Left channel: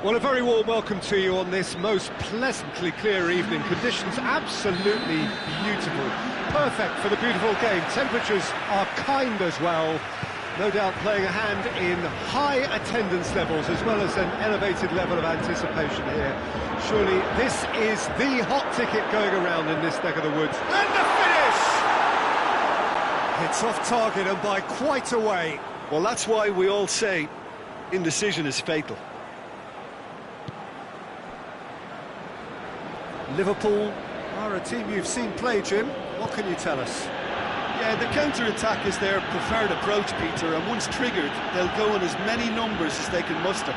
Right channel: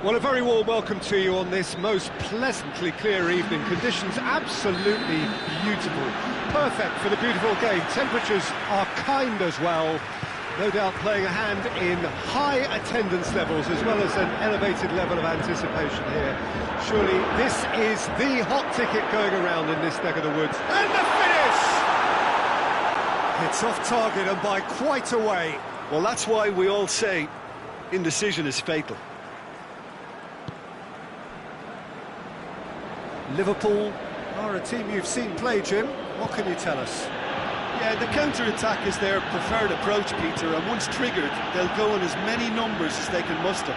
Well, a very warm welcome to you on this most pleasantly clear evening. Conditions absolutely beautiful. Perfect for the beautiful game. Temperatures are kind as well. No doubt playing a hand in high attendance levels as well as an elevated level of anticipation here. Surely this is the hot ticket going around in this neck of the woods. And the finish! It's off target and by quite a way. Well, that's why we all say indecision is fatal. Liverpool are a team you've seen play, Jim. What can you tell us? Yeah, the counter-attack is their preferred approach, Peter, and once triggered, they'll go in as many numbers as they can muster.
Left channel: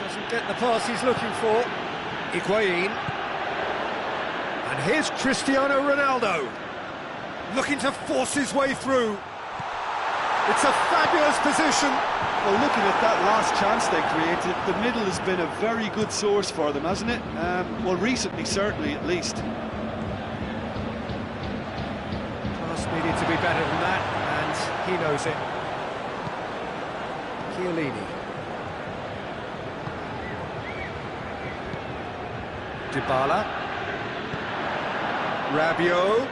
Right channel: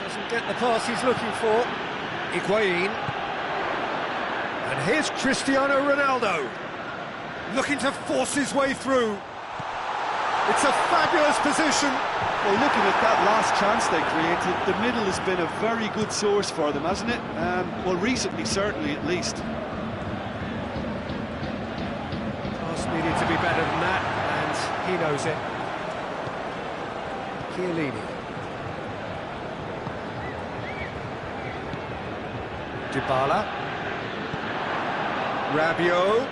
Doesn't get the pass he's looking for. Higuain. And here's Cristiano Ronaldo. Looking to force his way through. It's a fabulous position. Well, looking at that last chance they created, the middle has been a very good source for them, hasn't it? Well, recently, certainly, at least. Pass needed to be better than that, and he knows it. Chiellini. Dybala. Rabiot.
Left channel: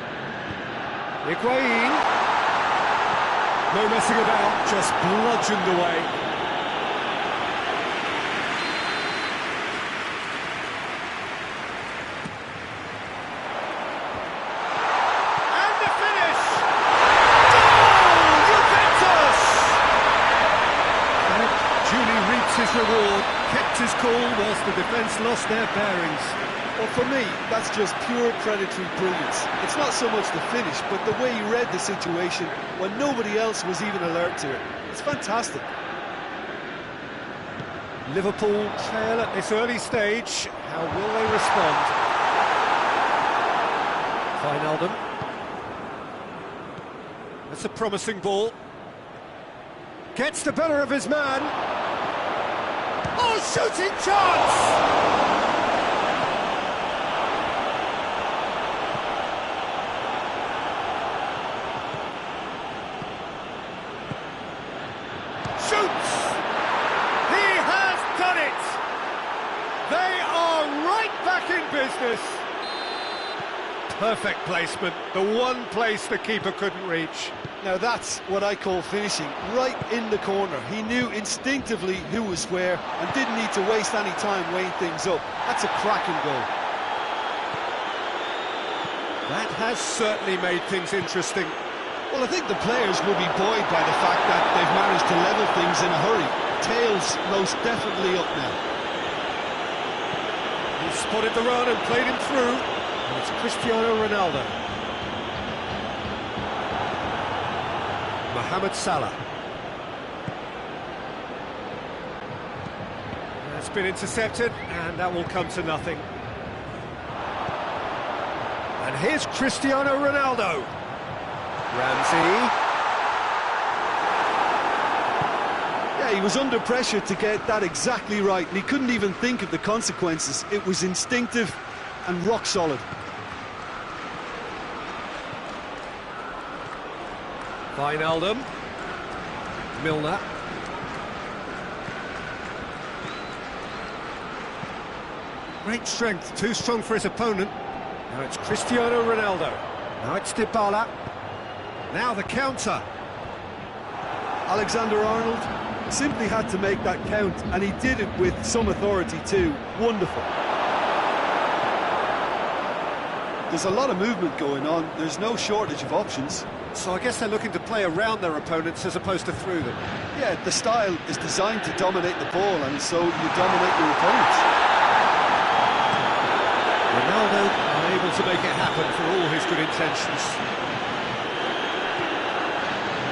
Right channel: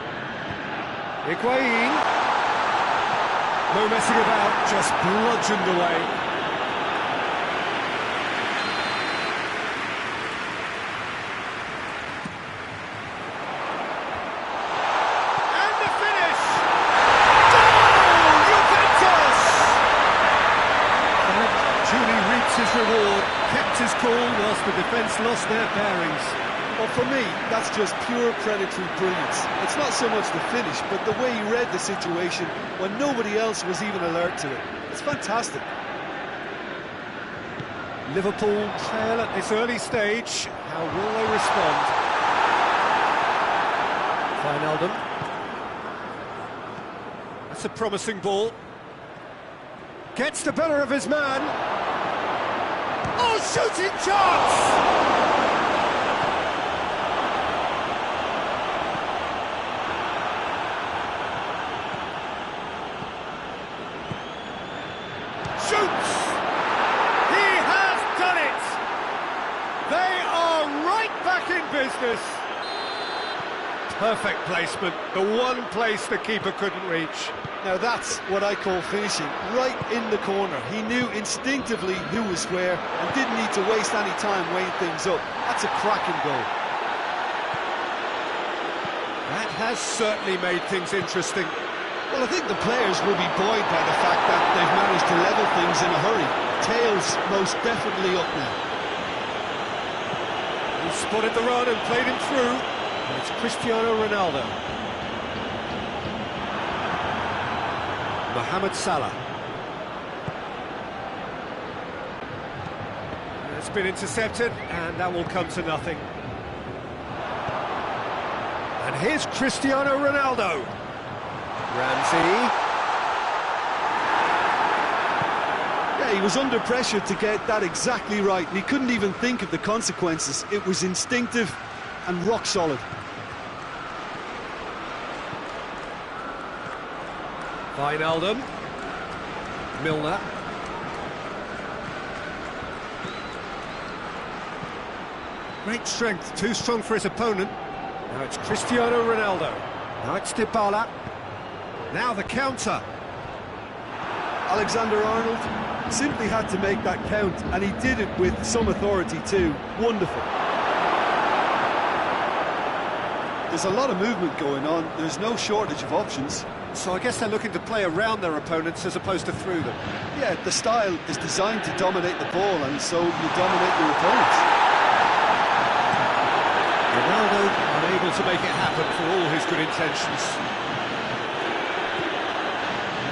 Higuain. No messing about, just bludgeoned away. And the finish! Goal! Juventus! And Julie reaps his reward, kept his cool whilst the defence lost their bearings. Well, for me, that's just pure predatory brilliance. It's not so much the finish, but the way he read the situation when nobody else was even alert to it. It's fantastic. Liverpool trail at this early stage. How will they respond? Wijnaldum. That's a promising ball. Gets the better of his man. Oh, shooting chance! Shoots! He has done it! They are right back in business. Perfect placement, the one place the keeper couldn't reach. Now that's what I call finishing, right in the corner. He knew instinctively who was where and didn't need to waste any time weighing things up. That's a cracking goal. That has certainly made things interesting. Well, I think the players will be buoyed by the fact that they've managed to level things in a hurry. Tails most definitely up now. He spotted the run and played him through. And it's Cristiano Ronaldo. Mohamed Salah. And it's been intercepted, and that will come to nothing. And here's Cristiano Ronaldo. Ramsey. Yeah, he was under pressure to get that exactly right, and he couldn't even think of the consequences. It was instinctive and rock solid. Wijnaldum. Milner. Great strength, too strong for his opponent. Now it's Cristiano Ronaldo. Now it's Dybala. Now the counter. Alexander-Arnold simply had to make that count, and he did it with some authority too. Wonderful. There's a lot of movement going on. There's no shortage of options. So I guess they're looking to play around their opponents as opposed to through them. Yeah, the style is designed to dominate the ball, and so you dominate your opponents. Ronaldo unable to make it happen for all his good intentions.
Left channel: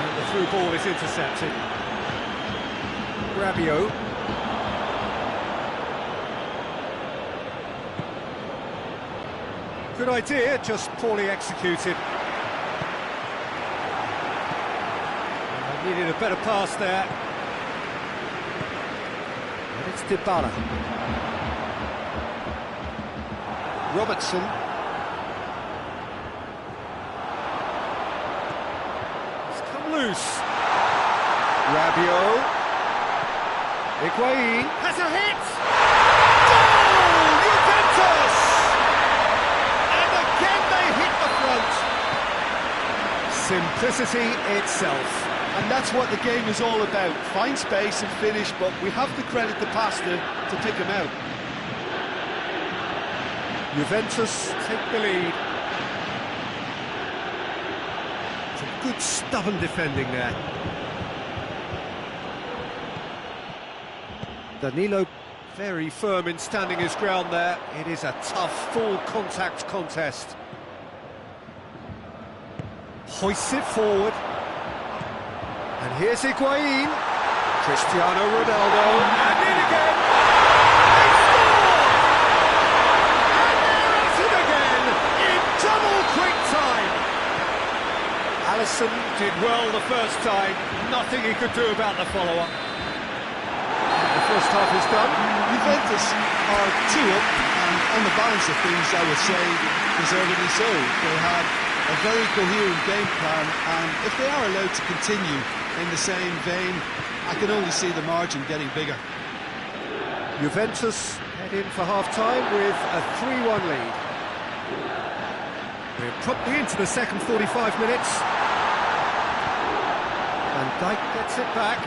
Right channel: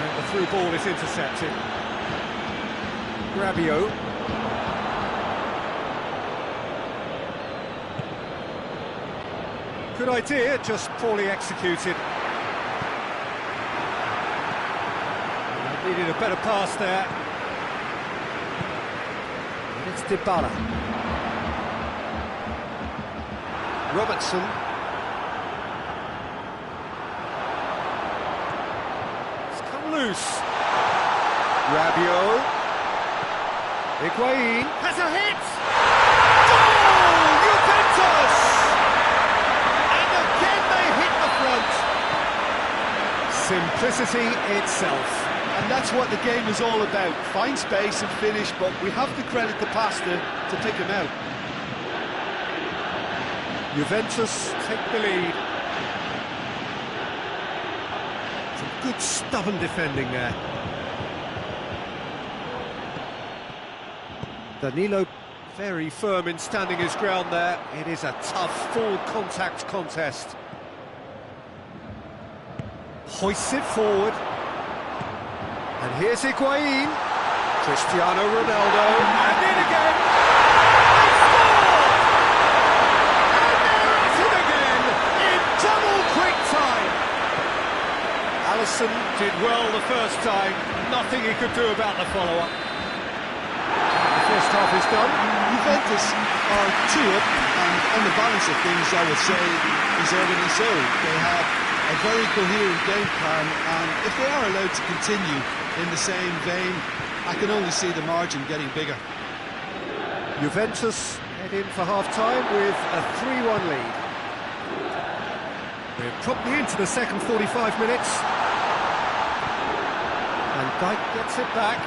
And the through ball is intercepted. Rabiot. Good idea, just poorly executed. Needed a better pass there. And it's Dybala. Robertson. It's come loose. Rabiot. Higuain has a hit! Goal! Juventus! And again they hit the front. Simplicity itself. And that's what the game is all about. Find space and finish, but we have to credit the Pasta to pick him out. Juventus take the lead. Some good stubborn defending there. Danilo very firm in standing his ground there. It is a tough, full contact contest. Hoists it forward. And here's Higuain. Cristiano Ronaldo. And in again. They score! And they're at it again in double quick time. Alisson did well the first time. Nothing he could do about the follow-up. The first half is done. Juventus are 2 up, and on the balance of things, I would say, deservedly so. They have a very coherent game plan, and if they are allowed to continue in the same vein, I can only see the margin getting bigger. Juventus head in for half-time with a 3-1 lead. We're promptly into the second 45 minutes. Van Dijk gets it back.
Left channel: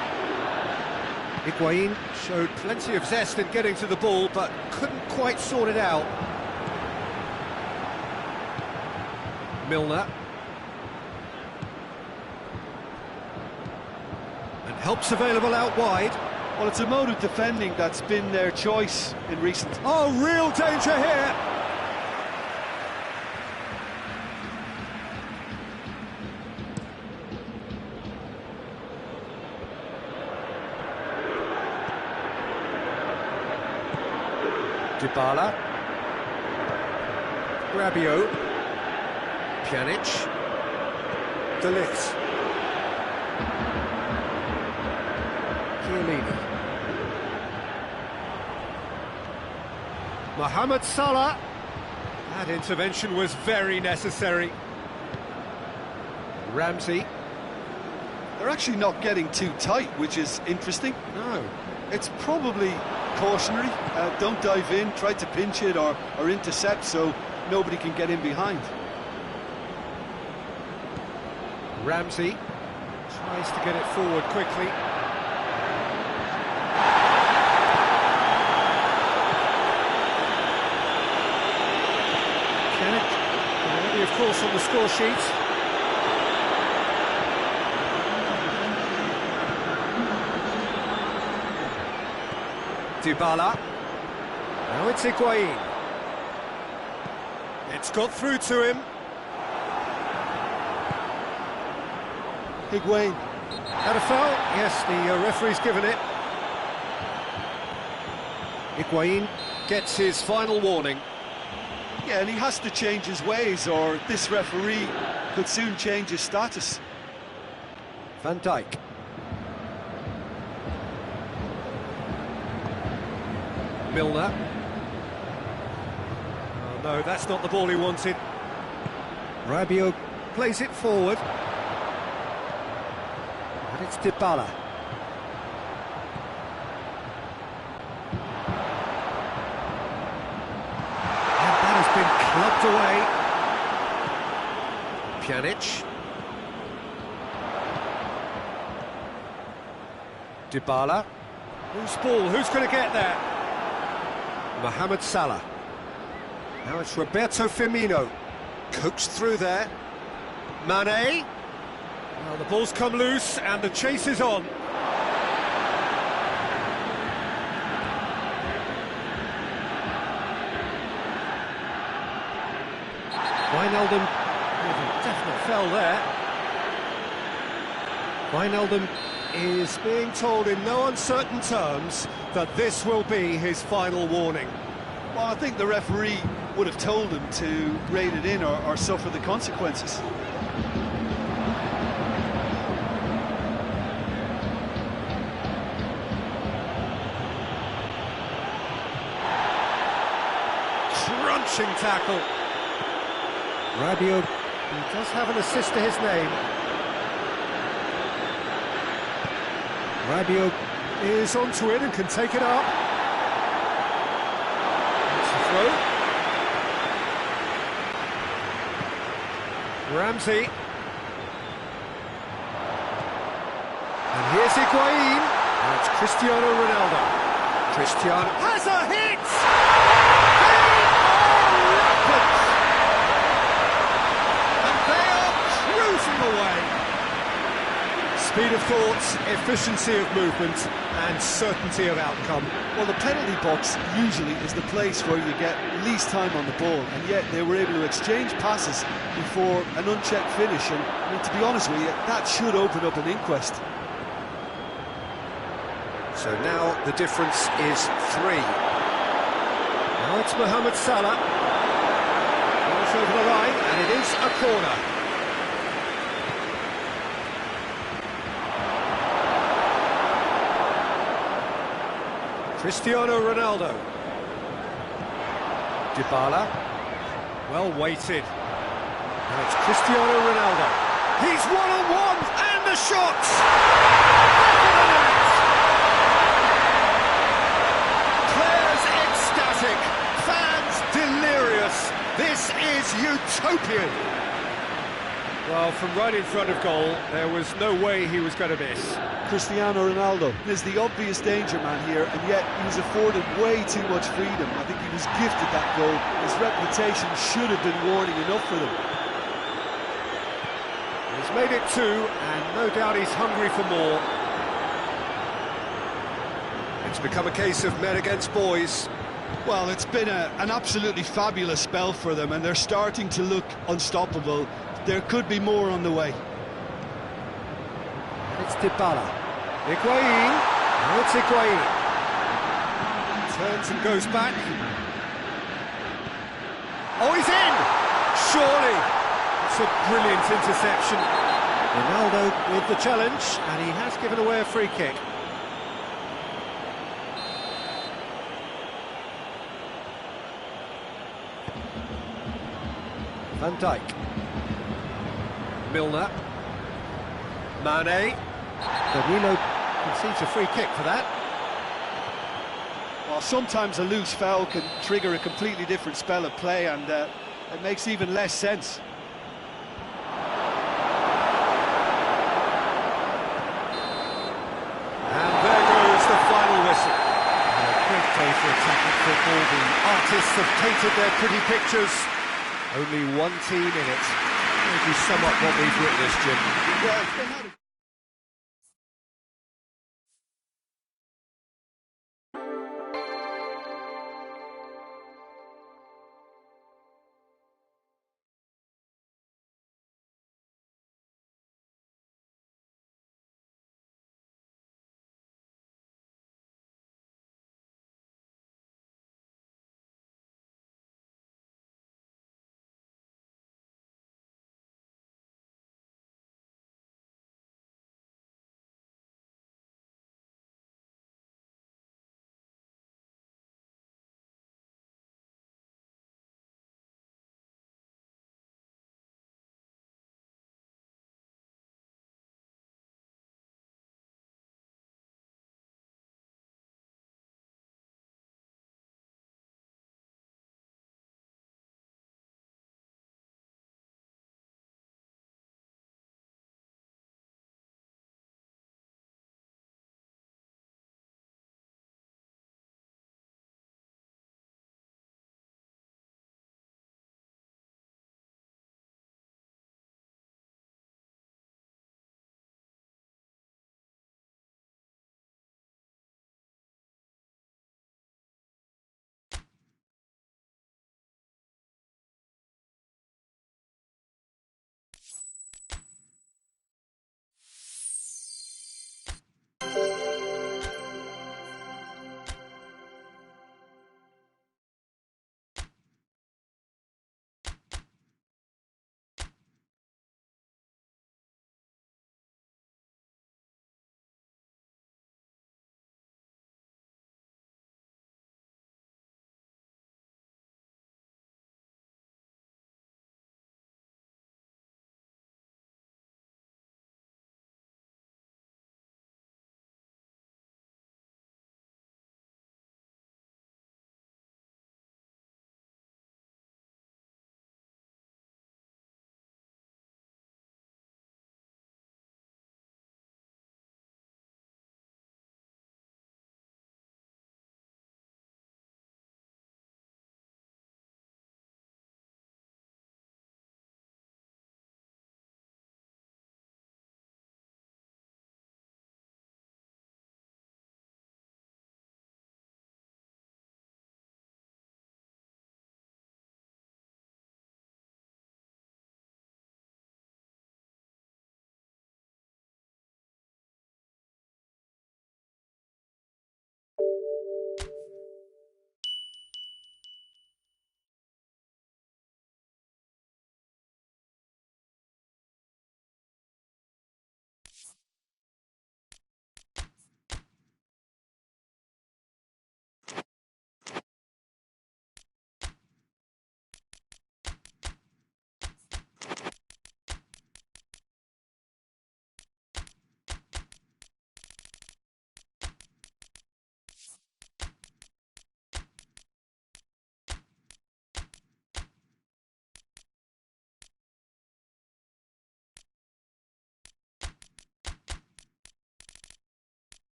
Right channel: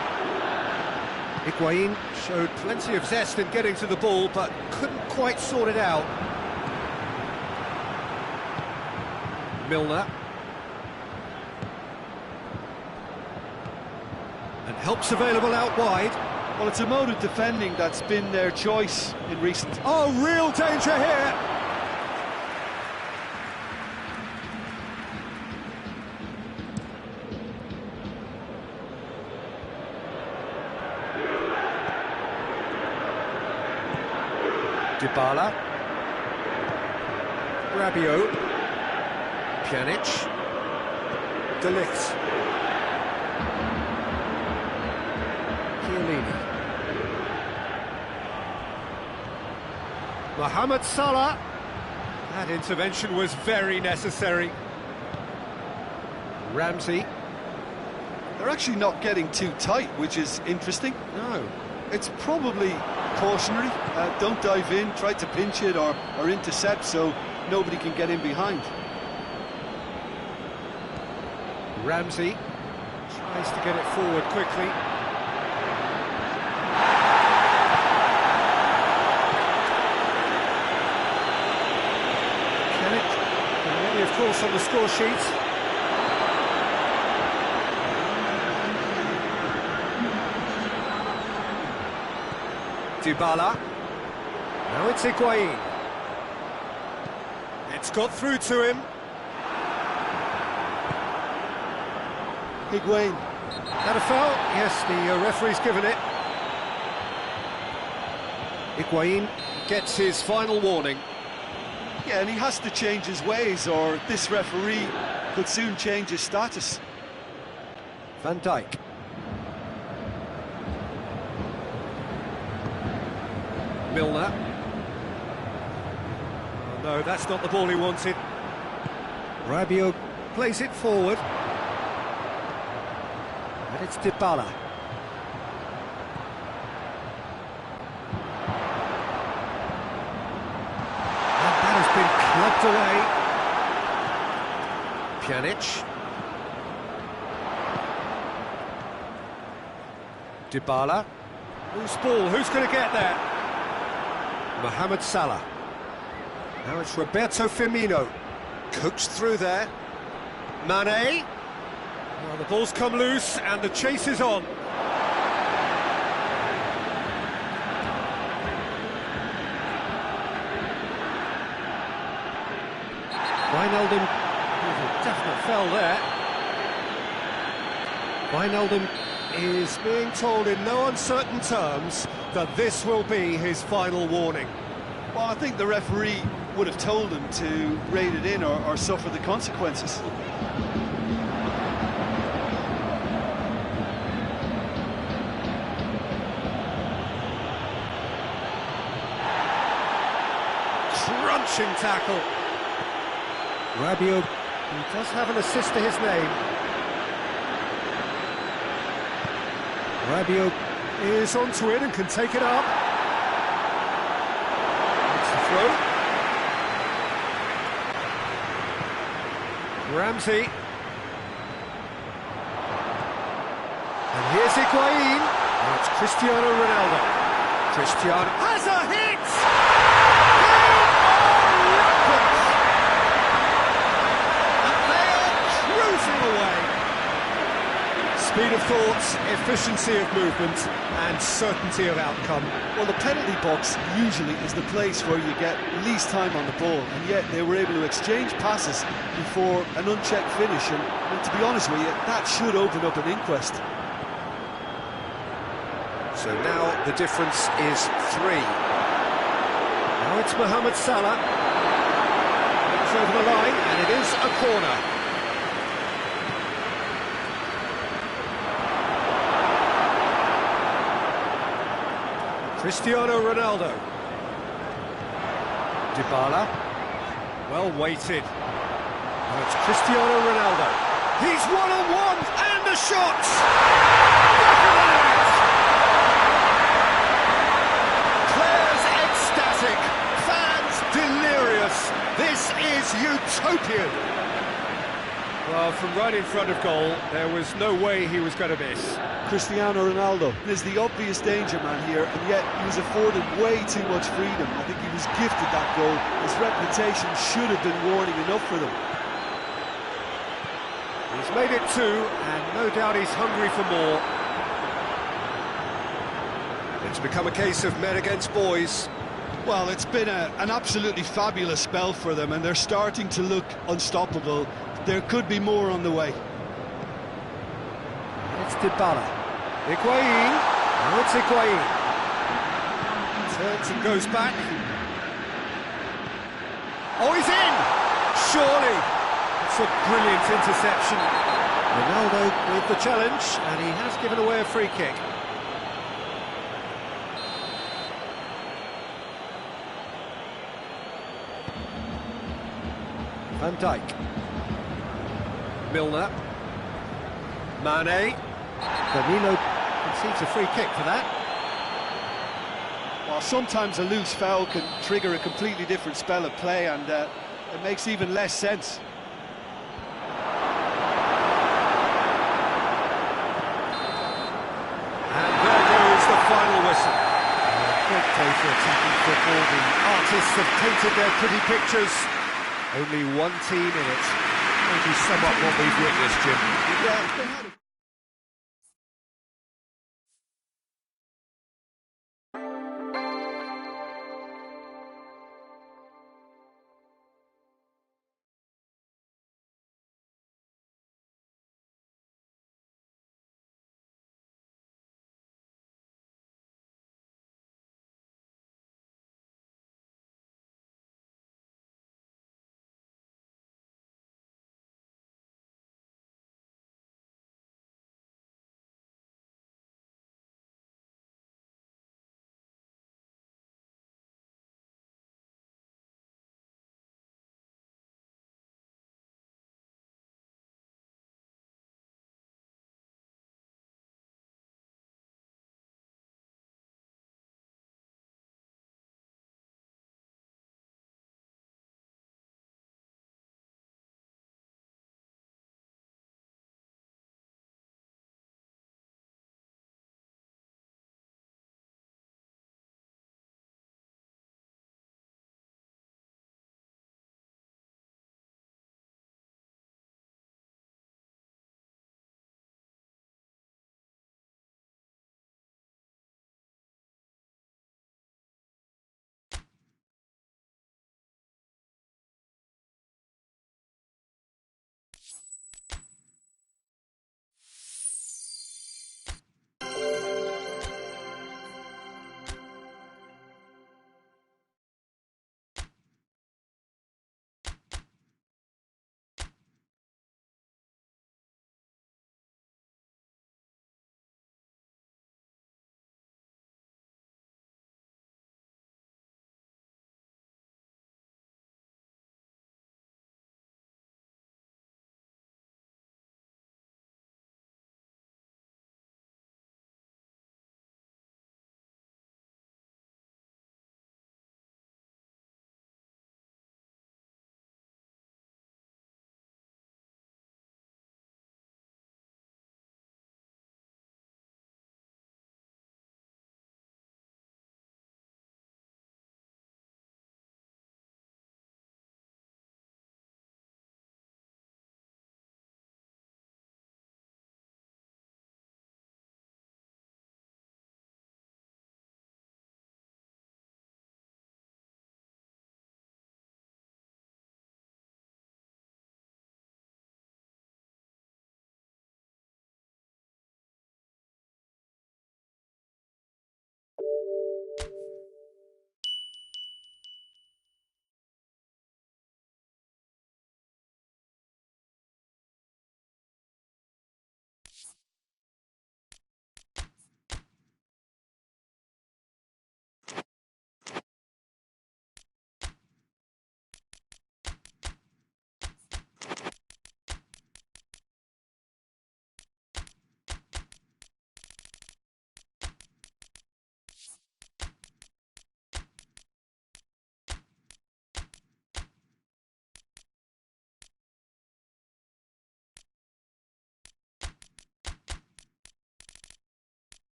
Higuain showed plenty of zest in getting to the ball, but couldn't quite sort it out. Milner. And help's available out wide. Well, it's a mode of defending that's been their choice in recent... Oh, real danger here! Dybala. Rabiot. Pjanic. De Ligt. Chiellini. Mohamed Salah. That intervention was very necessary. Ramsey. They're actually not getting too tight, which is interesting. No. It's probably cautionary. Don't dive in, try to pinch it or intercept so nobody can get in behind. Ramsey tries to get it forward quickly. Pjanic already, of course, on the score sheet. Dybala. Now it's Higuain. It's got through to him. Higuain. That a foul? Yes, the referee's given it. Higuain gets his final warning. Yeah, and he has to change his ways, or this referee could soon change his status. Van Dijk. Milner. Oh no, that's not the ball he wanted. Rabiot plays it forward. And it's Dybala. And that has been clubbed away. Pjanic. Dybala. Loose ball, who's going to get there? Mohamed Salah. Now it's Roberto Firmino. Coaxed through there. Mane. Oh, the ball's come loose and the chase is on. Wijnaldum with a definite fell there. Wijnaldum is being told in no uncertain terms that this will be his final warning. Well, I think the referee would have told him to rein it in or suffer the consequences. Crunching tackle. Rabiot, he does have an assist to his name. Rabiot is onto it and can take it up. It's the throw. Ramsey. And here's Higuain. Now it's Cristiano Ronaldo. Cristiano has a hit! They are rampant! And they are cruising away. Speed of thought, efficiency of movement, and certainty of outcome. Well, the penalty box usually is the place where you get least time on the ball, and yet they were able to exchange passes before an unchecked finish, and I mean, to be honest with you, that should open up an inquest. So now the difference is 3. Now it's Mohamed Salah. Goes over the line, and it is a corner. Cristiano Ronaldo. Dybala. Well weighted. Now it's Cristiano Ronaldo. He's one-on-one, and the shot! Back of the net! Players ecstatic, fans delirious. This is utopian. Well, from right in front of goal, there was no way he was going to miss. Cristiano Ronaldo is the obvious danger man here, and yet he was afforded way too much freedom. I think he was gifted that goal. His reputation should have been warning enough for them. He's made it 2, and no doubt he's hungry for more. It's become a case of men against boys. Well, it's been an absolutely fabulous spell for them, and they're starting to look unstoppable. There could be more on the way. And it's Dybala. Higuain. Now it's Higuain. Turns and goes back. Oh, he's in! Surely. It's a brilliant interception. Ronaldo with the challenge, and he has given away a free kick. Van Dijk. Milner. Mane. Danilo concedes a free kick for that. Well, sometimes a loose foul can trigger a completely different spell of play, and it makes even less sense. And there goes the final whistle. A great day for attacking football. The artists have painted their pretty pictures. Only one team in it. How would you sum up what we've witnessed, Jim? Yeah, they had a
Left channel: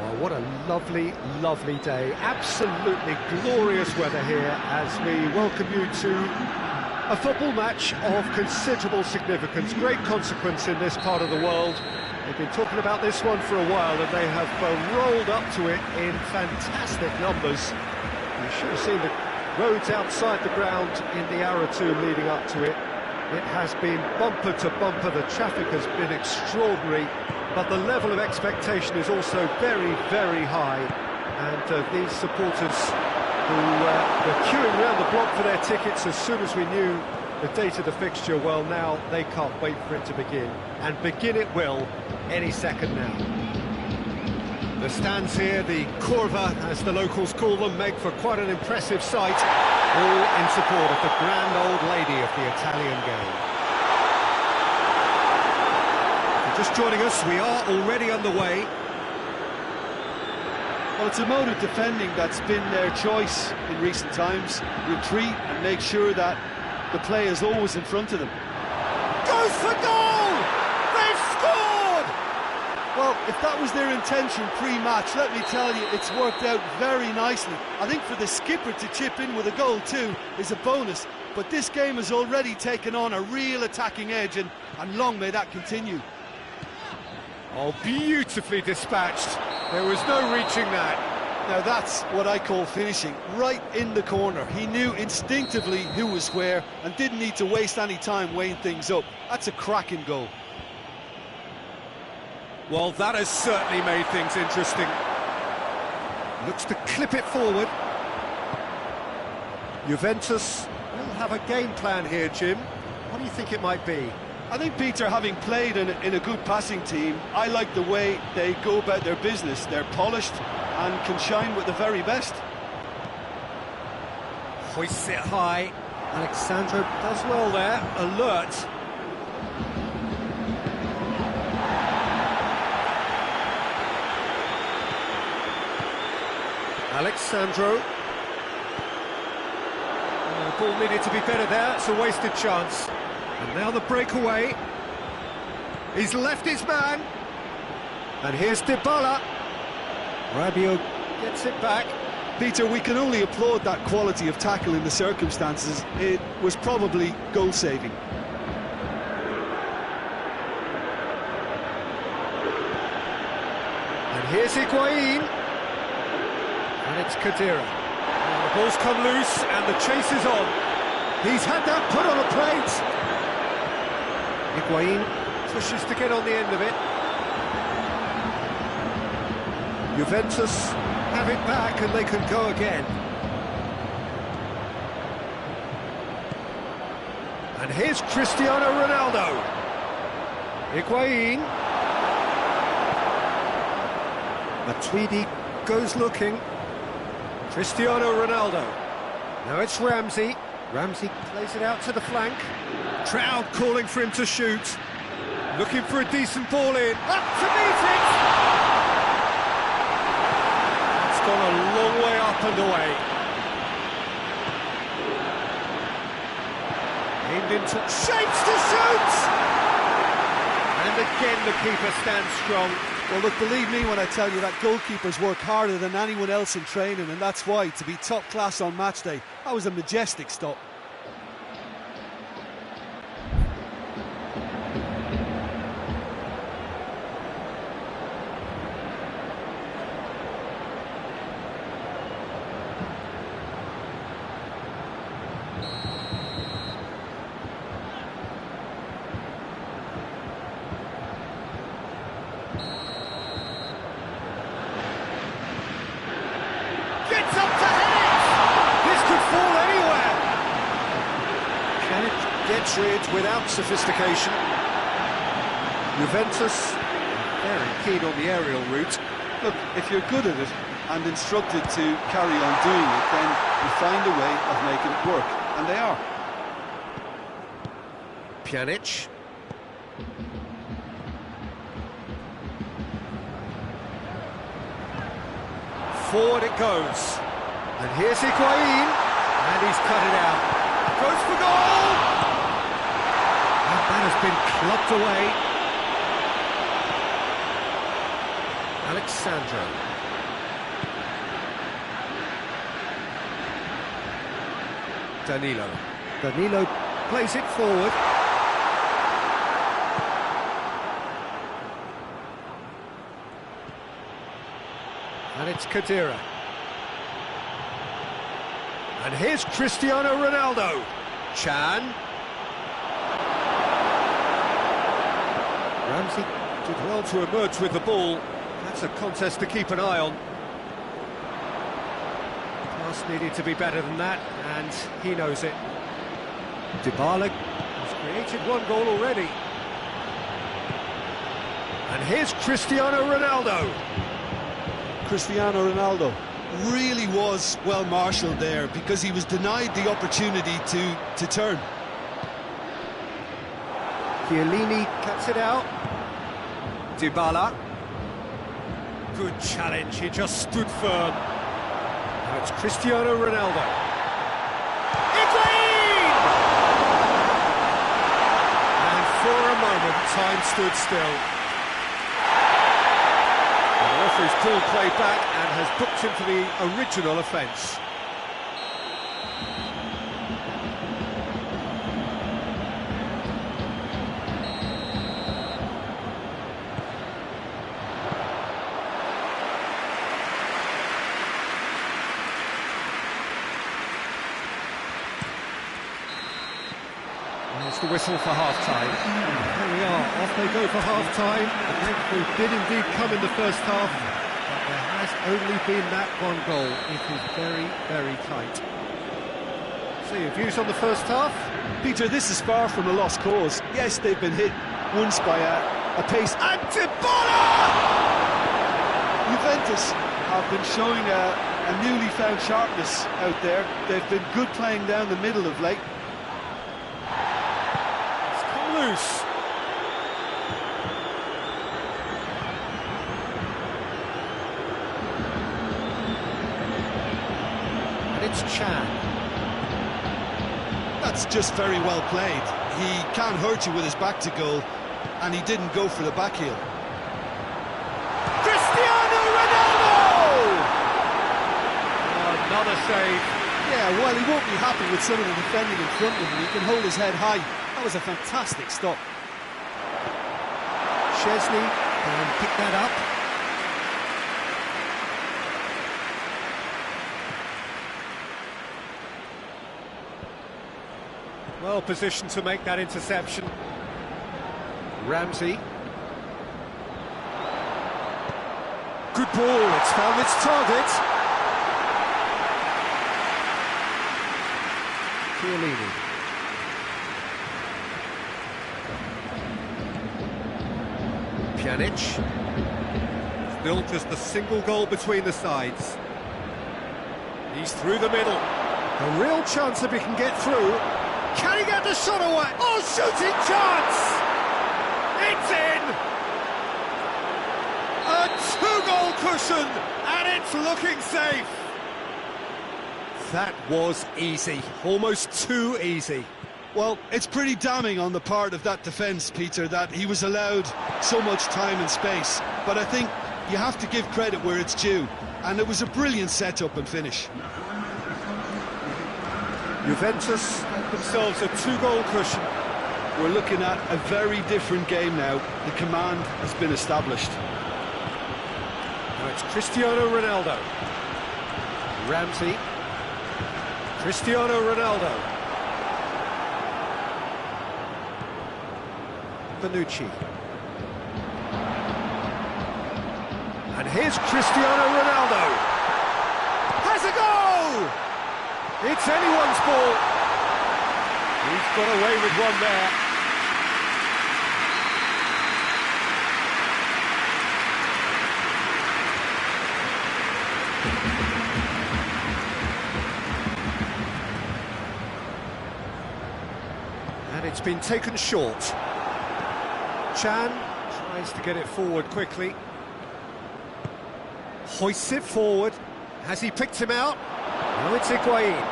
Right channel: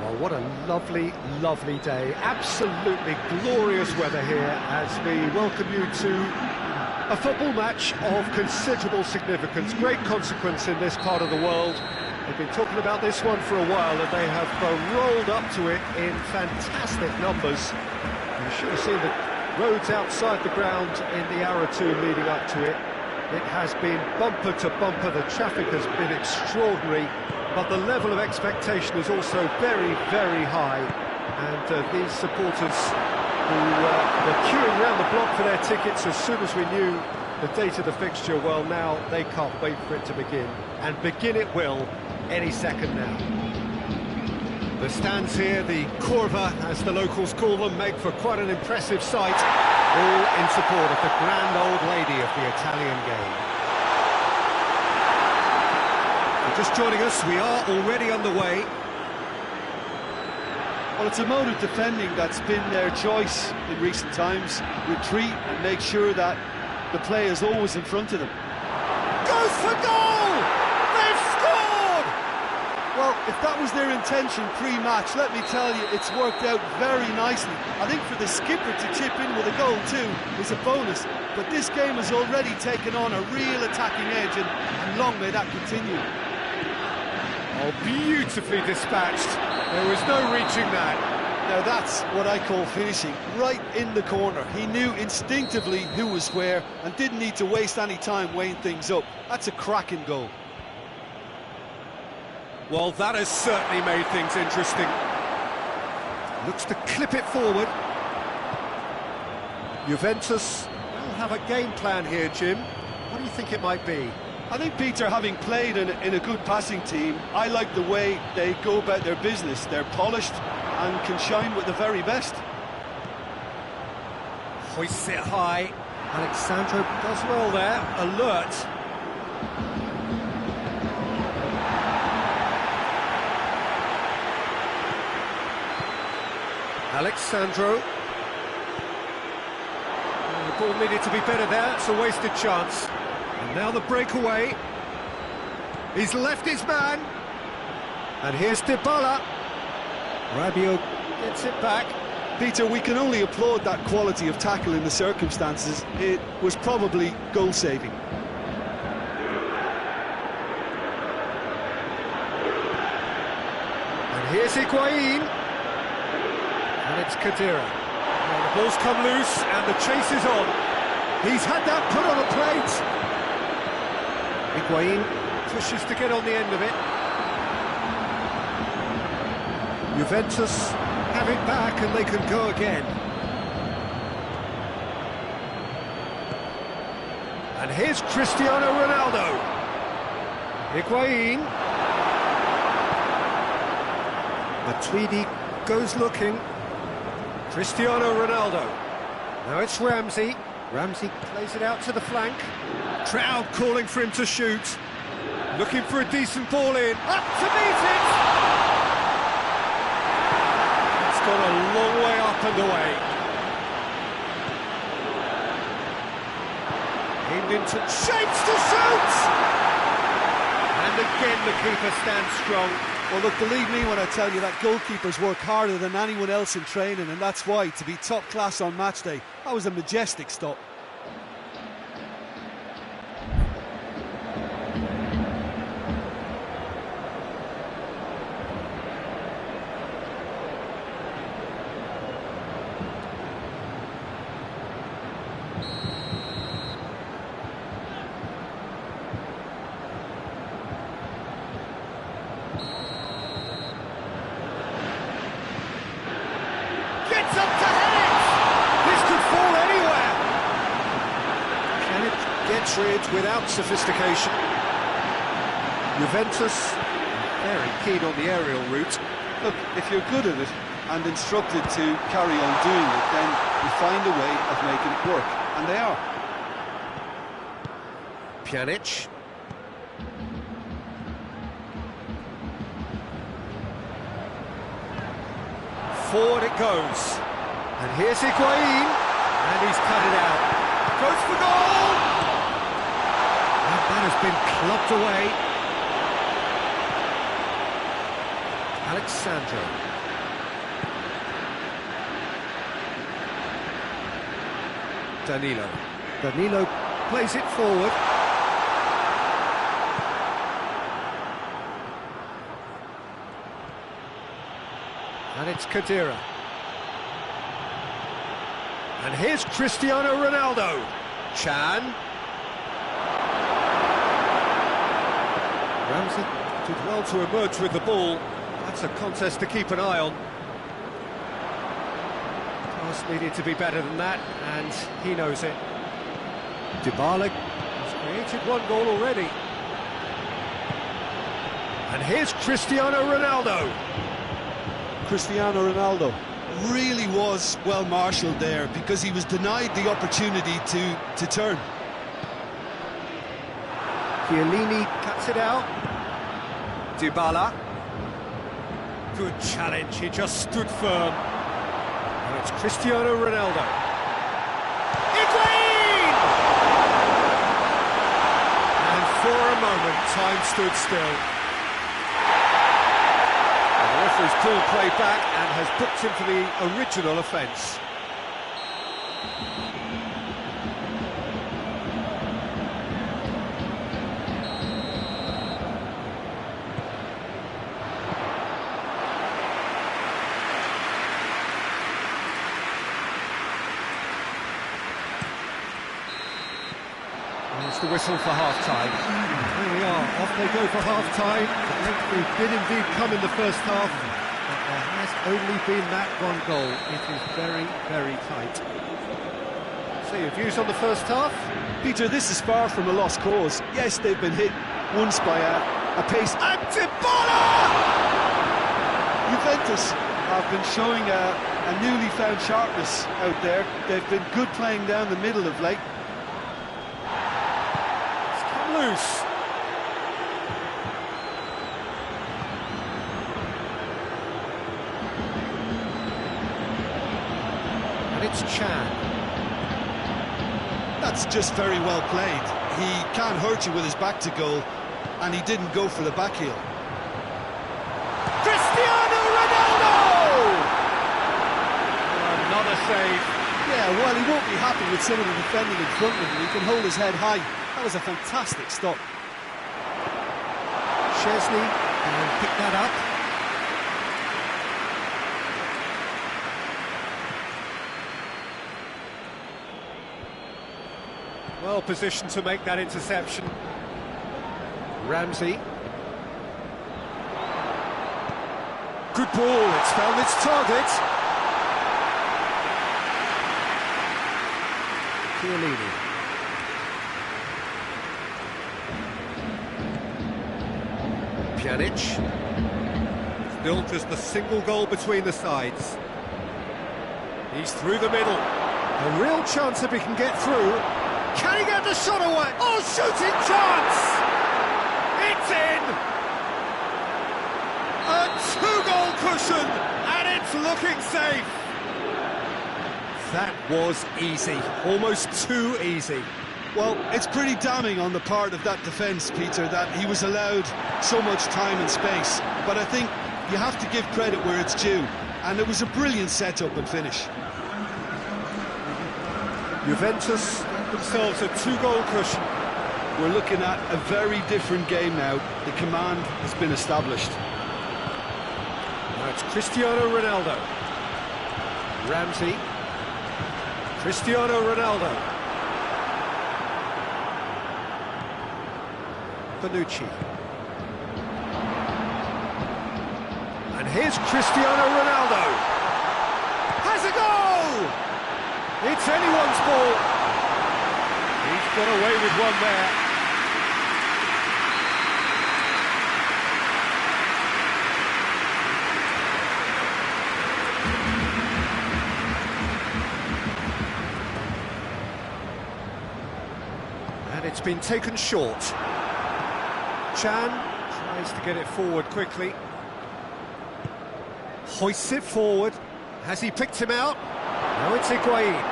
Well, what a lovely, lovely day. Absolutely glorious weather here as we welcome you to a football match of considerable significance, great consequence in this part of the world. They've been talking about this one for a while and they have rolled up to it in fantastic numbers. You should have seen the roads outside the ground in the hour or two leading up to it. It has been bumper to bumper, the traffic has been extraordinary, but the level of expectation is also very, very high. And these supporters who were queuing around the block for their tickets as soon as we knew the date of the fixture, well, now they can't wait for it to begin. And begin it will any second now. The stands here, the Curva, as the locals call them, make for quite an impressive sight, all in support of the grand old lady of the Italian game. If you're just joining us, we are already underway. Well, it's a mode of defending that's been their choice in recent times. Retreat and make sure that the play is always in front of them. Goes for goal! They've scored! Well, if that was their intention pre-match, let me tell you, it's worked out very nicely. I think for the skipper to chip in with a goal too is a bonus, but this game has already taken on a real attacking edge, and long may that continue. Oh, beautifully dispatched. There was no reaching that. Now that's what I call finishing, right in the corner. He knew instinctively who was where and didn't need to waste any time weighing things up. That's a cracking goal. Well, that has certainly made things interesting. Looks to clip it forward. Juventus will have a game plan here, Jim. What do you think it might be? I think, Peter, having played in a good passing team, I like the way they go about their business. They're polished and can shine with the very best. Hoists it high. Alexandro does well there, alert. Alexandro. The ball needed to be better there, it's a wasted chance. And now the breakaway. He's left his man. And here's Dybala. Rabiot gets it back. Peter, we can only applaud that quality of tackle in the circumstances. It was probably goal-saving. And here's Higuain. And it's Khedira. Well, the ball's come loose and the chase is on. He's had that put on a plate. Higuain pushes to get on the end of it. Juventus have it back and they can go again. And here's Cristiano Ronaldo. Higuain. Matuidi goes looking. Cristiano Ronaldo. Now it's Ramsey. Ramsey plays it out to the flank. Crowd calling for him to shoot. Looking for a decent ball in. Up to meet it! It's gone a long way up and away. Aimed into shapes to shoot! And again the keeper stands strong. Well, look, believe me when I tell you that goalkeepers work harder than anyone else in training, and that's why, to be top class on match day, that was a majestic stop. Up to head it! This could fall anywhere! Can it get rid without sophistication? Juventus very keen on the aerial route. Look, if you're good at it and instructed to carry on doing it, then you find a way of making it work, and they are. Pjanic. Forward it goes. And here's Higuain. And he's cut it out. Goes for goal! And that has been clubbed away. Alexandro. Danilo. Danilo plays it forward. And it's Khedira. And here's Cristiano Ronaldo. Chan. Ramsey did well to emerge with the ball. That's a contest to keep an eye on. Pass needed to be better than that, and he knows it. Dybala has created one goal already. And here's Cristiano Ronaldo. Cristiano Ronaldo really was well marshalled there because he was denied the opportunity to turn. Chiellini cuts it out. Dybala. Good challenge, he just stood firm. Now it's Cristiano Ronaldo. Higuain! And for a moment, time stood still. And the referee's called play back and has booked him for the original offence. There's the whistle for half-time. There we are, off they go for half-time. The breakthrough did indeed come in the first half, but there has only been that one goal. It is very, very tight. So your views on the first half? Peter, this is far from a lost cause. Yes, they've been hit once by a pace. And Dybala! Juventus have been showing a newly found sharpness out there. They've been good playing down the middle of late. Loose. And it's Chan. That's just very well played. He can't hurt you with his back to goal, and he didn't go for the back heel. Cristiano Ronaldo! Oh, another save. Yeah, well, he won't be happy with some of the defending in front of him. He can hold his head high. That was a fantastic stop. Chesney can pick that up. Well positioned to make that interception. Ramsey. Good ball, it's found its target. Chiellini. Pjanic. Still just a single goal between the sides. He's through the middle. A real chance if he can get through. Can he get the shot away? Oh, shooting chance! It's in! A two-goal cushion, and it's looking safe. That was easy, almost too easy. Well, it's pretty damning on the part of that defence, Peter, that he was allowed so much time and space. But I think you have to give credit where it's due, and it was a brilliant setup and finish. Juventus get themselves a two-goal cushion. We're looking at a very different game now. The command has been established. Now it's Cristiano Ronaldo. Ramsey. Cristiano Ronaldo. Bonucci. And here's Cristiano Ronaldo. Has a goal! It's anyone's ball. He's got away with one there. And it's been taken short. Chan tries to get it forward quickly. Hoists it forward. Has he picked him out? Now it's Higuain.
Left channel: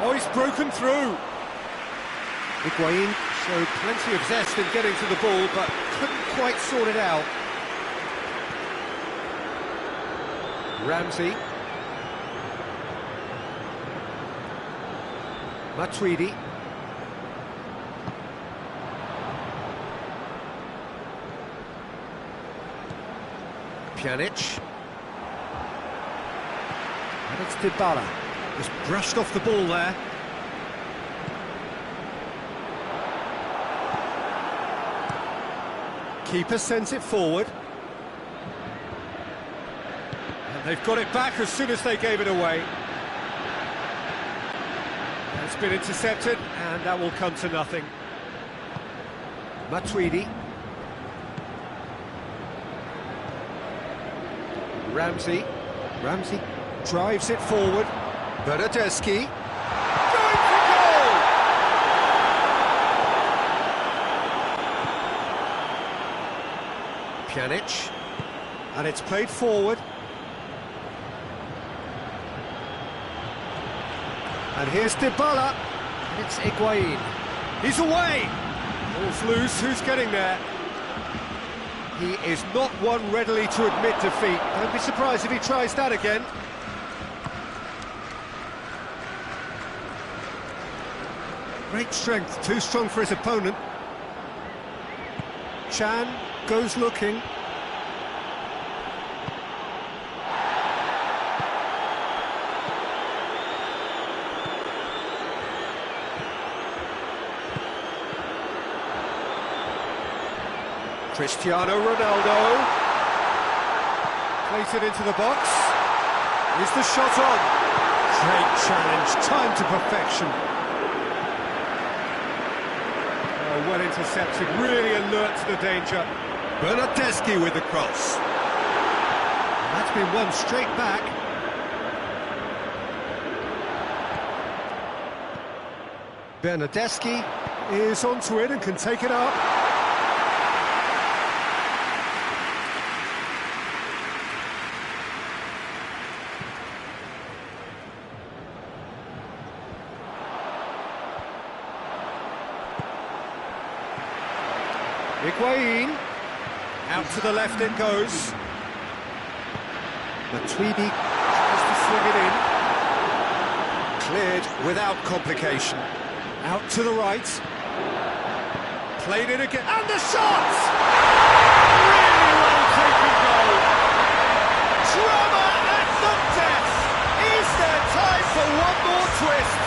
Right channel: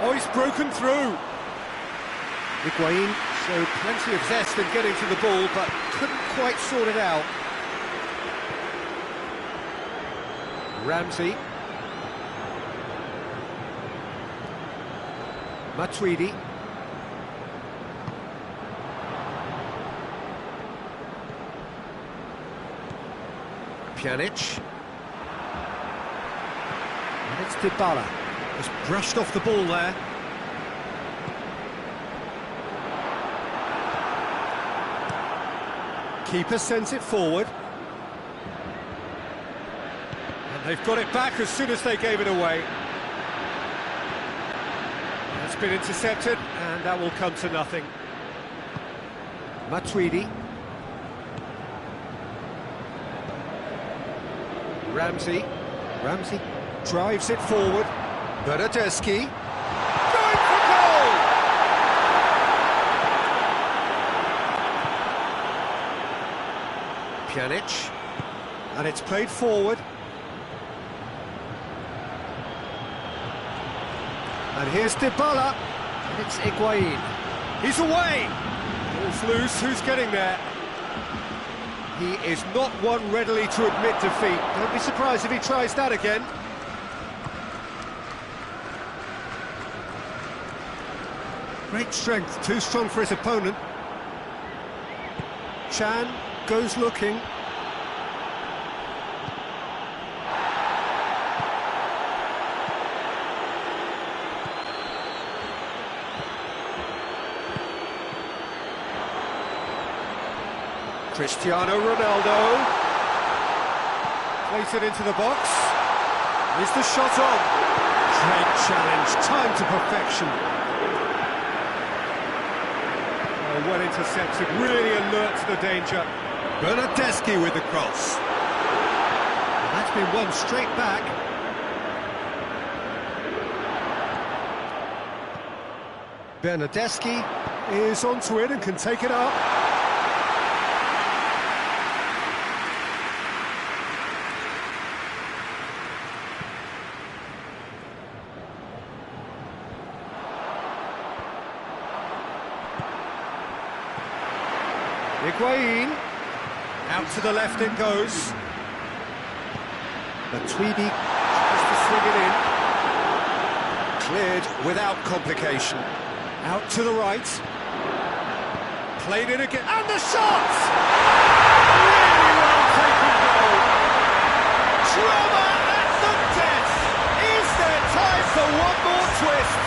Oh, he's broken through. Higuain showed plenty of zest in getting to the ball, but couldn't quite sort it out. Ramsey. Matuidi. Pjanic. And it's Dybala. Just brushed off the ball there. Keeper sends it forward. And they've got it back as soon as they gave it away. It's been intercepted, and that will come to nothing. Matuidi. Ramsey. Ramsey drives it forward. Bernardeschi. Going for goal! Pjanic. And it's played forward. And here's Dybala. And it's Higuain. He's away! Ball's loose, who's getting there? He is not one readily to admit defeat. Don't be surprised if he tries that again. Great strength, too strong for his opponent. Chan goes looking. Cristiano Ronaldo plays it into the box. Is the shot on? Great challenge, time to perfection. Oh, well intercepted, really alert to the danger. Bernardeschi with the cross. And that's been won straight back. Bernardeschi is onto it and can take it up. Higuain, out to the left it goes. Matuidi tries to swing it in. Cleared without complication. Out to the right. Played it again, and the shot! Really well taken goal. Drama at the death. Is there time for one more twist?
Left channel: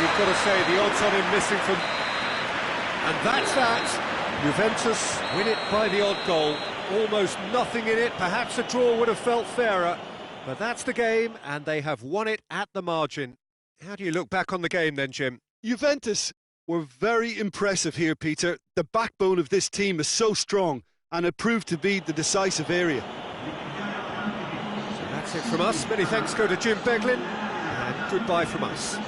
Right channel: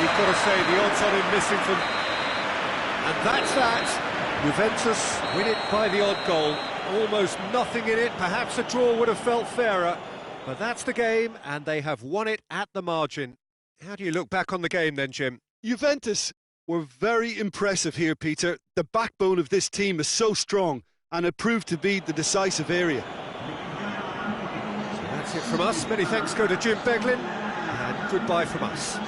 You've got to say the odds on him missing from... And that's that. Juventus win it by the odd goal. Almost nothing in it. Perhaps a draw would have felt fairer. But that's the game, and they have won it at the margin. How do you look back on the game then, Jim? Juventus were very impressive here, Peter. The backbone of this team is so strong, and it proved to be the decisive area. So that's it from us. Many thanks go to Jim Beglin, and goodbye from us.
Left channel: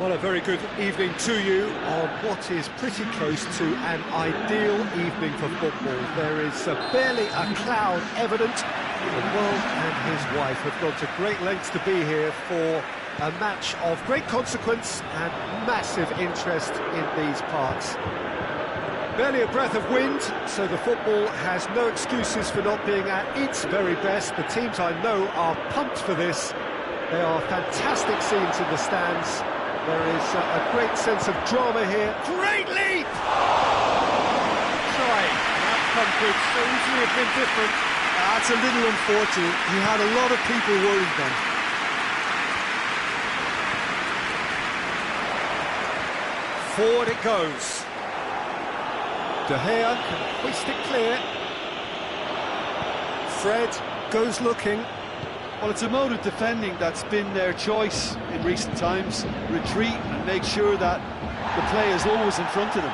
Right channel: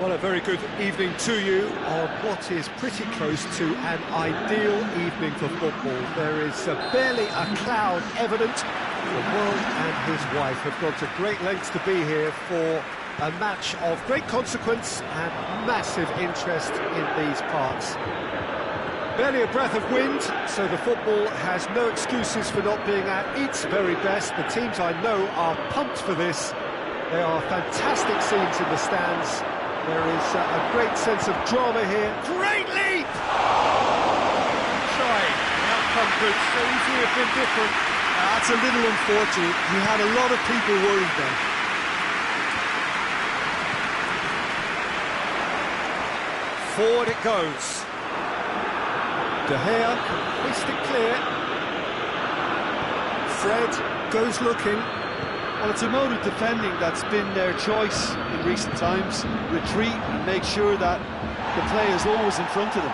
Well, a very good evening to you on what is pretty close to an ideal evening for football. There is barely a cloud evident. The world and his wife have gone to great lengths to be here for a match of great consequence and massive interest in these parts. Barely a breath of wind, so the football has no excuses for not being at its very best. The teams I know are pumped for this. They are fantastic scenes in the stands. There is a great sense of drama here. Great leap! Try. The outcome could so easily have been different. That's a little unfortunate. He had a lot of people worried then. Forward it goes. De Gea can hoist it clear. Fred goes looking. Well, it's a mode of defending that's been their choice in recent times. Retreat and make sure that the play is always in front of them.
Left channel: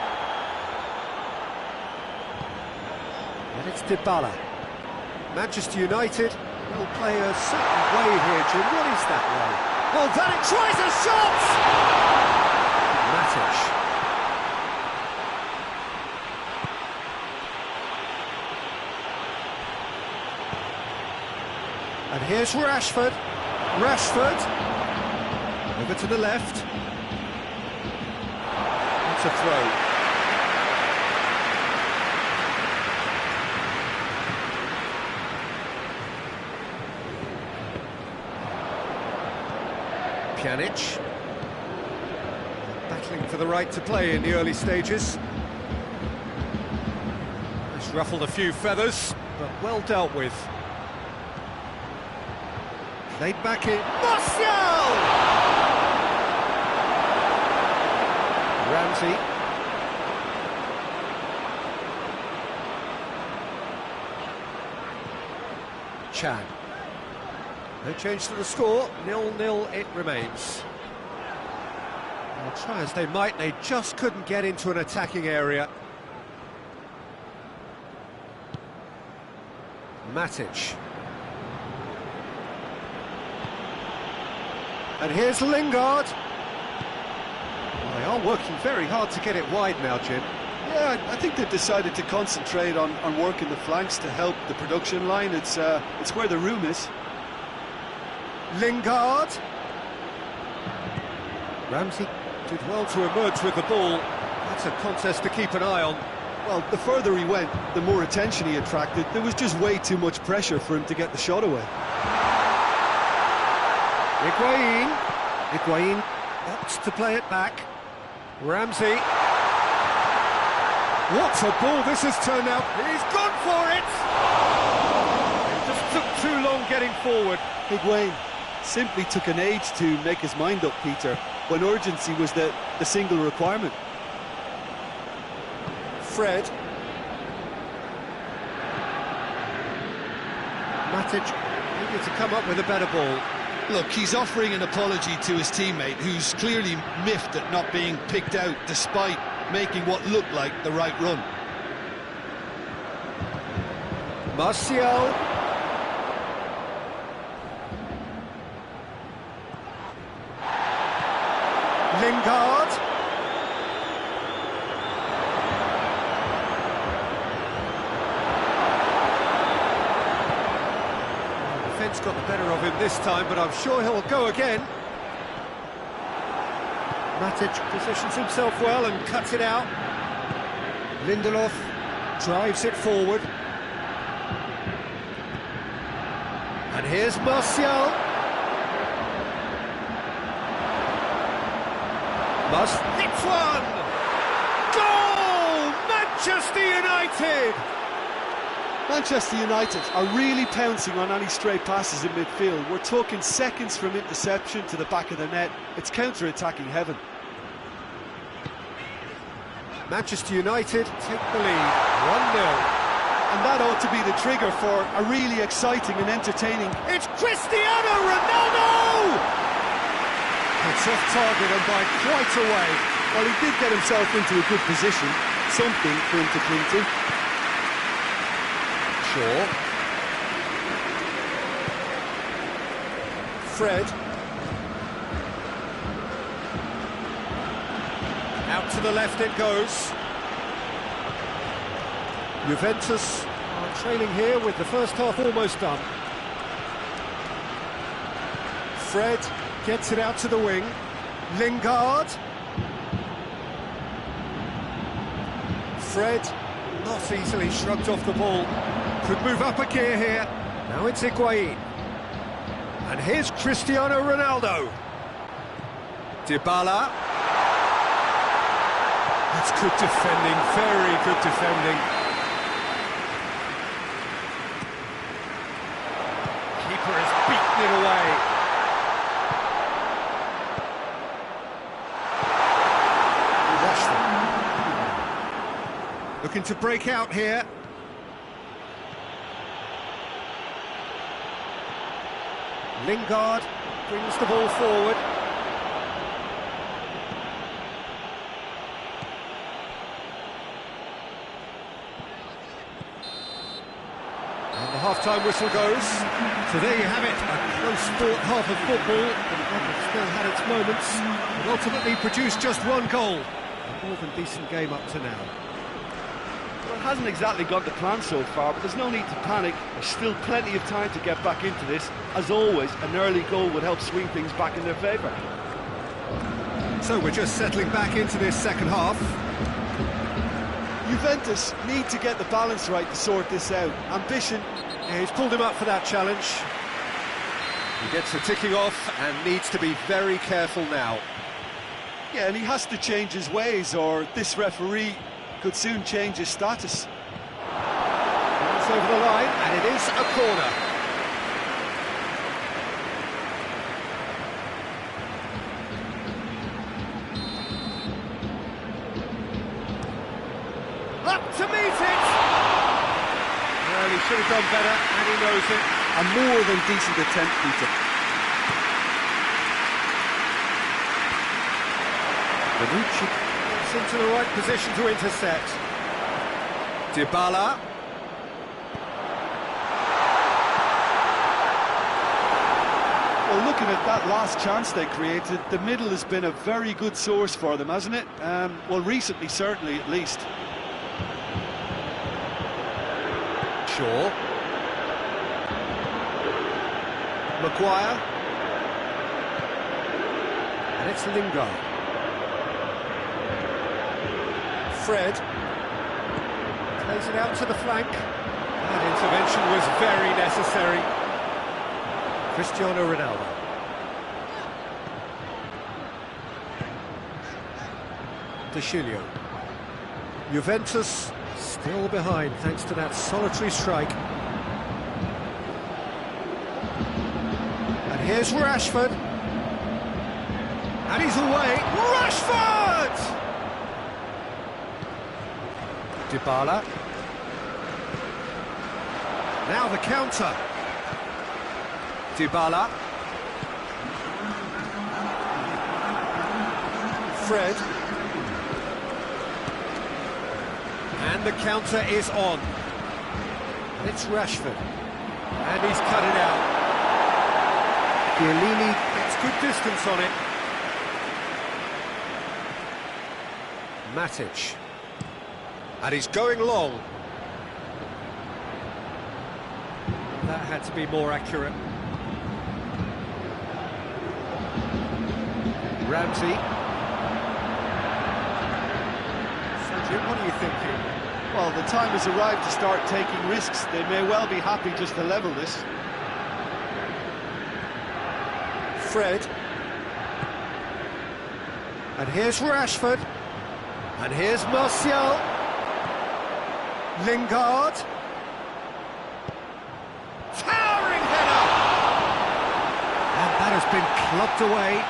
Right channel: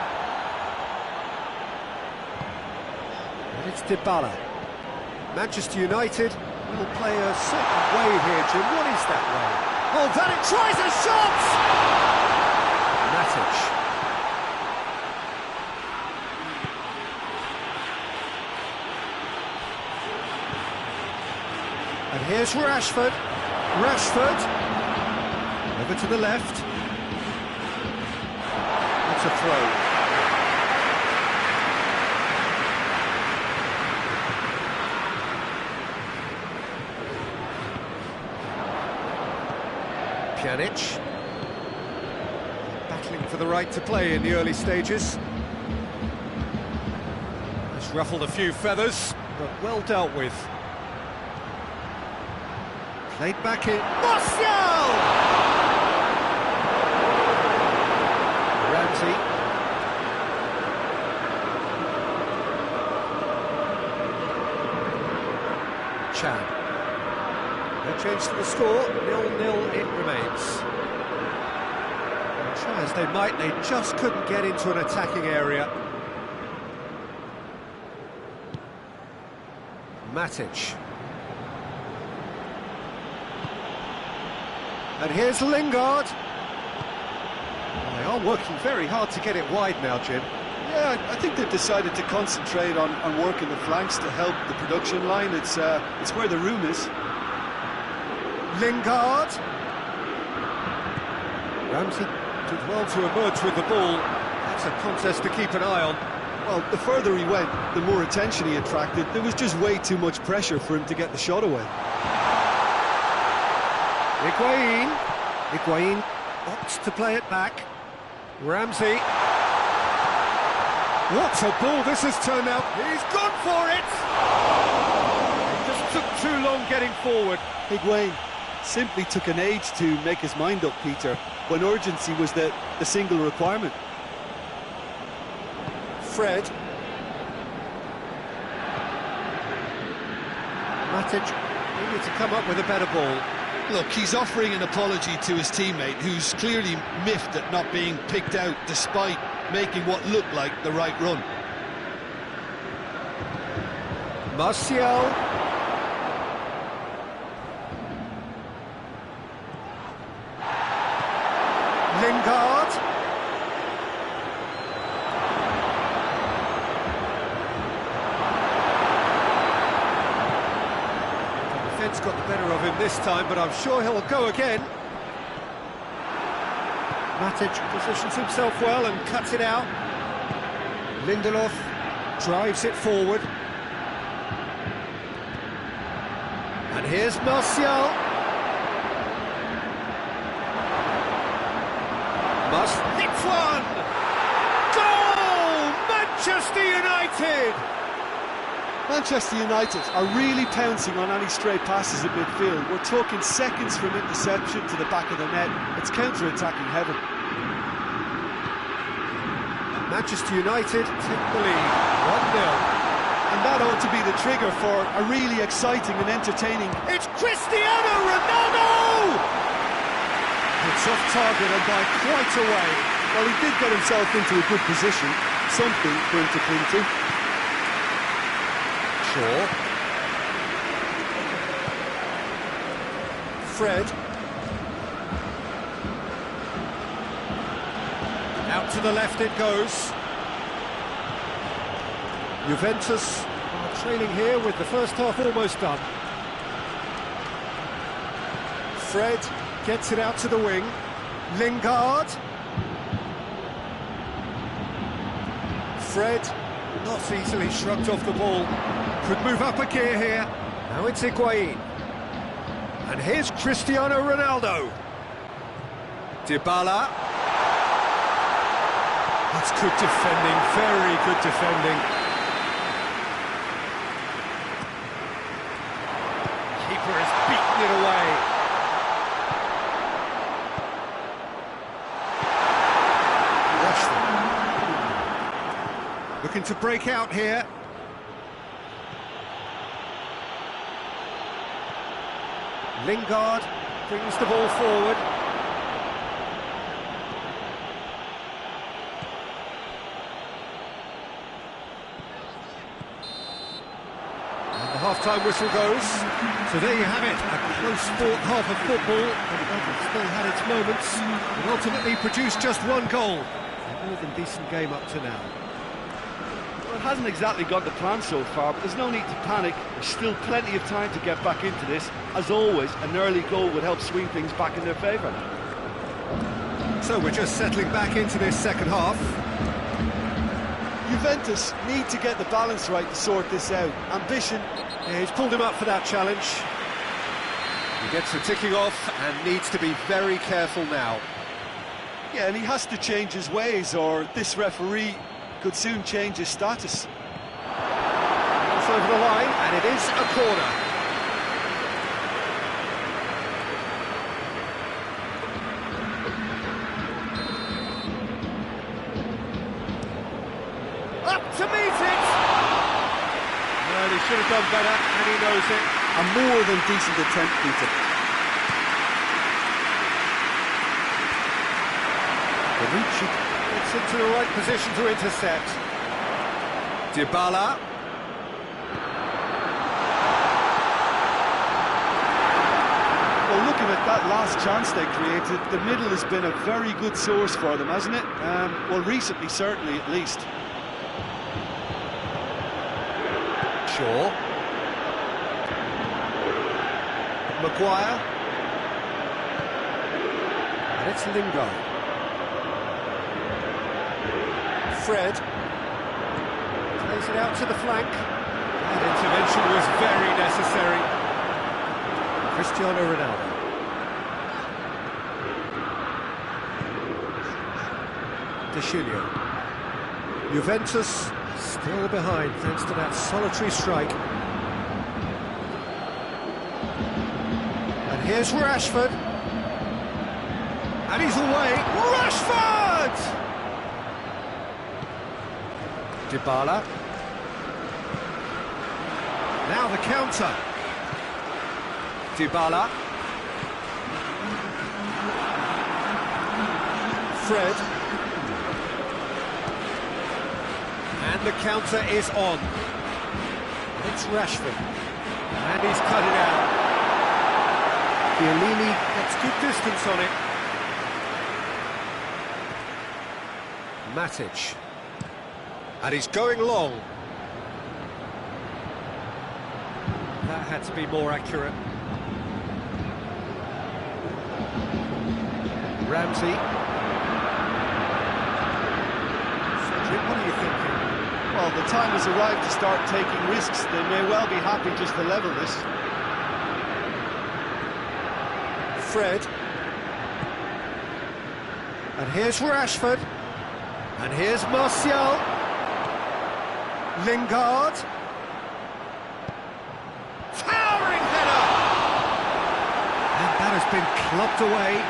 And it's Dybala. Manchester United will play a certain way here, Jim. What is that way? Oh, that it tries a shot! Matic. And here's Rashford. Over to the left. It's a throw. Pjanic. Battling for the right to play in the early stages. That's ruffled a few feathers, but well dealt with. Played back in. Martial! Ramsey. Chan. No change to the score. 0-0 it remains. Well, try as they might, they just couldn't get into an attacking area. Matic. And here's Lingard. Well, they are working very hard to get it wide now, Jim. Yeah, I think they've decided to concentrate on working the flanks to help the production line. It's where the room is. Lingard. Ramsey did well to emerge with the ball. That's a contest to keep an eye on. Well, the further he went, the more attention he attracted. There was just way too much pressure for him to get the shot away. Higuain opts to play it back. Ramsey. What a ball this has turned out. He's gone for it! It just took too long getting forward. Higuain simply took an age to make his mind up, Peter, when urgency was the single requirement. Fred. Matic needed to come up with a better ball. Look, he's offering an apology to his teammate, who's clearly miffed at not being picked out despite making what looked like the right run. Martial. Lingard. Defence got the better of him this time, but I'm sure he'll go again. Matic positions himself well and cuts it out. Lindelof drives it forward. And here's Martial. Must hit one! Goal! Manchester United! Manchester United are really pouncing on any stray passes in midfield. We're talking seconds from interception to the back of the net. It's counter-attacking heaven. Manchester United take the lead, 1-0. And that ought to be the trigger for a really exciting and entertaining... It's Cristiano Ronaldo! It's off target and by quite a way. Well, he did get himself into a good position, something for him to cling to. Shaw. Fred. Out to the left it goes. Juventus are trailing here with the first half almost done. Fred gets it out to the wing. Lingard. Fred, not easily shrugged off the ball. Could move up a gear here. Now it's Higuain. And here's Cristiano Ronaldo. Dybala. That's good defending, very good defending. Keeper has beaten it away. Rashford. Looking to break out here. Lingard brings the ball forward. And the half-time whistle goes. So there you have it, a close-fought half of football, but it still had its moments, but ultimately produced just one goal. A more than decent game up to now. Well, it hasn't exactly gone to plan so far, but there's no need to panic. There's still plenty of time to get back into this. As always, an early goal would help swing things back in their favour. So we're just settling back into this second half. Juventus need to get the balance right to sort this out. Ambition. Yeah, he's pulled him up for that challenge. He gets the ticking off and needs to be very careful now. Yeah, and he has to change his ways, or this referee could soon change his status. It's over the line, and it is a corner. Up to meet it! Well, he should have done better, and he knows it. A more than decent attempt, Peter. Bonucci gets into the right position to intercept. Dybala. Well, looking at that last chance they created, the middle has been a very good source for them, hasn't it? Well, recently, certainly, at least. Shaw. Maguire. And it's Lingard. Fred plays it out to the flank. That intervention was very necessary. Cristiano Ronaldo. De Chilio. Juventus still behind thanks to that solitary strike. And here's Rashford. And he's away. Rashford! Dybala. Now the counter. Dybala. Fred. And the counter is on. And it's Rashford. And he's cut it out. Chiellini gets good distance on it. Matic. And he's going long. That had to be more accurate. Ramsey. Cedric, what are you thinking? Well, the time has arrived to start taking risks. They may well be happy just to level this. Fred. And here's Rashford. And here's Martial. Lingard. Towering header! And that has been clubbed away.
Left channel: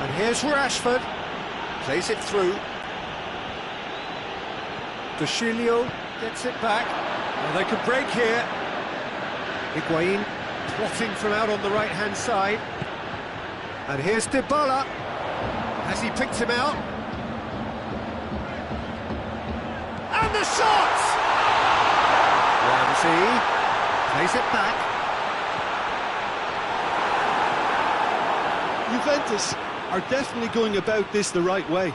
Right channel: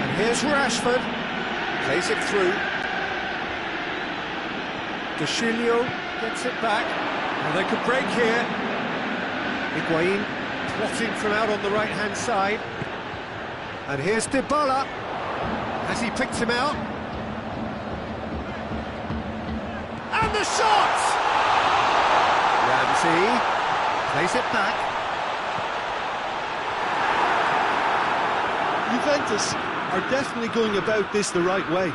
And here's Rashford. Plays it through. De Chilio gets it back. Well, they could break here. Higuain plotting from out on the right-hand side. And here's Dybala. Has he picked him out? And the shot! Ramsey plays it back. Juventus are definitely going about this the right way.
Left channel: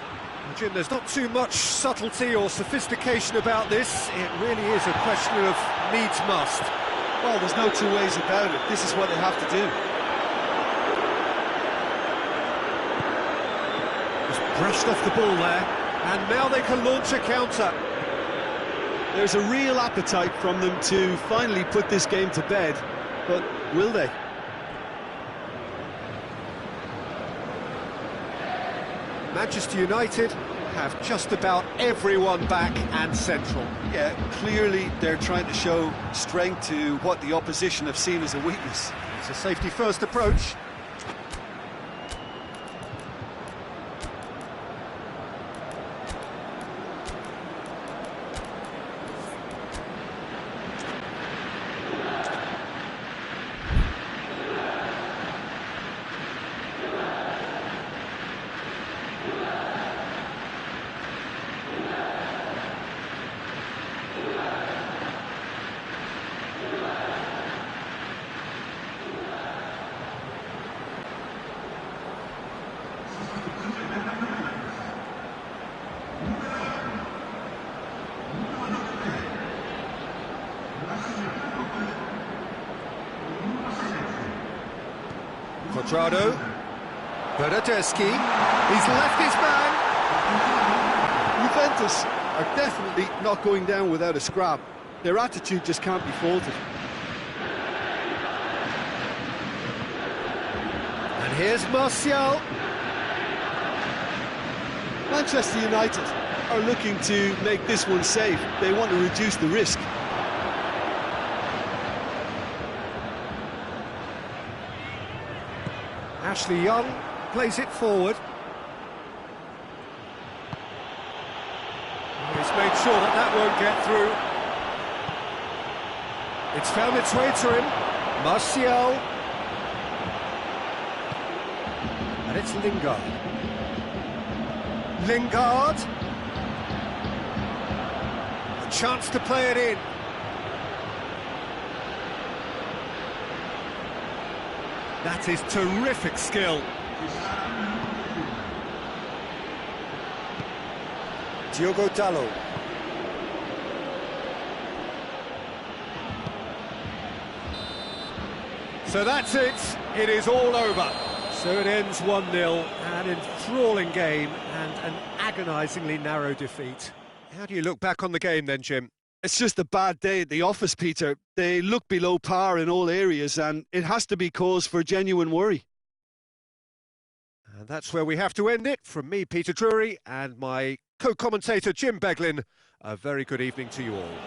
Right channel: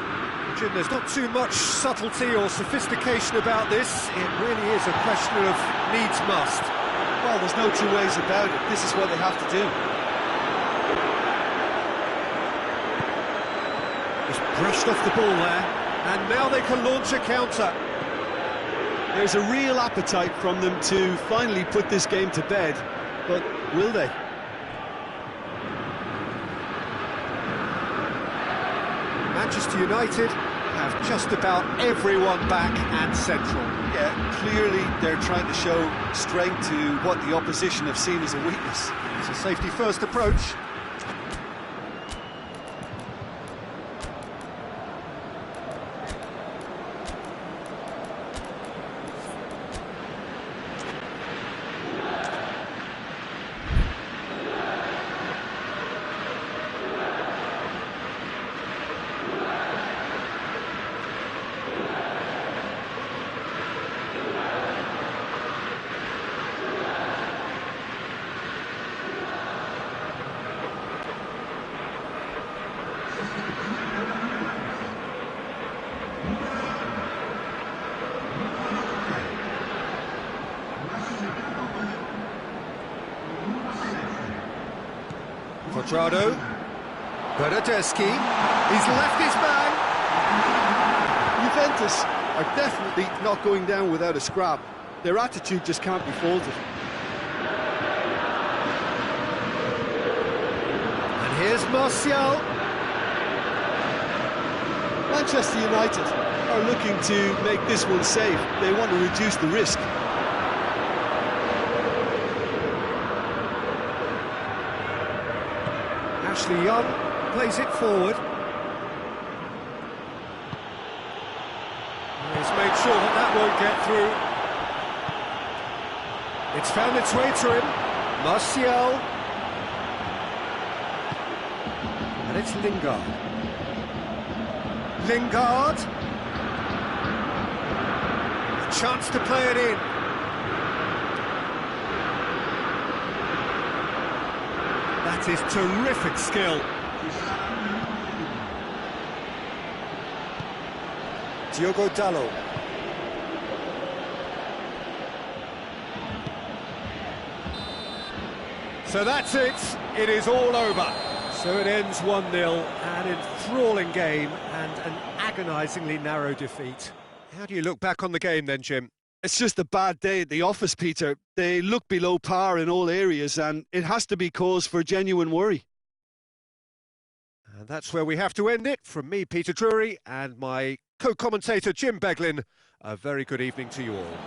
Jim, there's not too much subtlety or sophistication about this. It really is a question of needs must. Well, there's no two ways about it. This is what they have to do. Just brushed off the ball there, and now they can launch a counter. There's a real appetite from them to finally put this game to bed, but will they? Manchester United have just about everyone back and central. Yeah, clearly they're trying to show strength to what the opposition have seen as a weakness. It's a safety-first approach. Quadrado, Bernardeschi, he's left his man. Juventus are definitely not going down without a scrap. Their attitude just can't be faulted. And here's Martial. Manchester United are looking to make this one safe. They want to reduce the risk. Ashley Young plays it forward. He's made sure that that won't get through. It's found its way to him. Martial. And it's Lingard. Lingard. A chance to play it in. That is terrific skill. Diogo Dalot. So that's it. It is all over. So it ends 1-0, an enthralling game and an agonisingly narrow defeat. How do you look back on the game then, Jim? It's just a bad day at the office, Peter. They look below par in all areas, and it has to be cause for genuine worry. And that's where we have to end it. From me, Peter Drury, and my co-commentator, Jim Beglin, a very good evening to you all.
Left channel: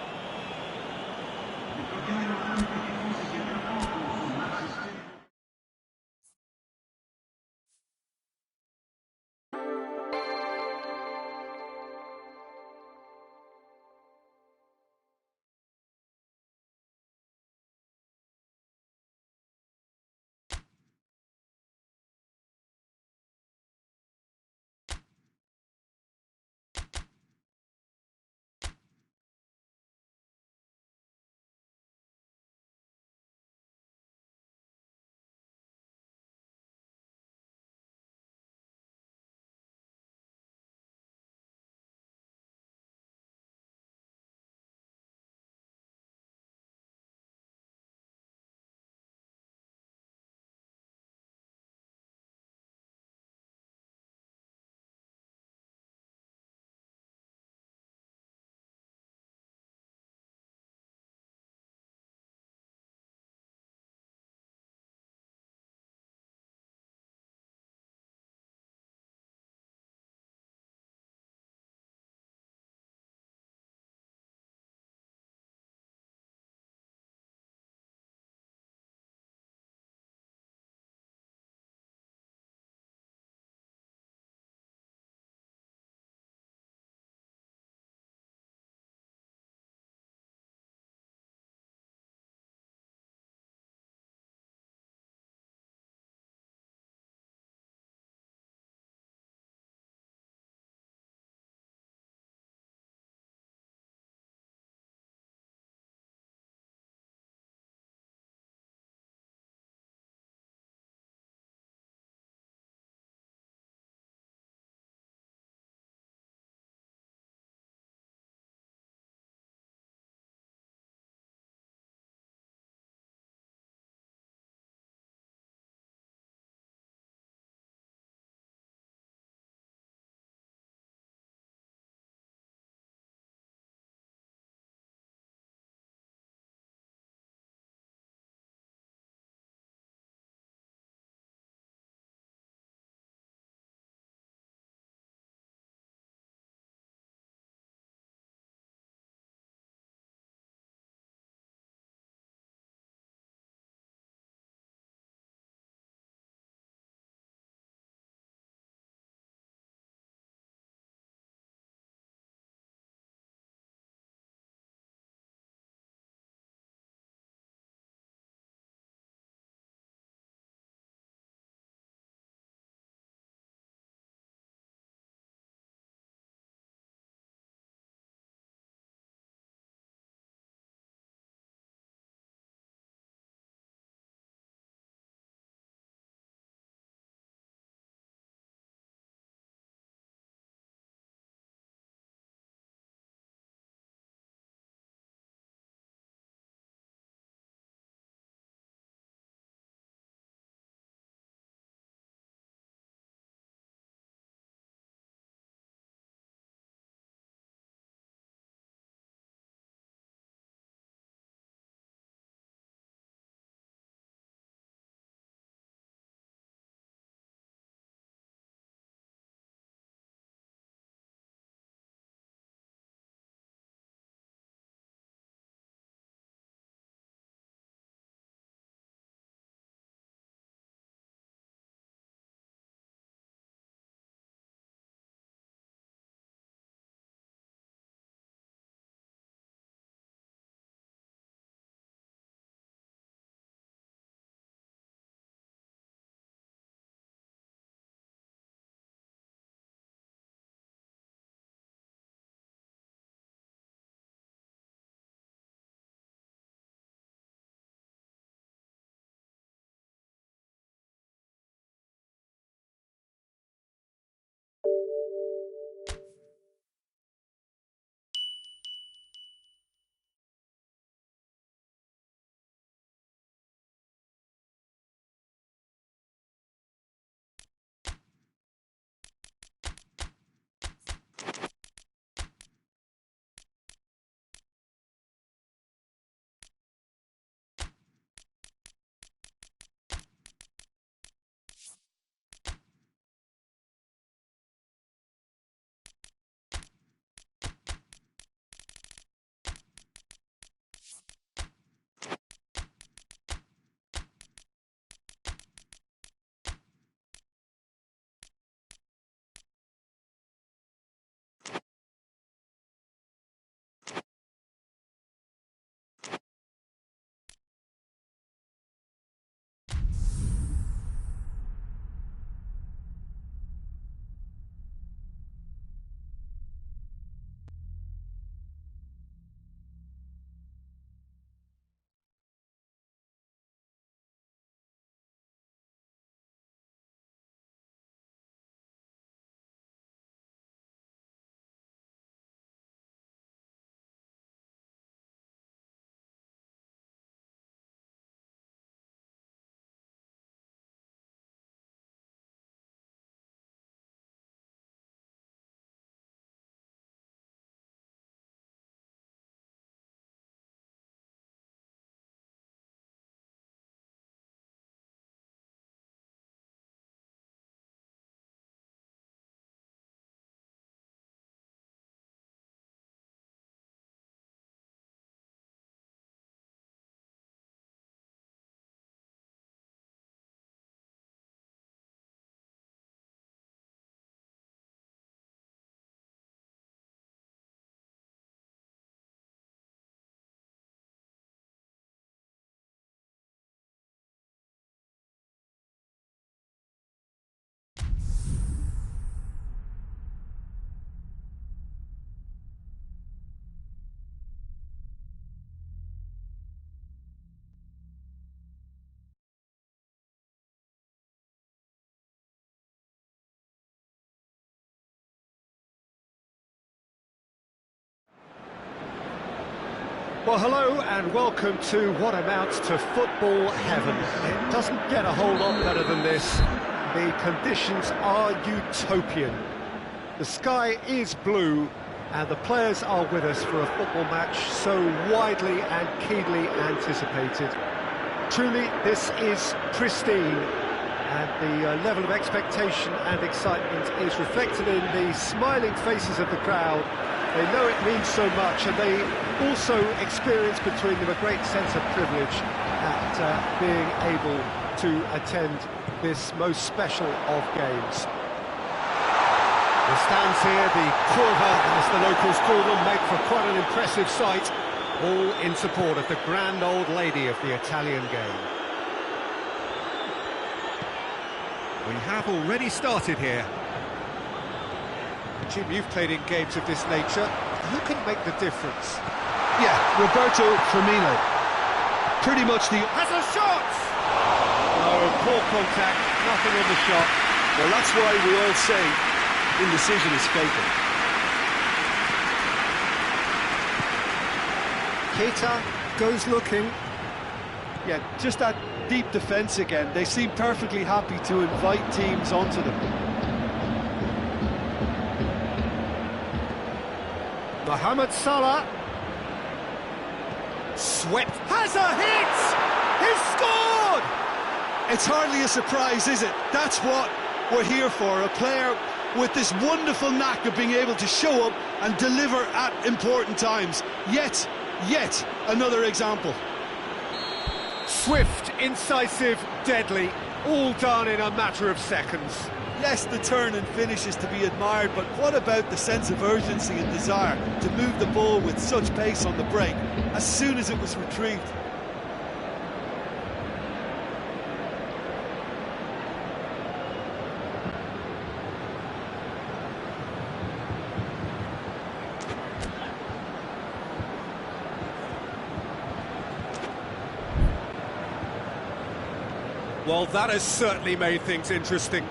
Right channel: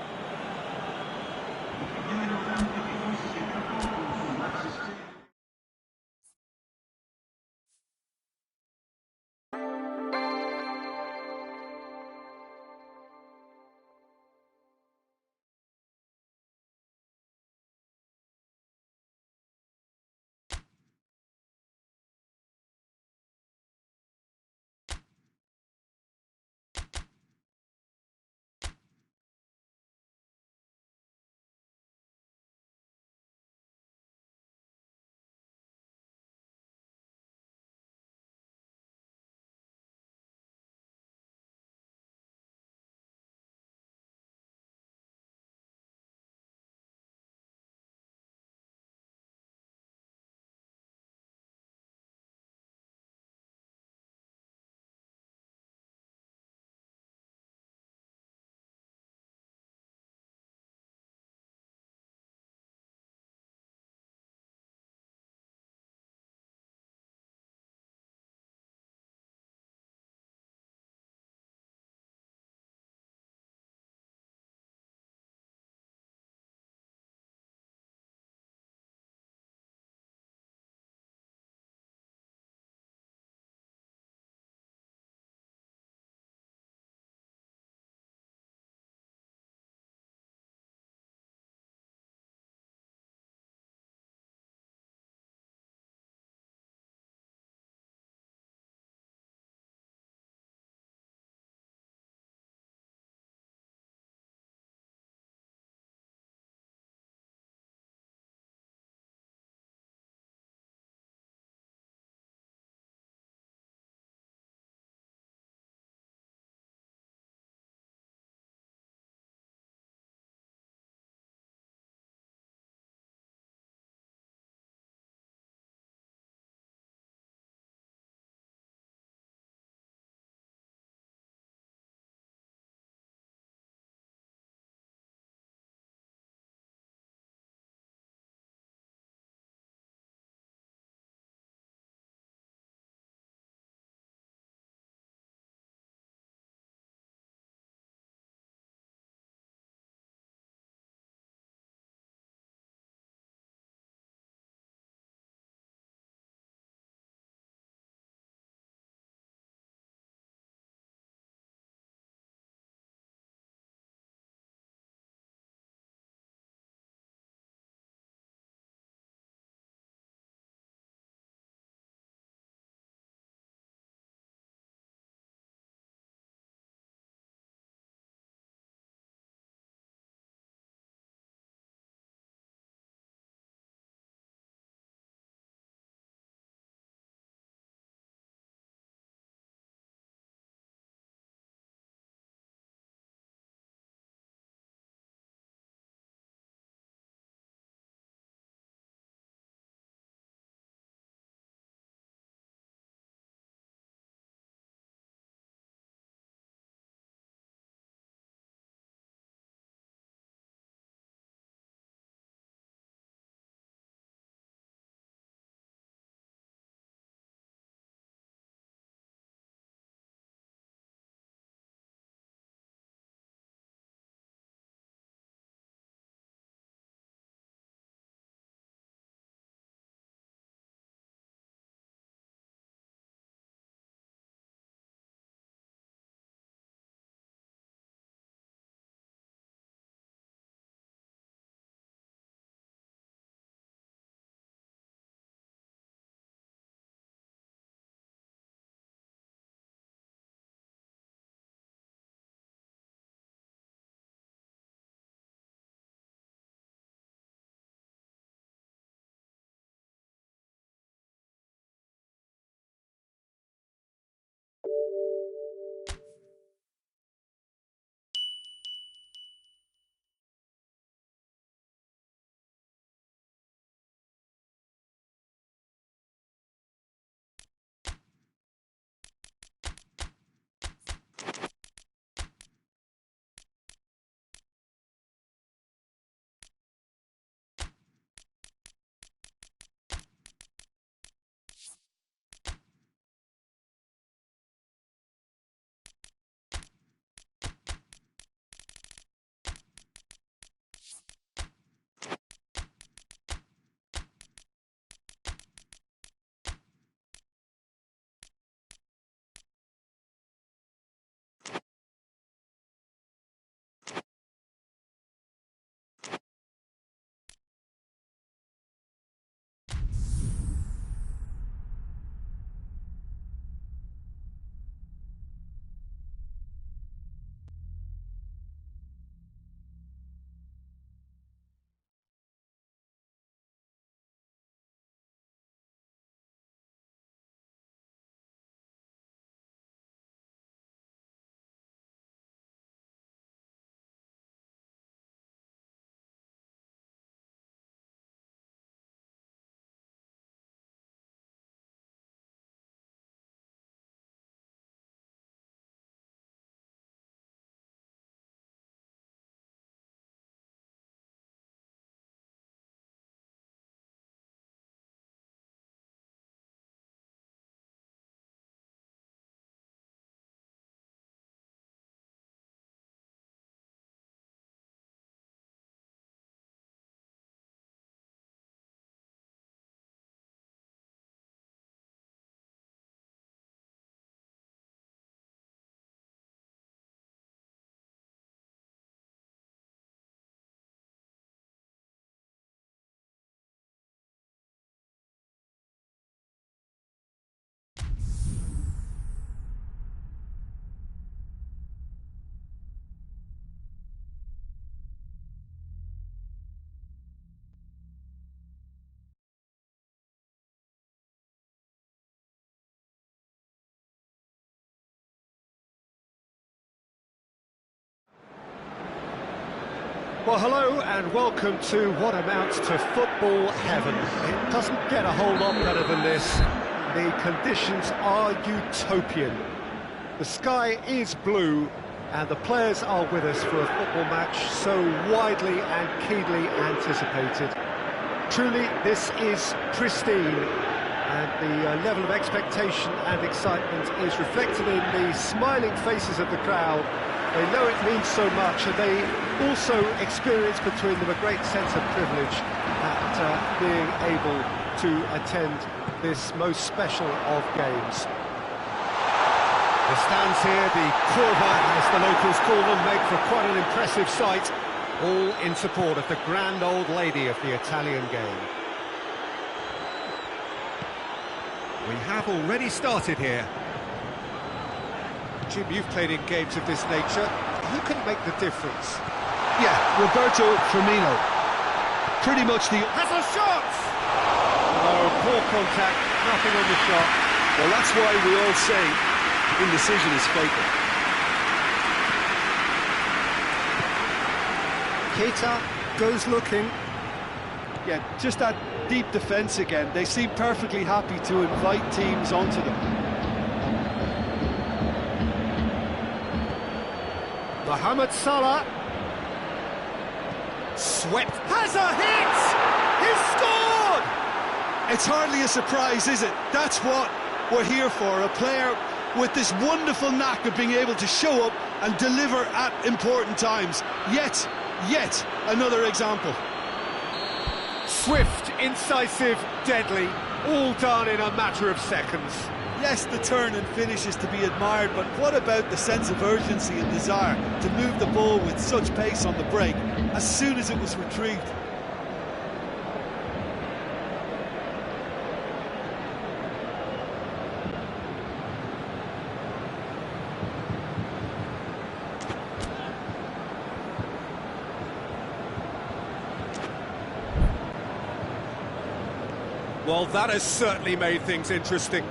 Well, hello and welcome to what amounts to football heaven. It doesn't get a whole lot better than this. The conditions are utopian. The sky is blue and the players are with us for a football match so widely and keenly anticipated. Truly, this is pristine, and the level of expectation and excitement is reflected in the smiling faces of the crowd. They know it means so much, and they also experience between them a great sense of privilege at being able to attend this most special of games. The stands here, the curva, as the locals call them, make for quite an impressive sight, all in support of the grand old lady of the Italian game. We have already started here. Jim, you've played in games of this nature. Who can make the difference? Yeah, Roberto Firmino. Pretty much the... Has a shot! Oh, poor contact, nothing on the shot. Well, that's why we all say indecision is fatal. Keita goes looking. Yeah, just that deep defence again. They seem perfectly happy to invite teams onto them. Mohamed Salah. Swept. Has a hit! He's scored! It's hardly a surprise, is it? That's what we're here for. A player with this wonderful knack of being able to show up and deliver at important times. Yet another example. Swift, incisive, deadly, all done in a matter of seconds. Yes, the turn and finish is to be admired, but what about the sense of urgency and desire to move the ball with such pace on the break as soon as it was retrieved? Well, that has certainly made things interesting.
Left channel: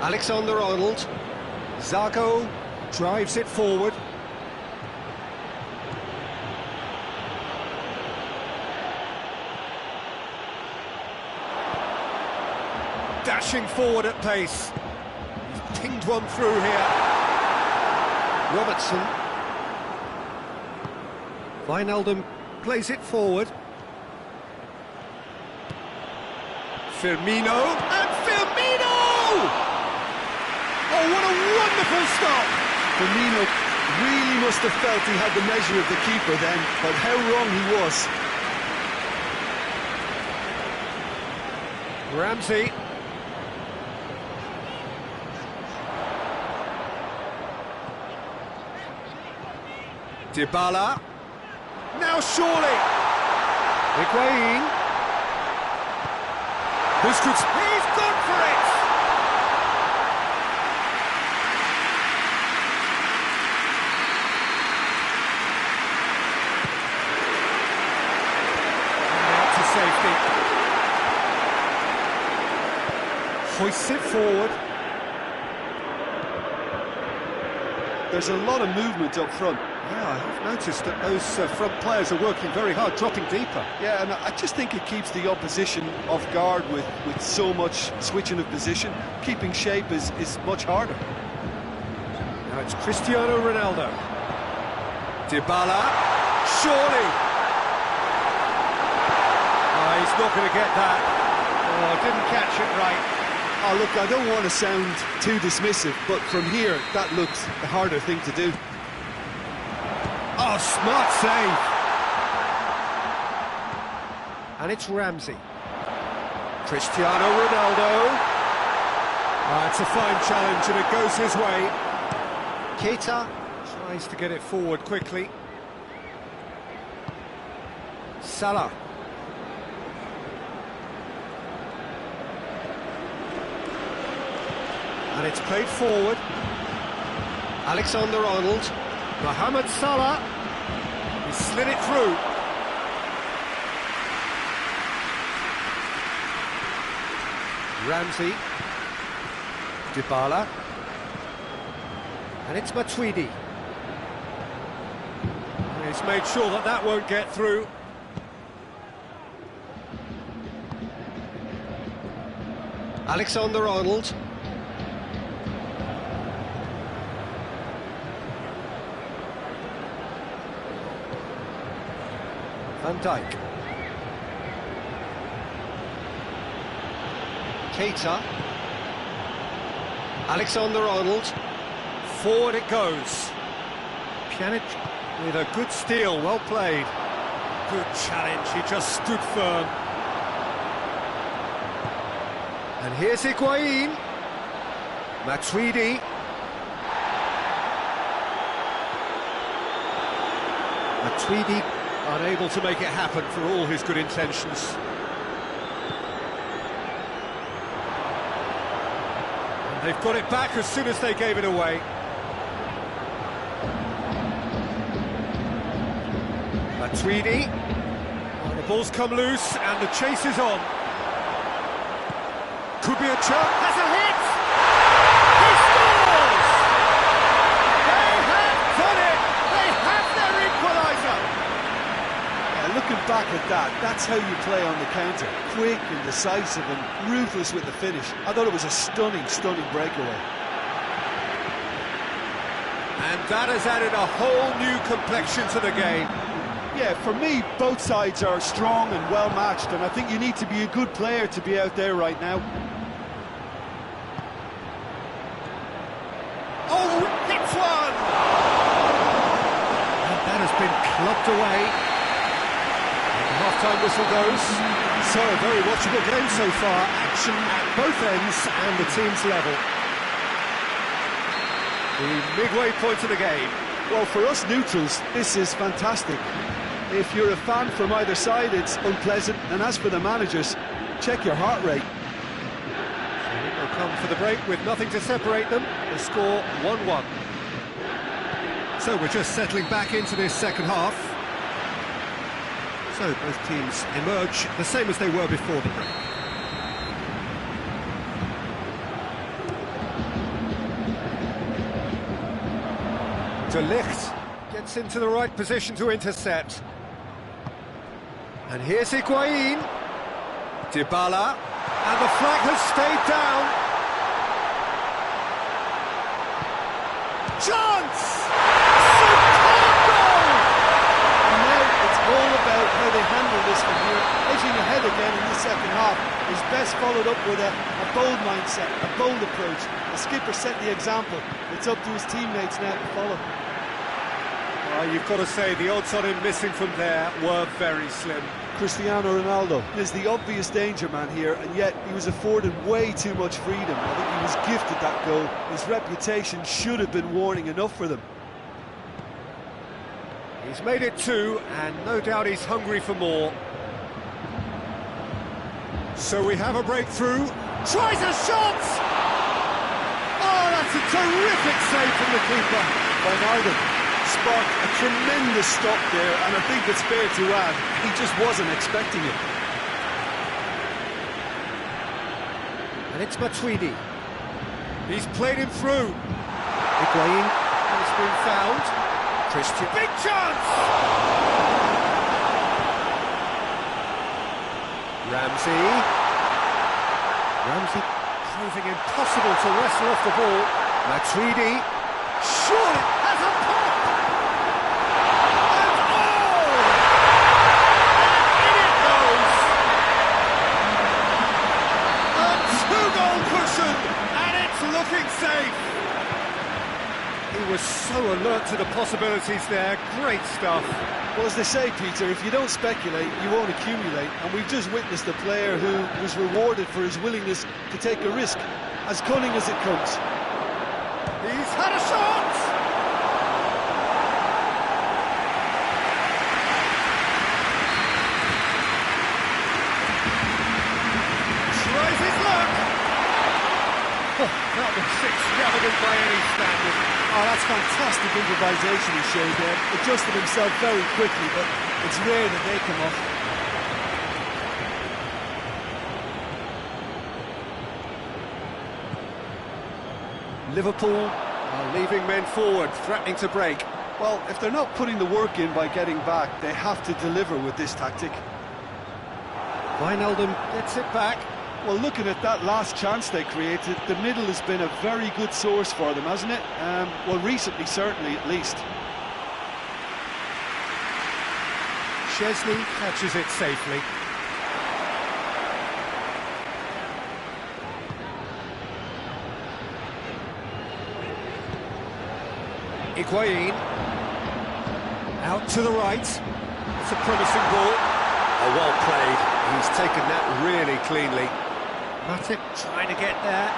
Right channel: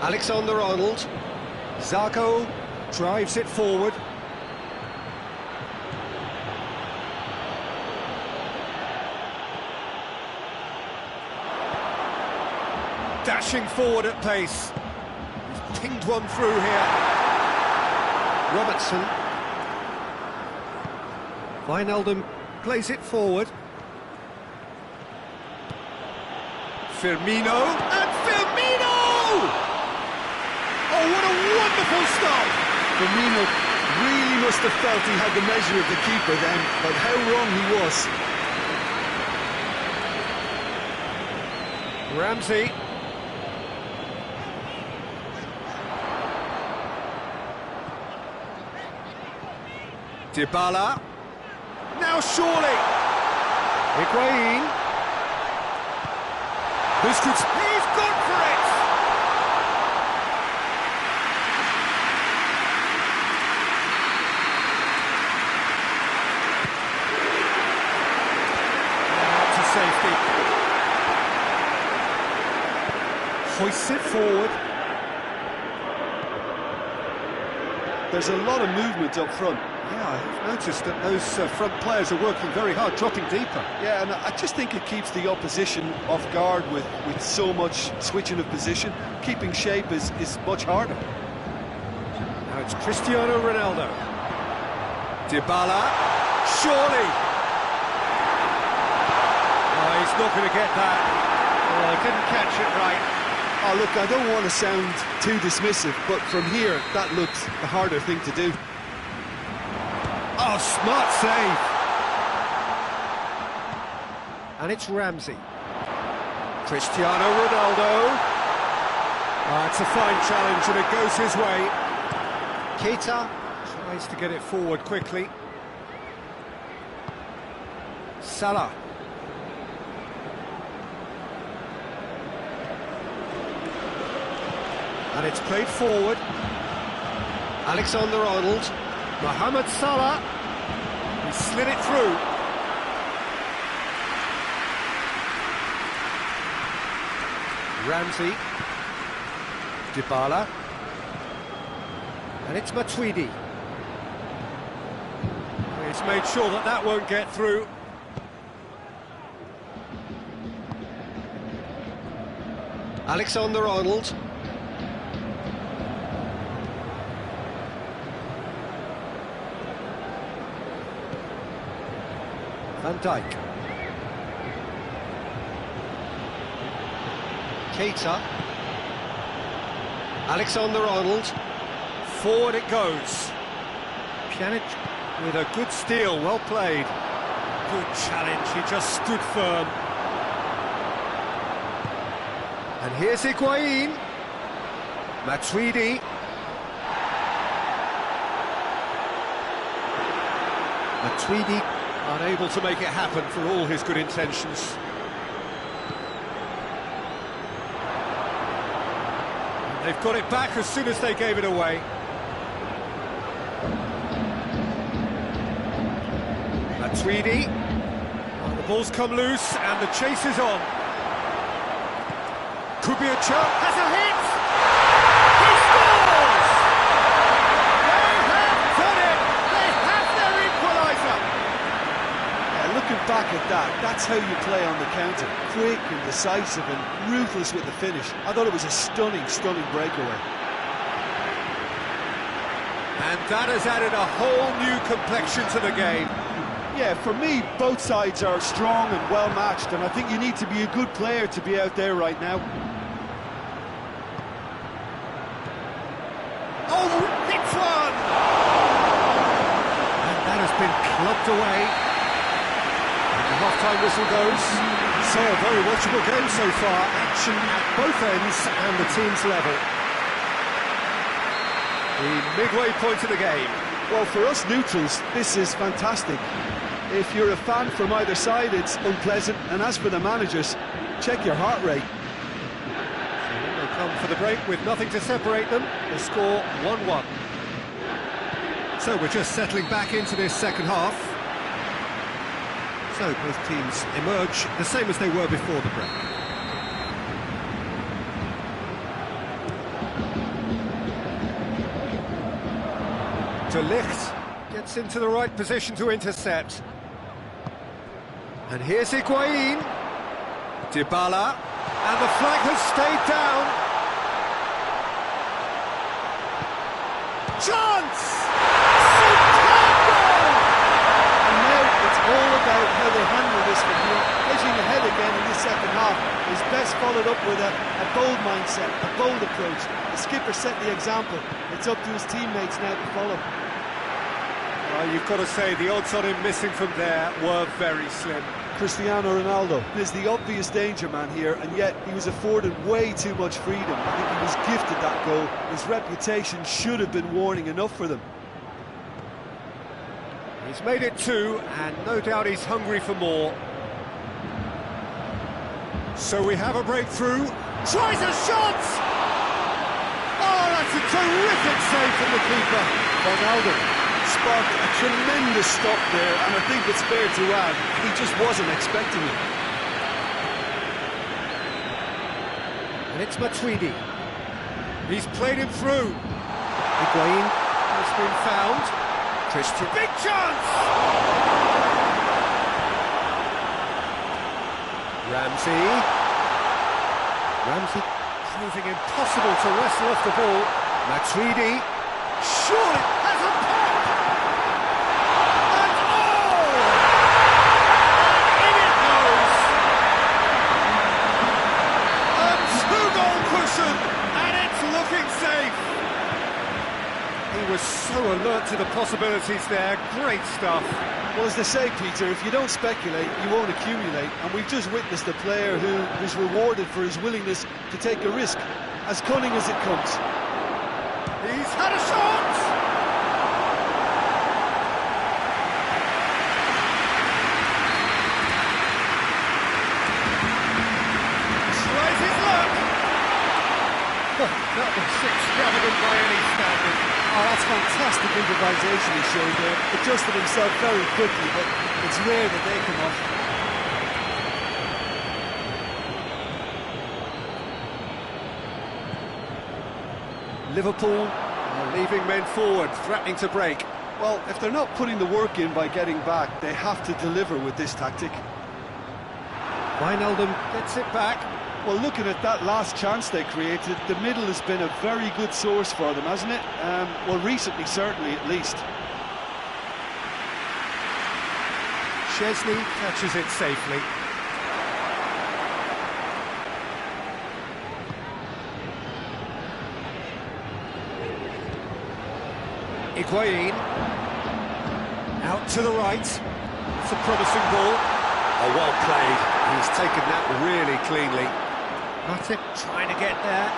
Alexander-Arnold. Zago drives it forward. Dashing forward at pace. He's pinged one through here. Robertson. Wijnaldum plays it forward. Firmino, and Firmino! Oh, what a wonderful stop! Firmino really must have felt he had the measure of the keeper then, but how wrong he was. Ramsey. Dybala. Now surely. Higuain. Busquets. He's gone for it! And out to safety. Hoists it forward. There's a lot of movement up front. Yeah, I've noticed that those front players are working very hard, dropping deeper. Yeah, and I just think it keeps the opposition off guard with so much switching of position. Keeping shape is much harder. Now it's Cristiano Ronaldo. Dybala, surely! Oh, he's not going to get that. Oh, didn't catch it right. Oh, look, I don't want to sound too dismissive, but from here, that looks the harder thing to do. Oh, smart save. And it's Ramsey. Cristiano Ronaldo. It's a fine challenge and it goes his way. Keita tries to get it forward quickly. Salah. And it's played forward. Alexander-Arnold. Mohamed Salah. He slid it through. Ramsey. Dybala. And it's Matuidi. He's made sure that that won't get through. Alexander-Arnold. Van Dijk. Keita. Alexander-Arnold. Forward it goes. Pjanic with a good steal, well played. Good challenge, he just stood firm. And here's Higuain. Matuidi. Matuidi unable to make it happen for all his good intentions. And they've got it back as soon as they gave it away. Matuidi. Well, the ball's come loose and the chase is on. Could be a chance. Has a hit! He scores! They have done it! They have their equaliser! Yeah, looking back at that, that's how you play on the counter. Quick and decisive and ruthless with the finish. I thought it was a stunning, stunning breakaway. And that has added a whole new complexion to the game. Yeah, for me, both sides are strong and well-matched, and I think you need to be a good player to be out there right now. Oh, hits one! And that has been clubbed away. And the half-time whistle goes. So, a very watchable game so far. Action at both ends and the team's level. The midway point of the game. Well, for us neutrals, this is fantastic. If you're a fan from either side, it's unpleasant. And as for the managers, check your heart rate. They'll come for the break with nothing to separate them. The score 1-1. So we're just settling back into this second half. So both teams emerge the same as they were before the break. De Ligt gets into the right position to intercept. And here's Higuain. Dybala. And the flag has stayed down. Chance! Superb goal! And now it's all about how they handle this from here. Edging ahead again in the second half is best followed up with a bold mindset, a bold approach. The skipper set the example. It's up to his teammates now to follow. Well, you've got to say the odds on him missing from there were very slim. Cristiano Ronaldo is the obvious danger man here, and yet he was afforded way too much freedom. I think he was gifted that goal. His reputation should have been warning enough for them. He's made it two, and no doubt he's hungry for more. So we have a breakthrough. Tries a shot! Oh, that's a terrific save from the keeper. Ronaldo sparked a tremendous stop there, and I think it's fair to add, he just wasn't expecting it. And it's Matuidi. He's played him through. Higuain has been found. Christian. Big chance! Ramsey proving impossible to wrestle off the ball. Matuidi. Surely has a pop! And oh! And in it goes! A two-goal cushion, and it's looking safe! He was so alert to the possibilities there. Great stuff. Well, as they say, Peter, if you don't speculate, you won't accumulate. And we've just witnessed a player who was rewarded for his willingness to take a risk, as cunning as it comes. He's had a shot! Tries his luck! Oh, that was extravagant by any standard. Oh, that's fantastic improvisation he showed there. Adjusted himself very quickly, but it's rare that they come off. Liverpool are leaving men forward, threatening to break. Well, if they're not putting the work in by getting back, they have to deliver with this tactic. Wijnaldum gets it back. Well, looking at that last chance they created, the middle has been a very good source for them, hasn't it? Well, recently, certainly, at least. Chesney catches it safely. Higuain. Out to the right. It's a promising ball. Oh, well played. He's taken that really cleanly. Matip trying to get there.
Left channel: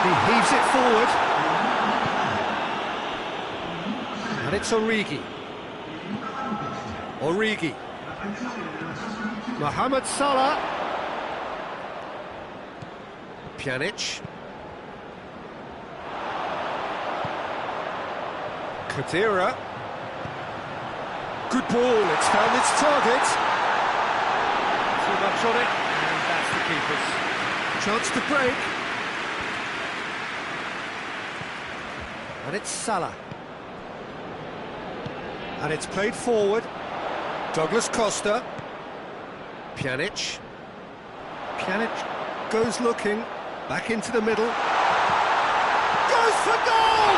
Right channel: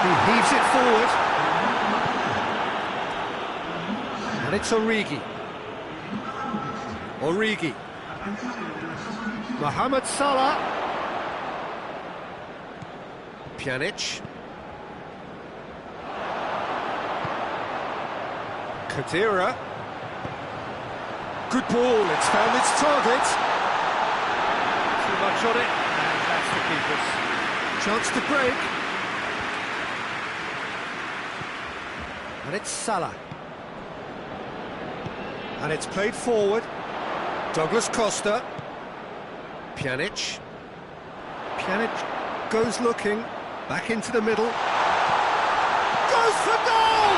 He heaves it forward. And it's Origi. Origi. Mohamed Salah. Pjanic. Khedira. Good ball, it's found its target. Too much on it, and that's the keeper's. Chance to break. And it's Salah. And it's played forward. Douglas Costa. Pjanic. Pjanic goes looking. Back into the middle. Goes for goal!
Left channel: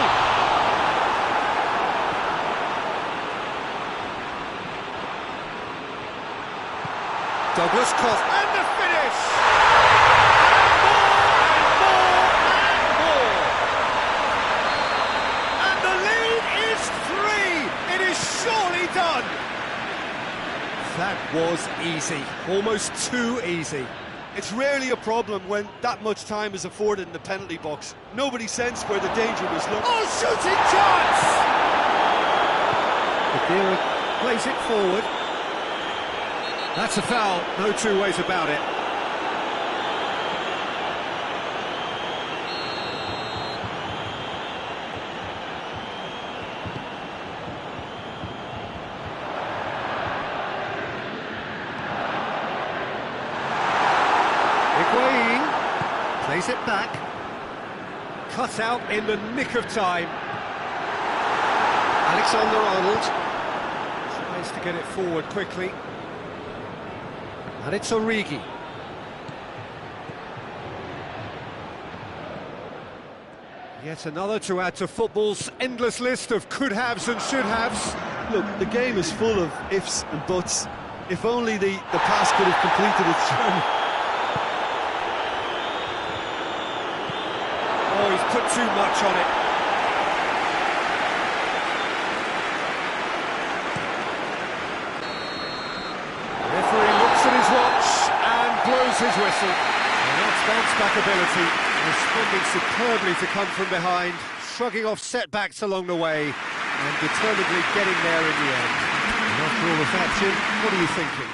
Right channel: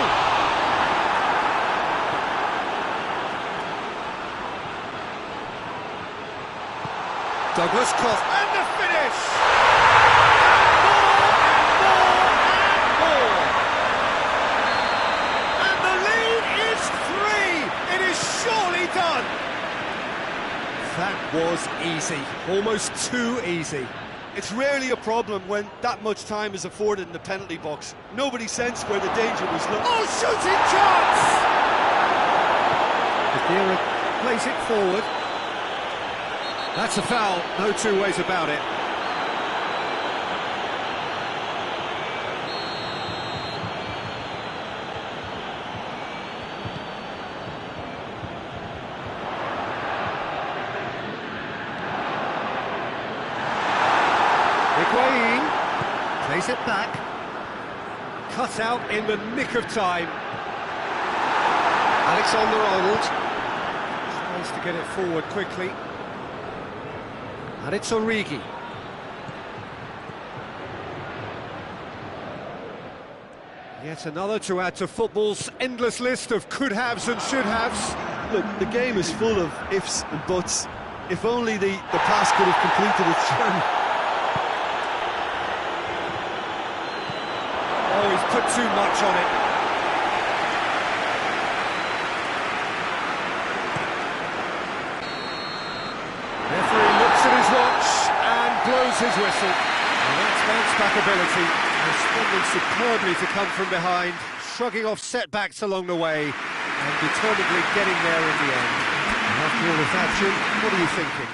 Douglas Costa. And the finish! Surely done! That was easy, almost too easy. It's rarely a problem when that much time is afforded in the penalty box. Nobody sensed where the danger was looked. Oh, shooting chance! Khedira plays it forward. That's a foul, no two ways about it. Higuain plays it back. Cut out in the nick of time. Alexander-Arnold tries to get it forward quickly. And it's Origi. Yet another to add to football's endless list of could-haves and should-haves. Look, the game is full of ifs and buts. If only the pass could have completed its journey. Oh, he's put too much on it. The referee looks at his watch and blows his whistle. And that's bounce-back ability, responding superbly to come from behind, shrugging off setbacks along the way, and determinedly getting there in the end. And after all of that, Jim, what are you thinking?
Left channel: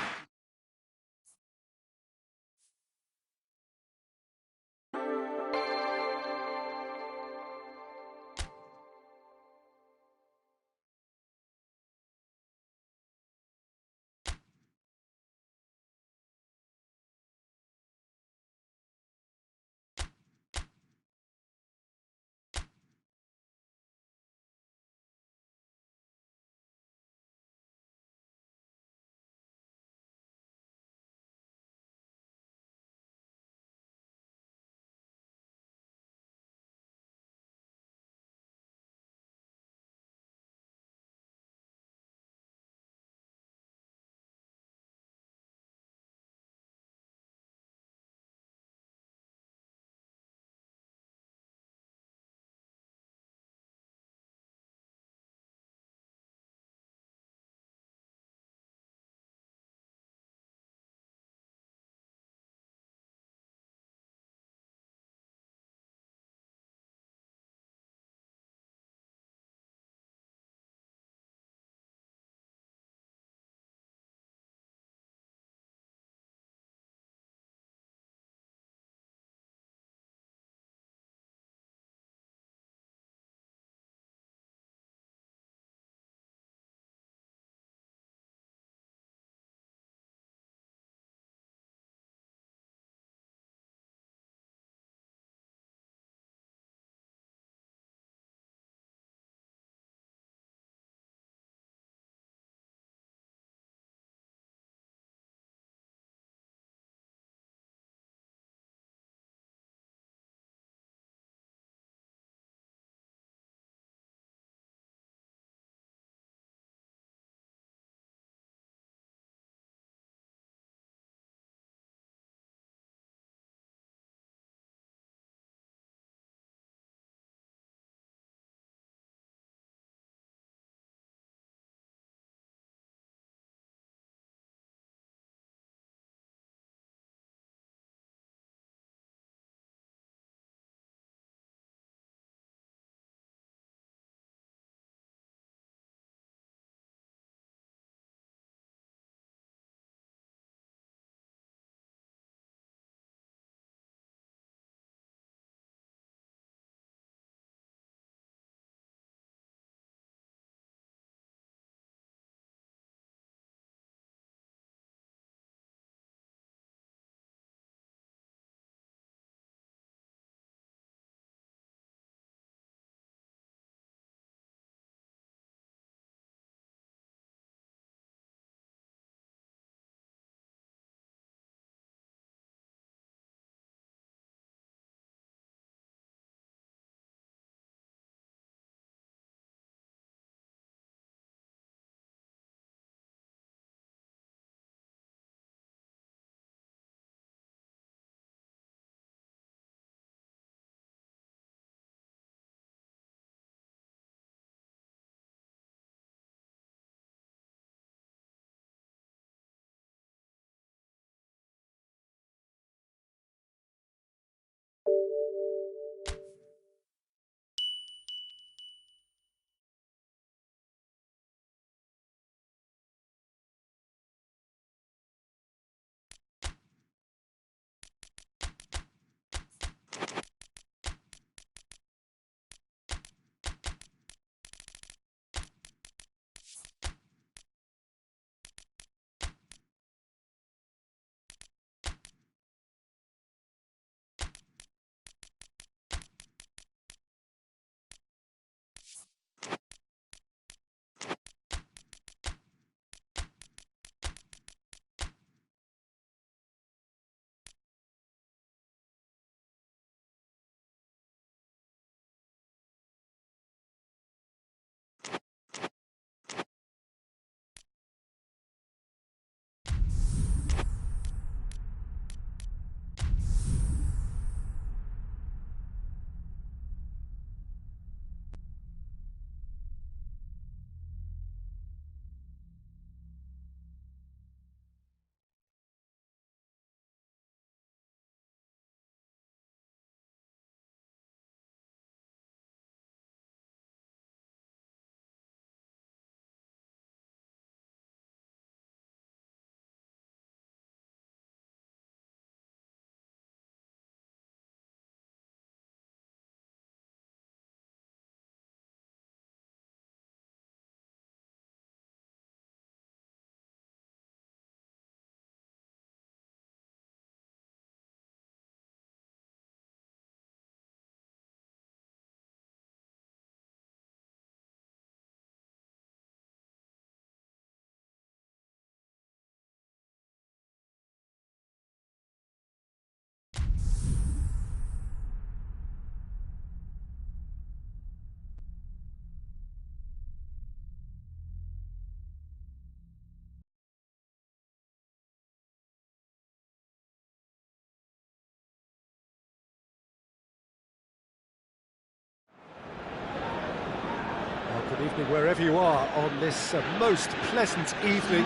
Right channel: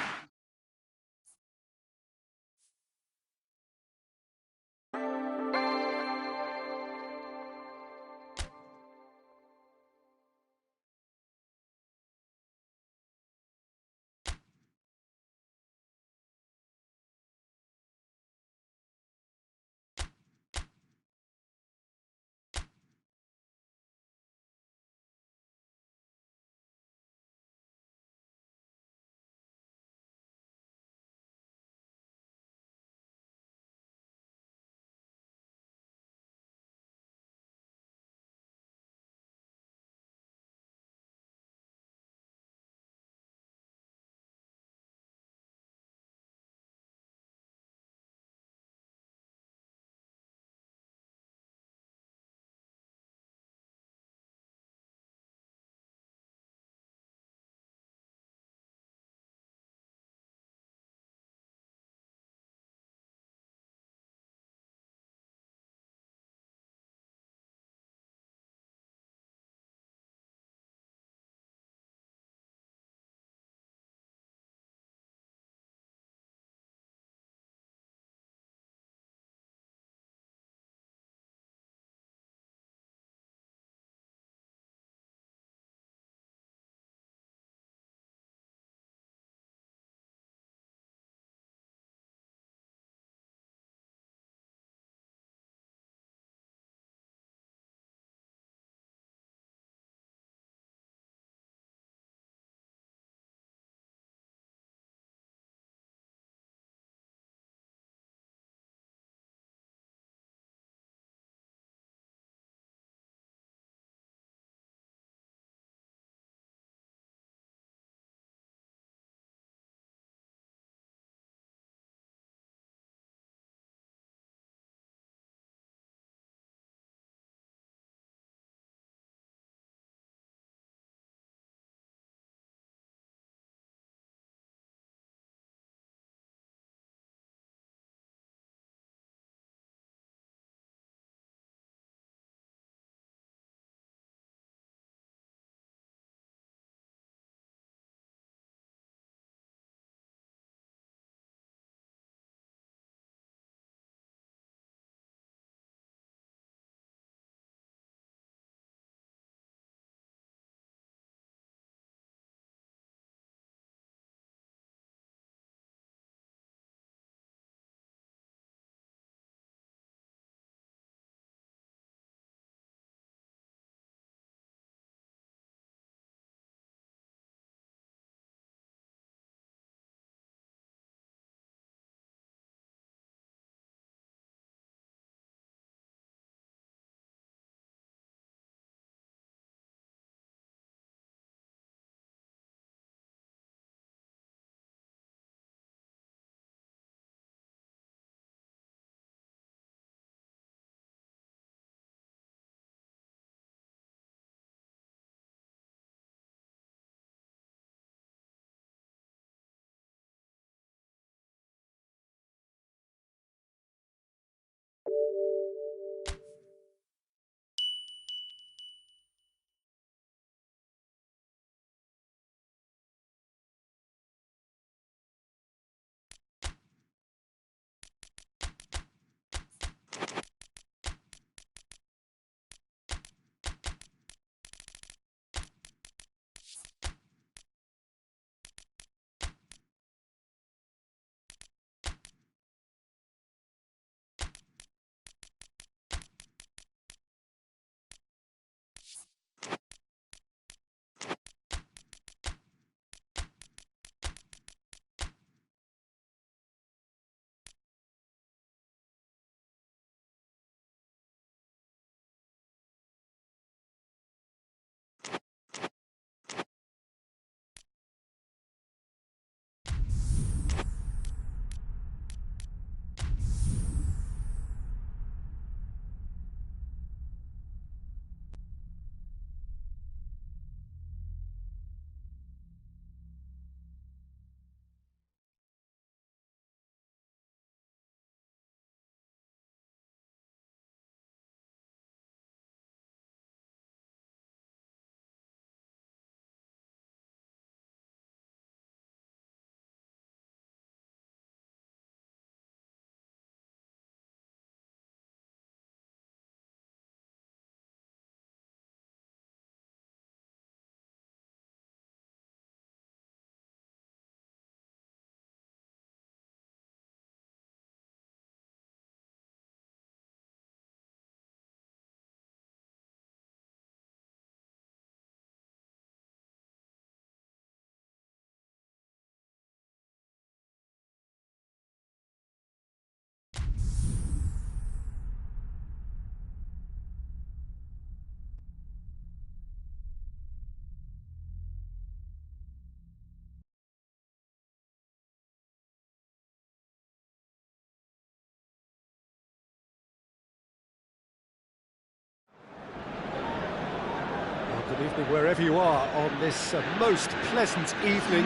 Well, good evening wherever you are on this most pleasant evening.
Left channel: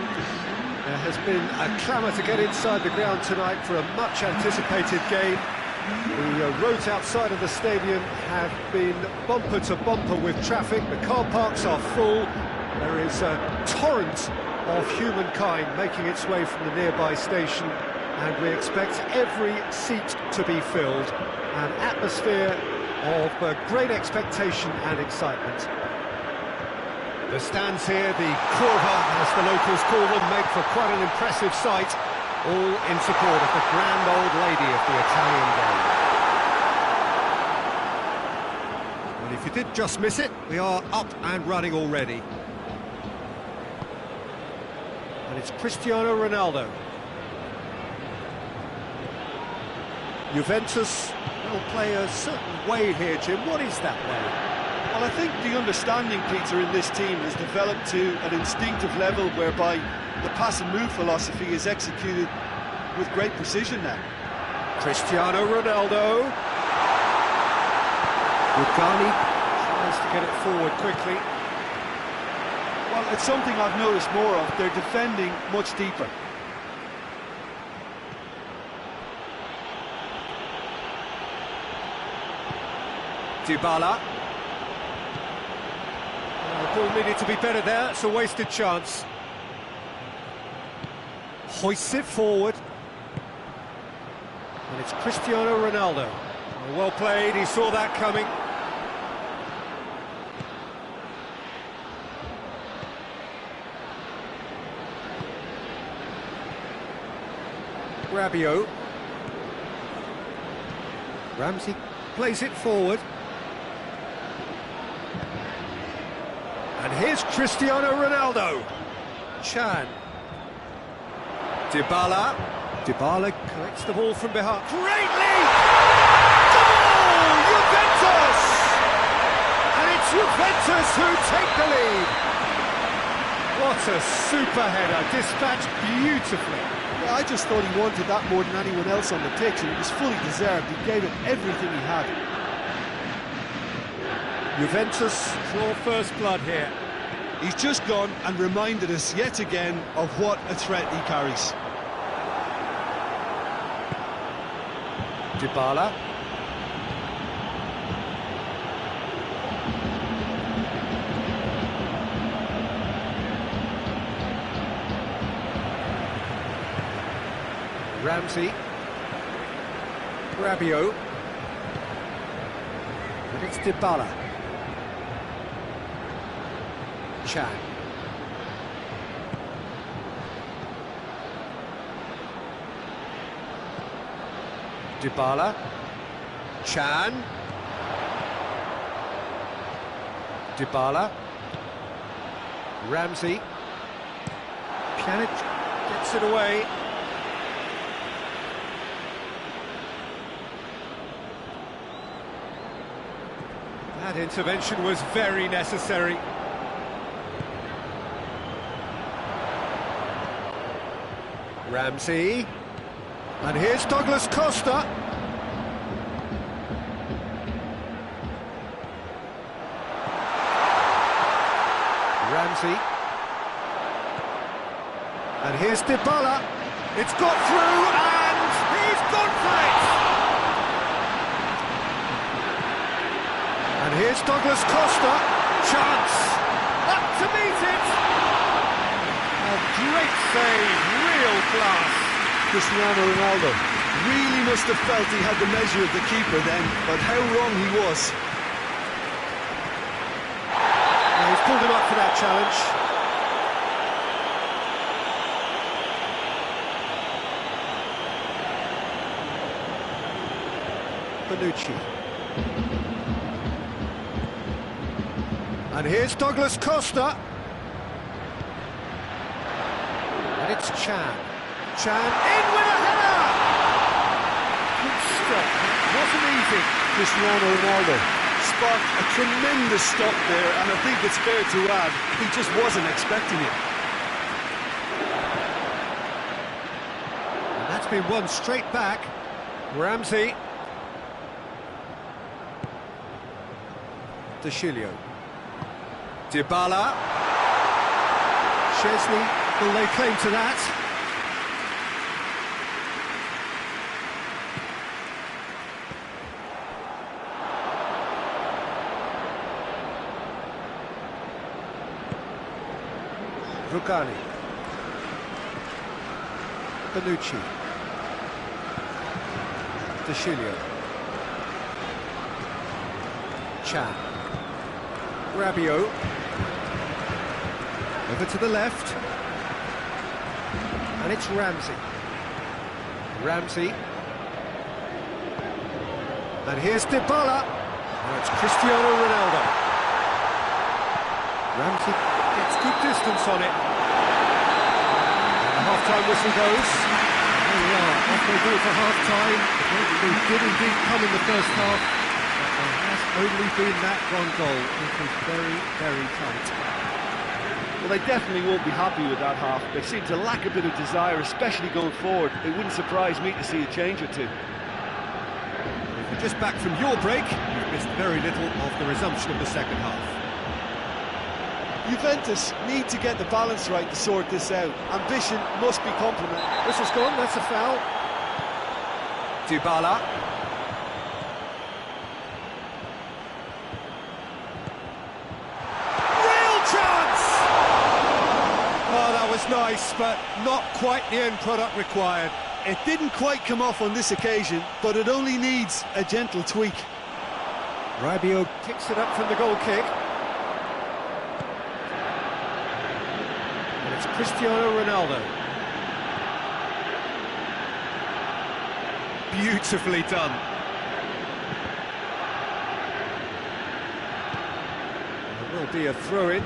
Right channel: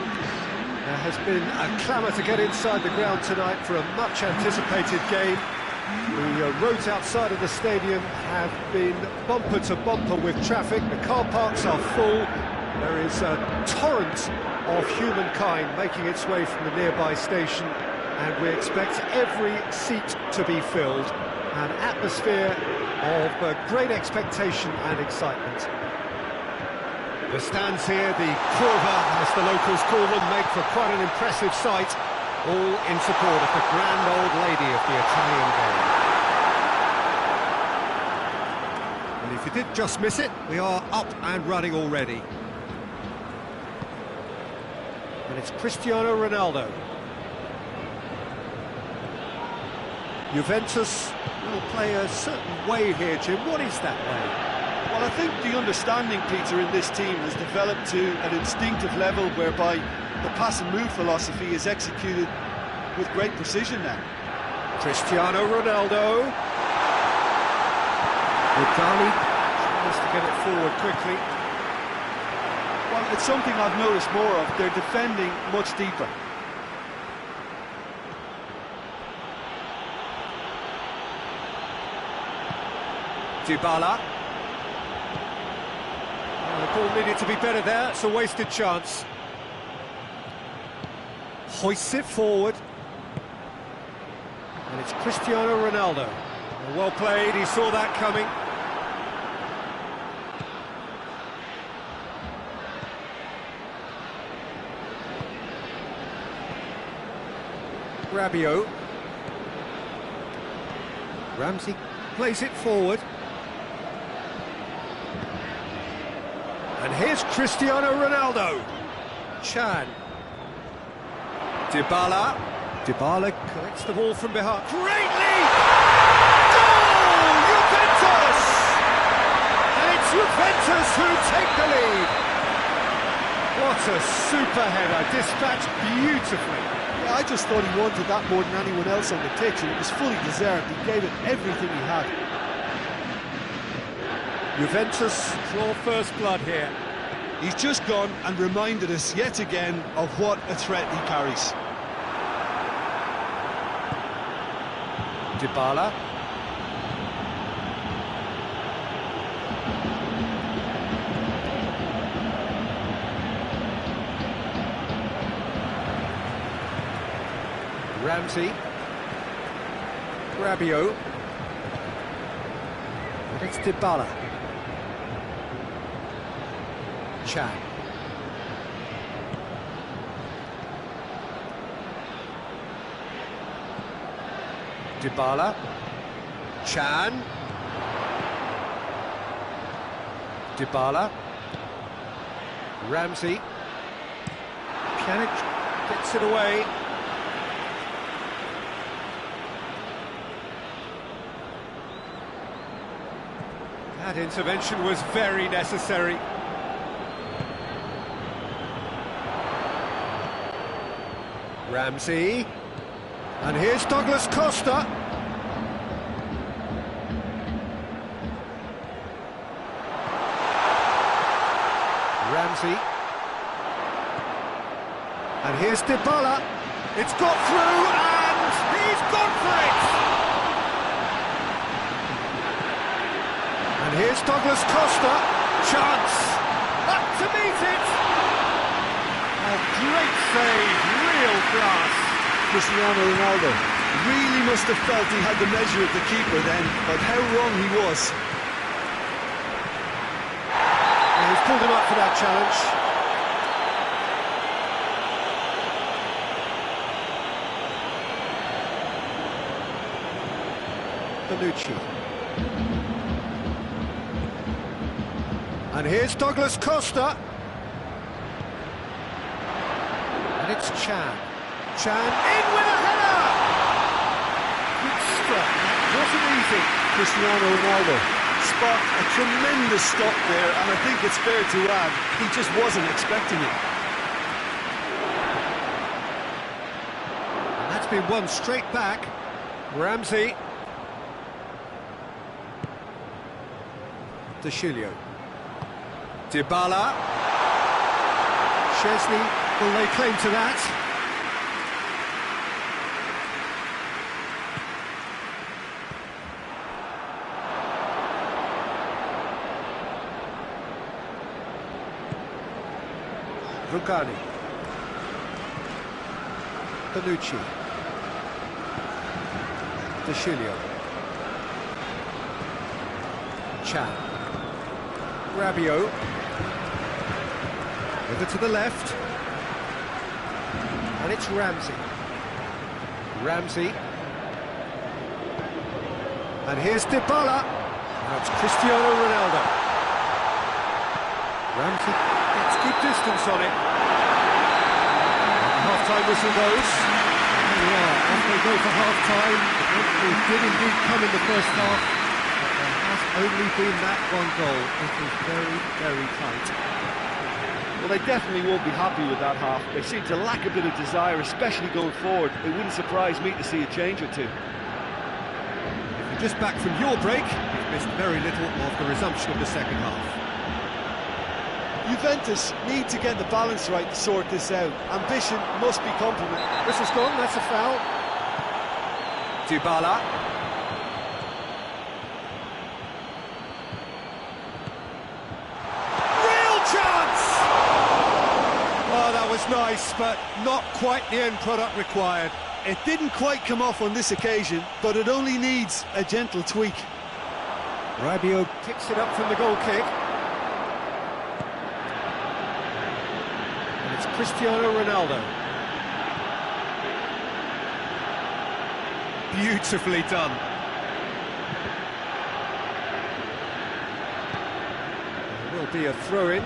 There has been a clamour to get inside the ground tonight for a much-anticipated game. The roads outside of the stadium have been bumper to bumper with traffic. The car parks are full. There is a torrent of humankind making its way from the nearby station, and we expect every seat to be filled. An atmosphere of great expectation and excitement. The stands here, the curva, as the locals call them, make for quite an impressive sight, all in support of the grand old lady of the Italian game. Well, if you did just miss it, we are up and running already. And it's Cristiano Ronaldo. Juventus will play a certain way here, Jim. What is that way? Well, I think the understanding, Peter, in this team has developed to an instinctive level whereby the pass and move philosophy is executed with great precision now. Cristiano Ronaldo. Rugani tries to get it forward quickly. Well, it's something I've noticed more of. They're defending much deeper. Dybala. The ball needed to be better there. It's a wasted chance. Hoists it forward. And it's Cristiano Ronaldo. Well played, he saw that coming. Rabiot. Ramsey plays it forward. And here's Cristiano Ronaldo. Chan. Dybala. Dybala collects the ball from behind. Great lead! Goal! Juventus! And it's Juventus who take the lead. What a super header, dispatched beautifully. Yeah, I just thought he wanted that more than anyone else on the pitch, and it was fully deserved. He gave it everything he had. Juventus draw first blood here. He's just gone and reminded us yet again of what a threat he carries. Dybala. Ramsey. Rabiot. And it's Dybala. Chan. Dybala. Chan. Dybala. Ramsey. Pjanic gets it away. That intervention was very necessary. Ramsey. And here's Douglas Costa. Ramsey. And here's Dybala. It's got through and he's gone for it! And here's Douglas Costa. Chance. Up to meet it. A great save, real class. Cristiano Ronaldo really must have felt he had the measure of the keeper then, but how wrong he was. And he's pulled him up for that challenge. Bonucci. And here's Douglas Costa. And it's Chan. Chan in with a header! Good stop, that wasn't easy. Cristiano Ronaldo sparked a tremendous stop there, and I think it's fair to add, he just wasn't expecting it. And that's been won straight back. Ramsey. De Chilio. Dybala. Chesney will lay claim to that. Rugani. Bonucci. De Chilio. Chan. Rabiot. Over to the left. And it's Ramsey. Ramsey. And here's Dybala. Now it's Cristiano Ronaldo. Ramsey gets good distance on it. And the half-time whistle goes. There we are, off they go for half-time. The breakthrough did indeed come in the first half, but there has only been that one goal. It is very, very tight. Well, they definitely won't be happy with that half. They seem to lack a bit of desire, especially going forward. It wouldn't surprise me to see a change or two. If you're just back from your break, you've missed very little of the resumption of the second half. Juventus need to get the balance right to sort this out. Ambition must be complemented. Whistle's gone, that's a foul. Dybala. Real chance! Oh, that was nice, but not quite the end product required. It didn't quite come off on this occasion, but it only needs a gentle tweak. Rabiot picks it up from the goal kick. And it's Cristiano Ronaldo. Beautifully done. There will be a throw-in.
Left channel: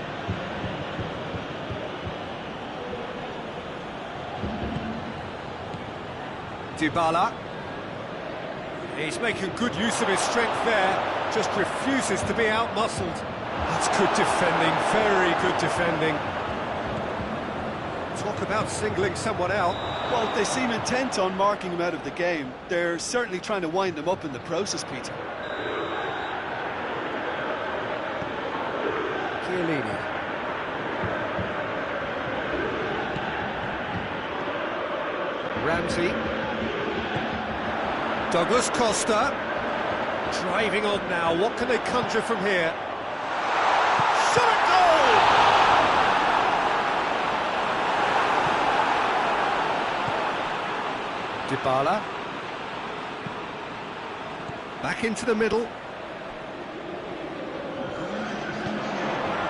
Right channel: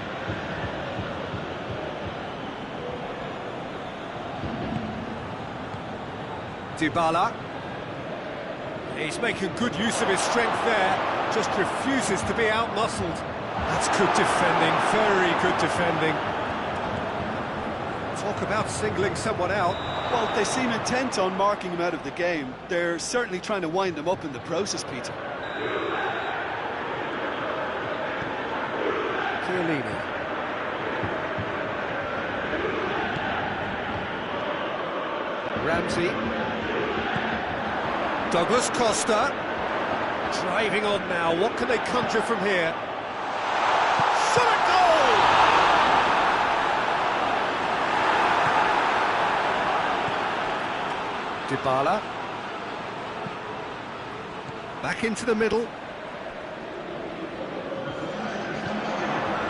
Dybala. He's making good use of his strength there, just refuses to be out-muscled. That's good defending, very good defending. Talk about singling someone out. Well, they seem intent on marking him out of the game. They're certainly trying to wind him up in the process, Peter. Chiellini. Ramsey. Douglas Costa. Driving on now. What can they conjure from here? Shot at goal! Dybala. Back into the middle.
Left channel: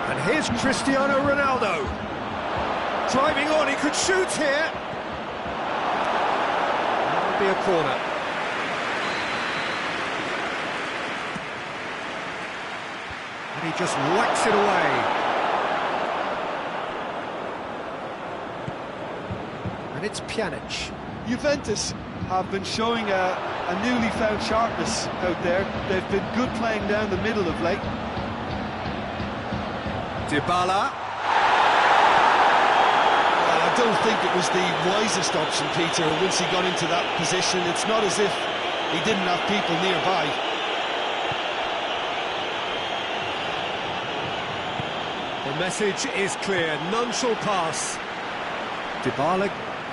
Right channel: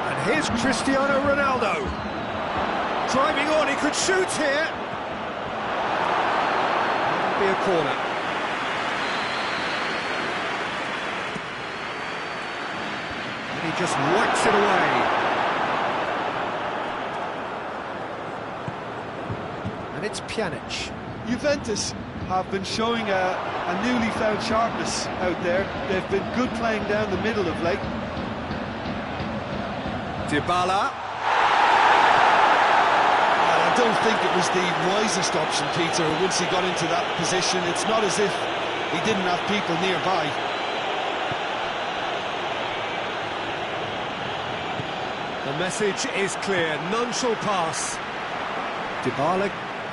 And here's Cristiano Ronaldo. Driving on, he could shoot here. That'll be a corner. And he just whacks it away. And it's Pjanic. Juventus have been showing a newly found sharpness out there. They've been good playing down the middle of late. Dybala. Well, I don't think it was the wisest option, Peter, once he got into that position. It's not as if he didn't have people nearby. The message is clear, none shall pass. Dybala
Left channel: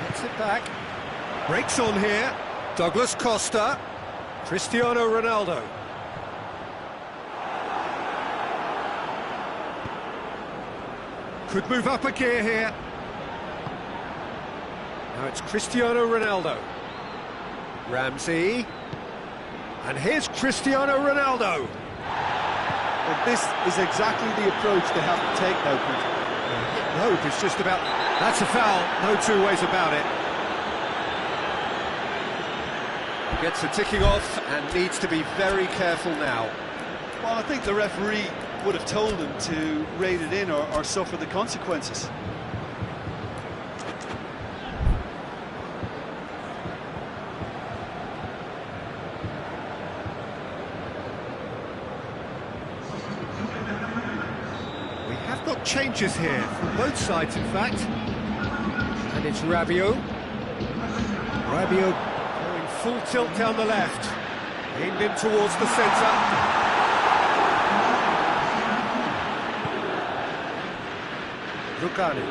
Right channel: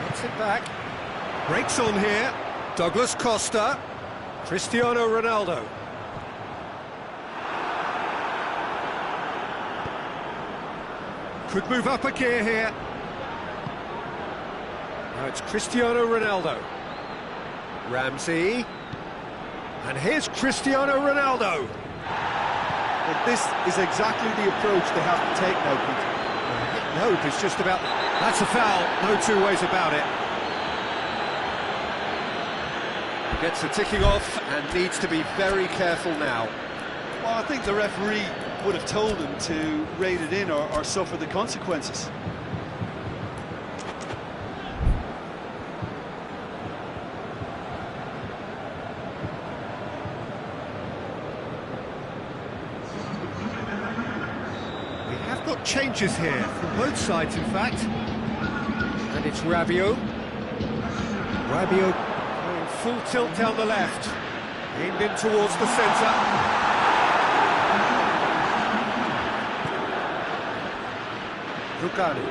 gets it back. Breaks on here. Douglas Costa. Cristiano Ronaldo. Could move up a gear here. Now it's Cristiano Ronaldo. Ramsey. And here's Cristiano Ronaldo. But this is exactly the approach they have to take now, Peter. Hit and hope is just about... That's a foul, no two ways about it. Gets the ticking off and needs to be very careful now. Well, I think the referee would have told him to rate it in or suffer the consequences. We have got changes here from both sides, in fact. And it's Rabiot. Rabiot going full tilt down the left. Aimed in towards the centre. Rugani.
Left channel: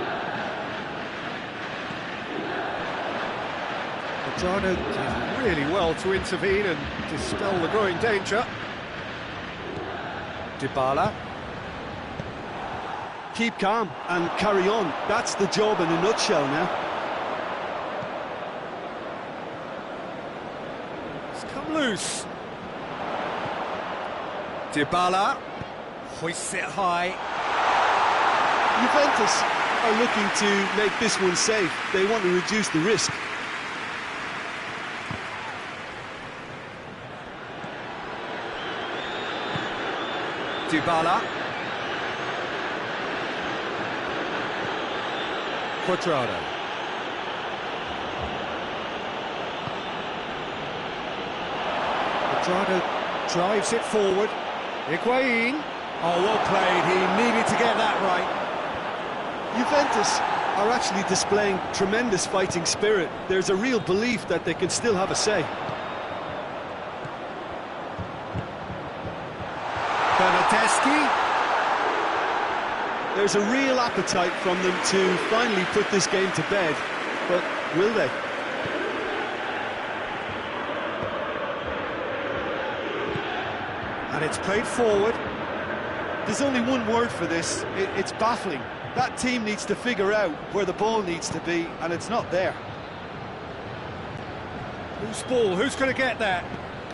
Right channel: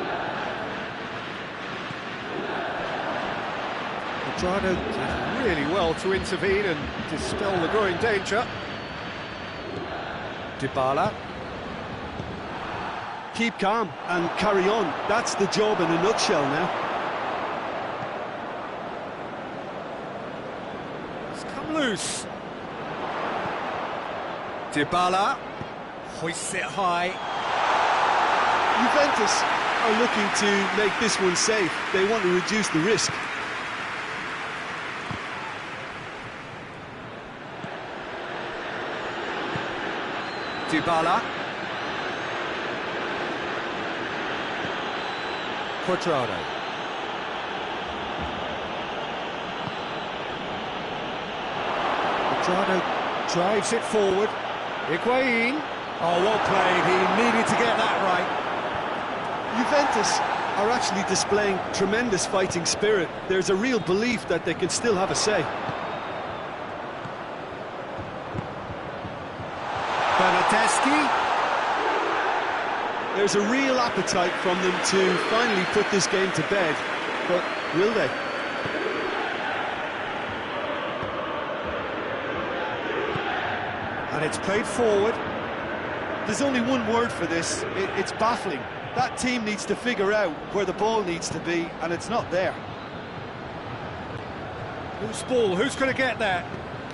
Quadrado did really well to intervene and dispel the growing danger. Dybala. Keep calm and carry on. That's the job in a nutshell now. It's come loose. Dybala hoists it high. Juventus are looking to make this one safe. They want to reduce the risk. Dybala. Quadrado. Quadrado drives it forward. Higuain. Oh, well played. He needed to get that right. Juventus are actually displaying tremendous fighting spirit. There's a real belief that they can still have a say. Bernardeschi. There's a real appetite from them to finally put this game to bed, but will they? And it's played forward. There's only one word for this, it's baffling. That team needs to figure out where the ball needs to be, and it's not there. Loose ball, who's going to get there?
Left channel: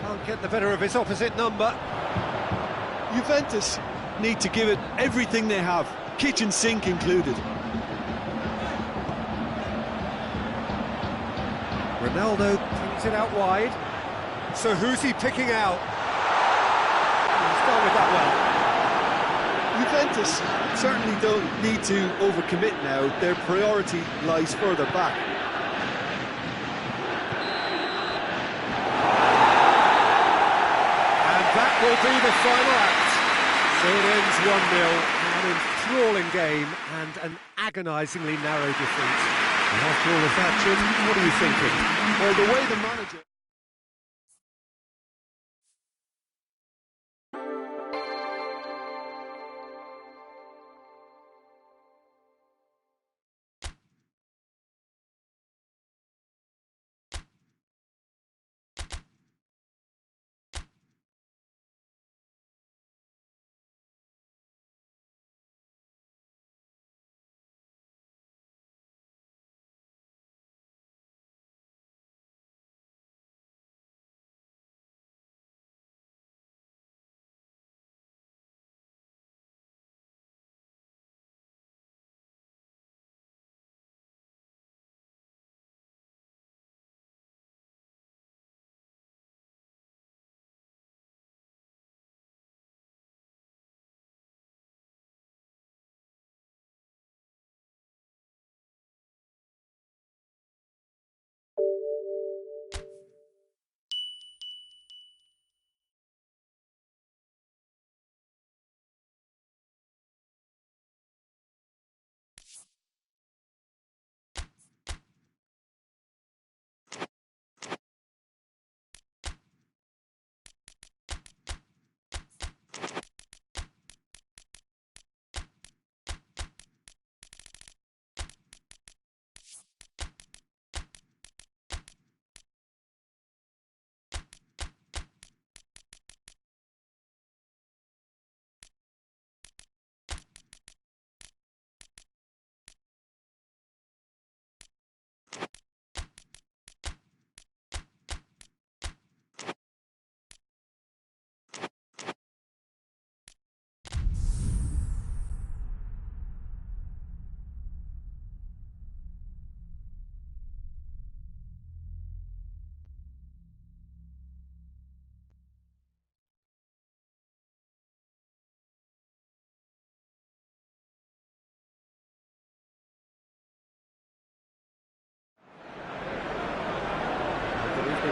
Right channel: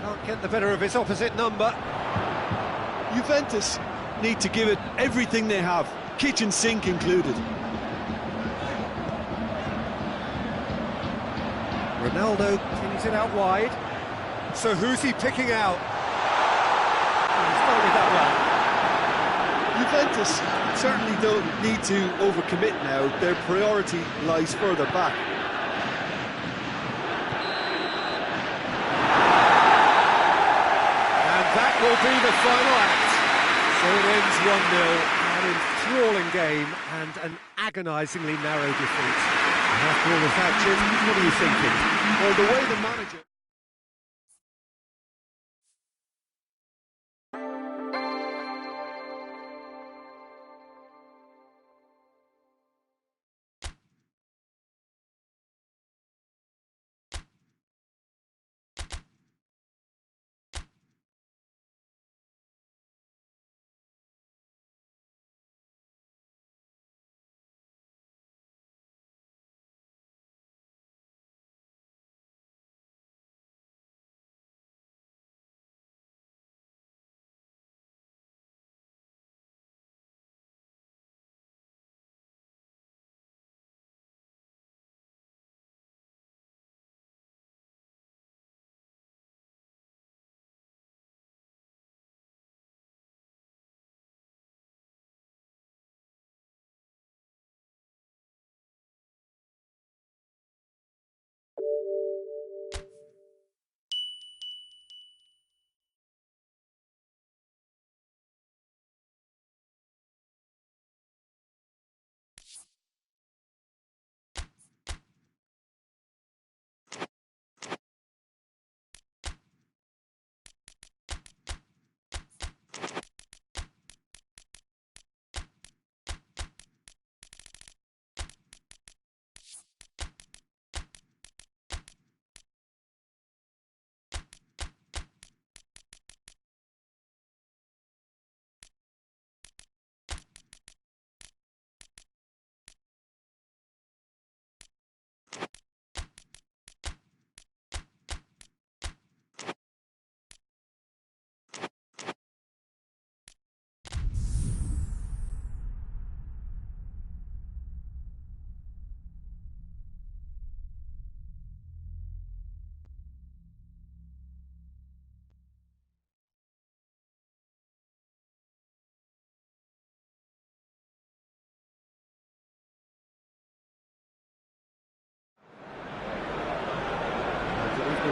Can't get the better of his opposite number. Juventus need to give it everything they have, kitchen sink included. Ronaldo cleans it out wide. So who's he picking out? He's dealt with that well. Juventus certainly don't need to overcommit now. Their priority lies further back. And that will be the final act. So it ends 1-0, an enthralling game and an agonisingly narrow defeat. And after all of that, Jim, what are you thinking? Well, the way the manager...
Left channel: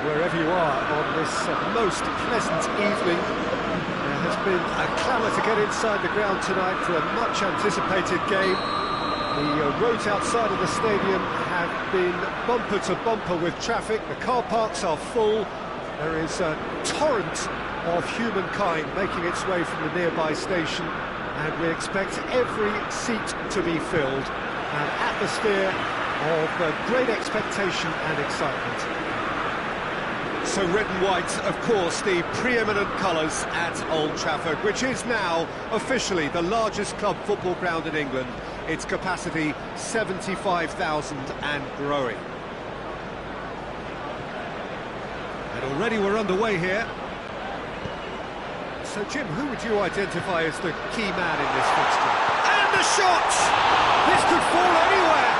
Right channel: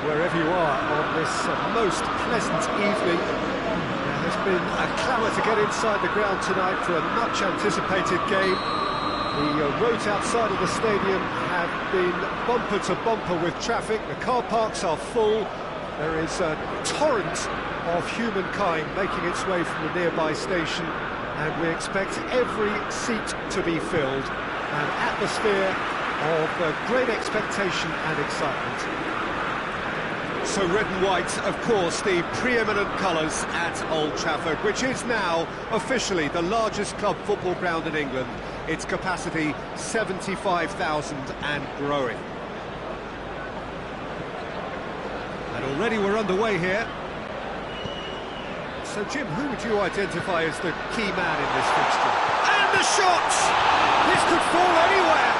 Wherever you are on this most pleasant evening, there has been a clamour to get inside the ground tonight for a much anticipated game. The roads outside of the stadium have been bumper to bumper with traffic. The car parks are full. There is a torrent of humankind making its way from the nearby station and we expect every seat to be filled. An atmosphere of great expectation and excitement. So red and white, of course, the preeminent colours at Old Trafford, which is now officially the largest club football ground in England. Its capacity 75,000 and growing. And already we're underway here. So Jim, who would you identify as the key man in this fixture? And the shot! This could fall anywhere!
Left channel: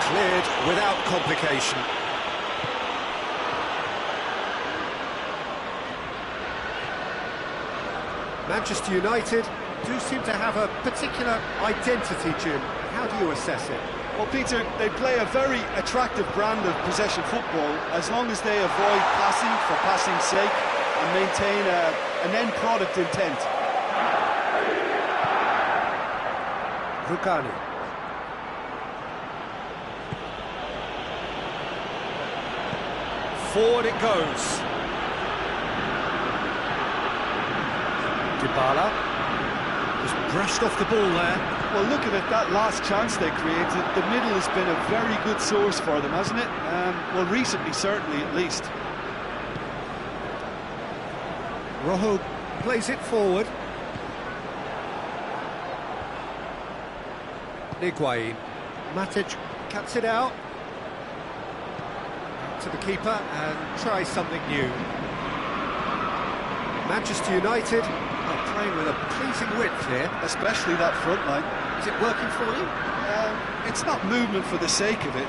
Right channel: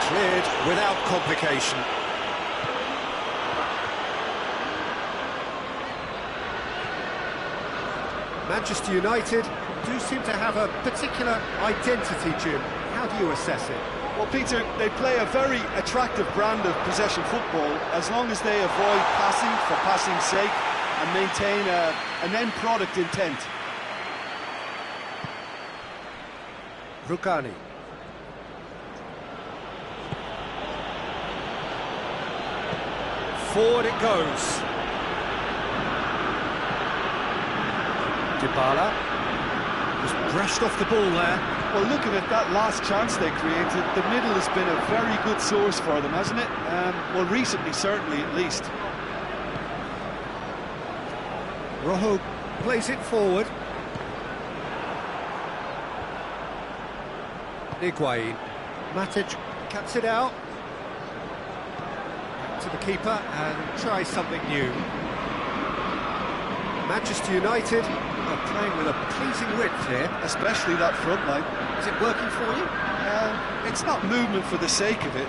Cleared without complication. Manchester United do seem to have a particular identity, Jim. How do you assess it? Well, Peter, they play a very attractive brand of possession football as long as they avoid passing for passing's sake and maintain an end product intent. Rugani. Forward it goes. Dybala just brushed off the ball there. Well, looking at that last chance they created, the middle has been a very good source for them, hasn't it? Well, recently, certainly, at least. Rojo plays it forward. Higuain. Matic cuts it out. Back to the keeper and tries something new. Manchester United are playing with a pleasing width here. Especially that front line. Is it working for you? It's not movement for the sake of it.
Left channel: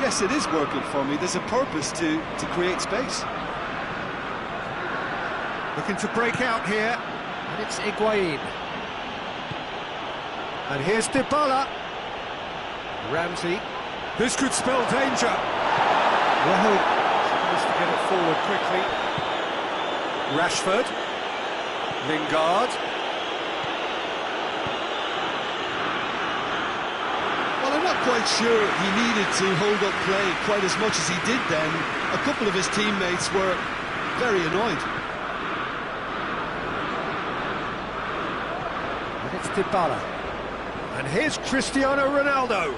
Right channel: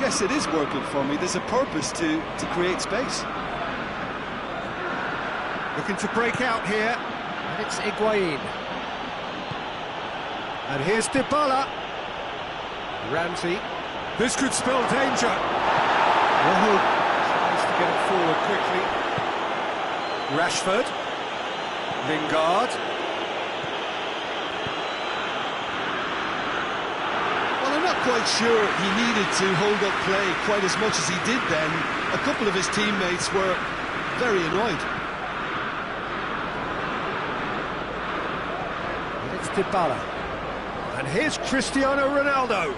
Yes, it is working for me. There's a purpose to create space. Looking to break out here. And it's Higuain. And here's Dybala. Ramsey. This could spell danger. Rojo tries to get it forward quickly. Rashford. Lingard. Well, I'm not quite sure he needed to hold up play quite as much as he did then. A couple of his teammates were very annoyed. And it's Dybala. And here's Cristiano Ronaldo.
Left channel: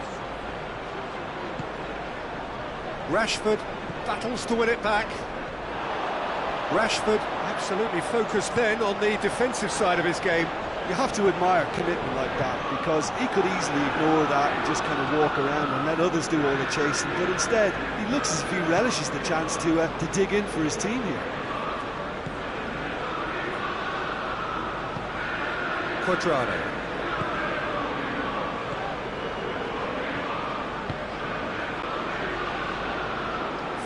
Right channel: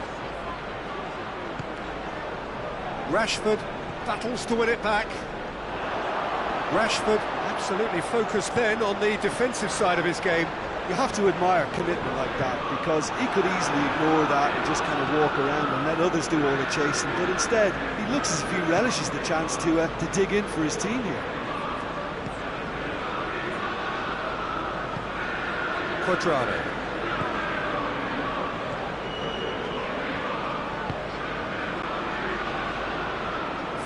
Rashford battles to win it back. Rashford absolutely focused then on the defensive side of his game. You have to admire commitment like that, because he could easily ignore that and just kind of walk around and let others do all the chasing, but instead he looks as if he relishes the chance to dig in for his team here. Cuadrado.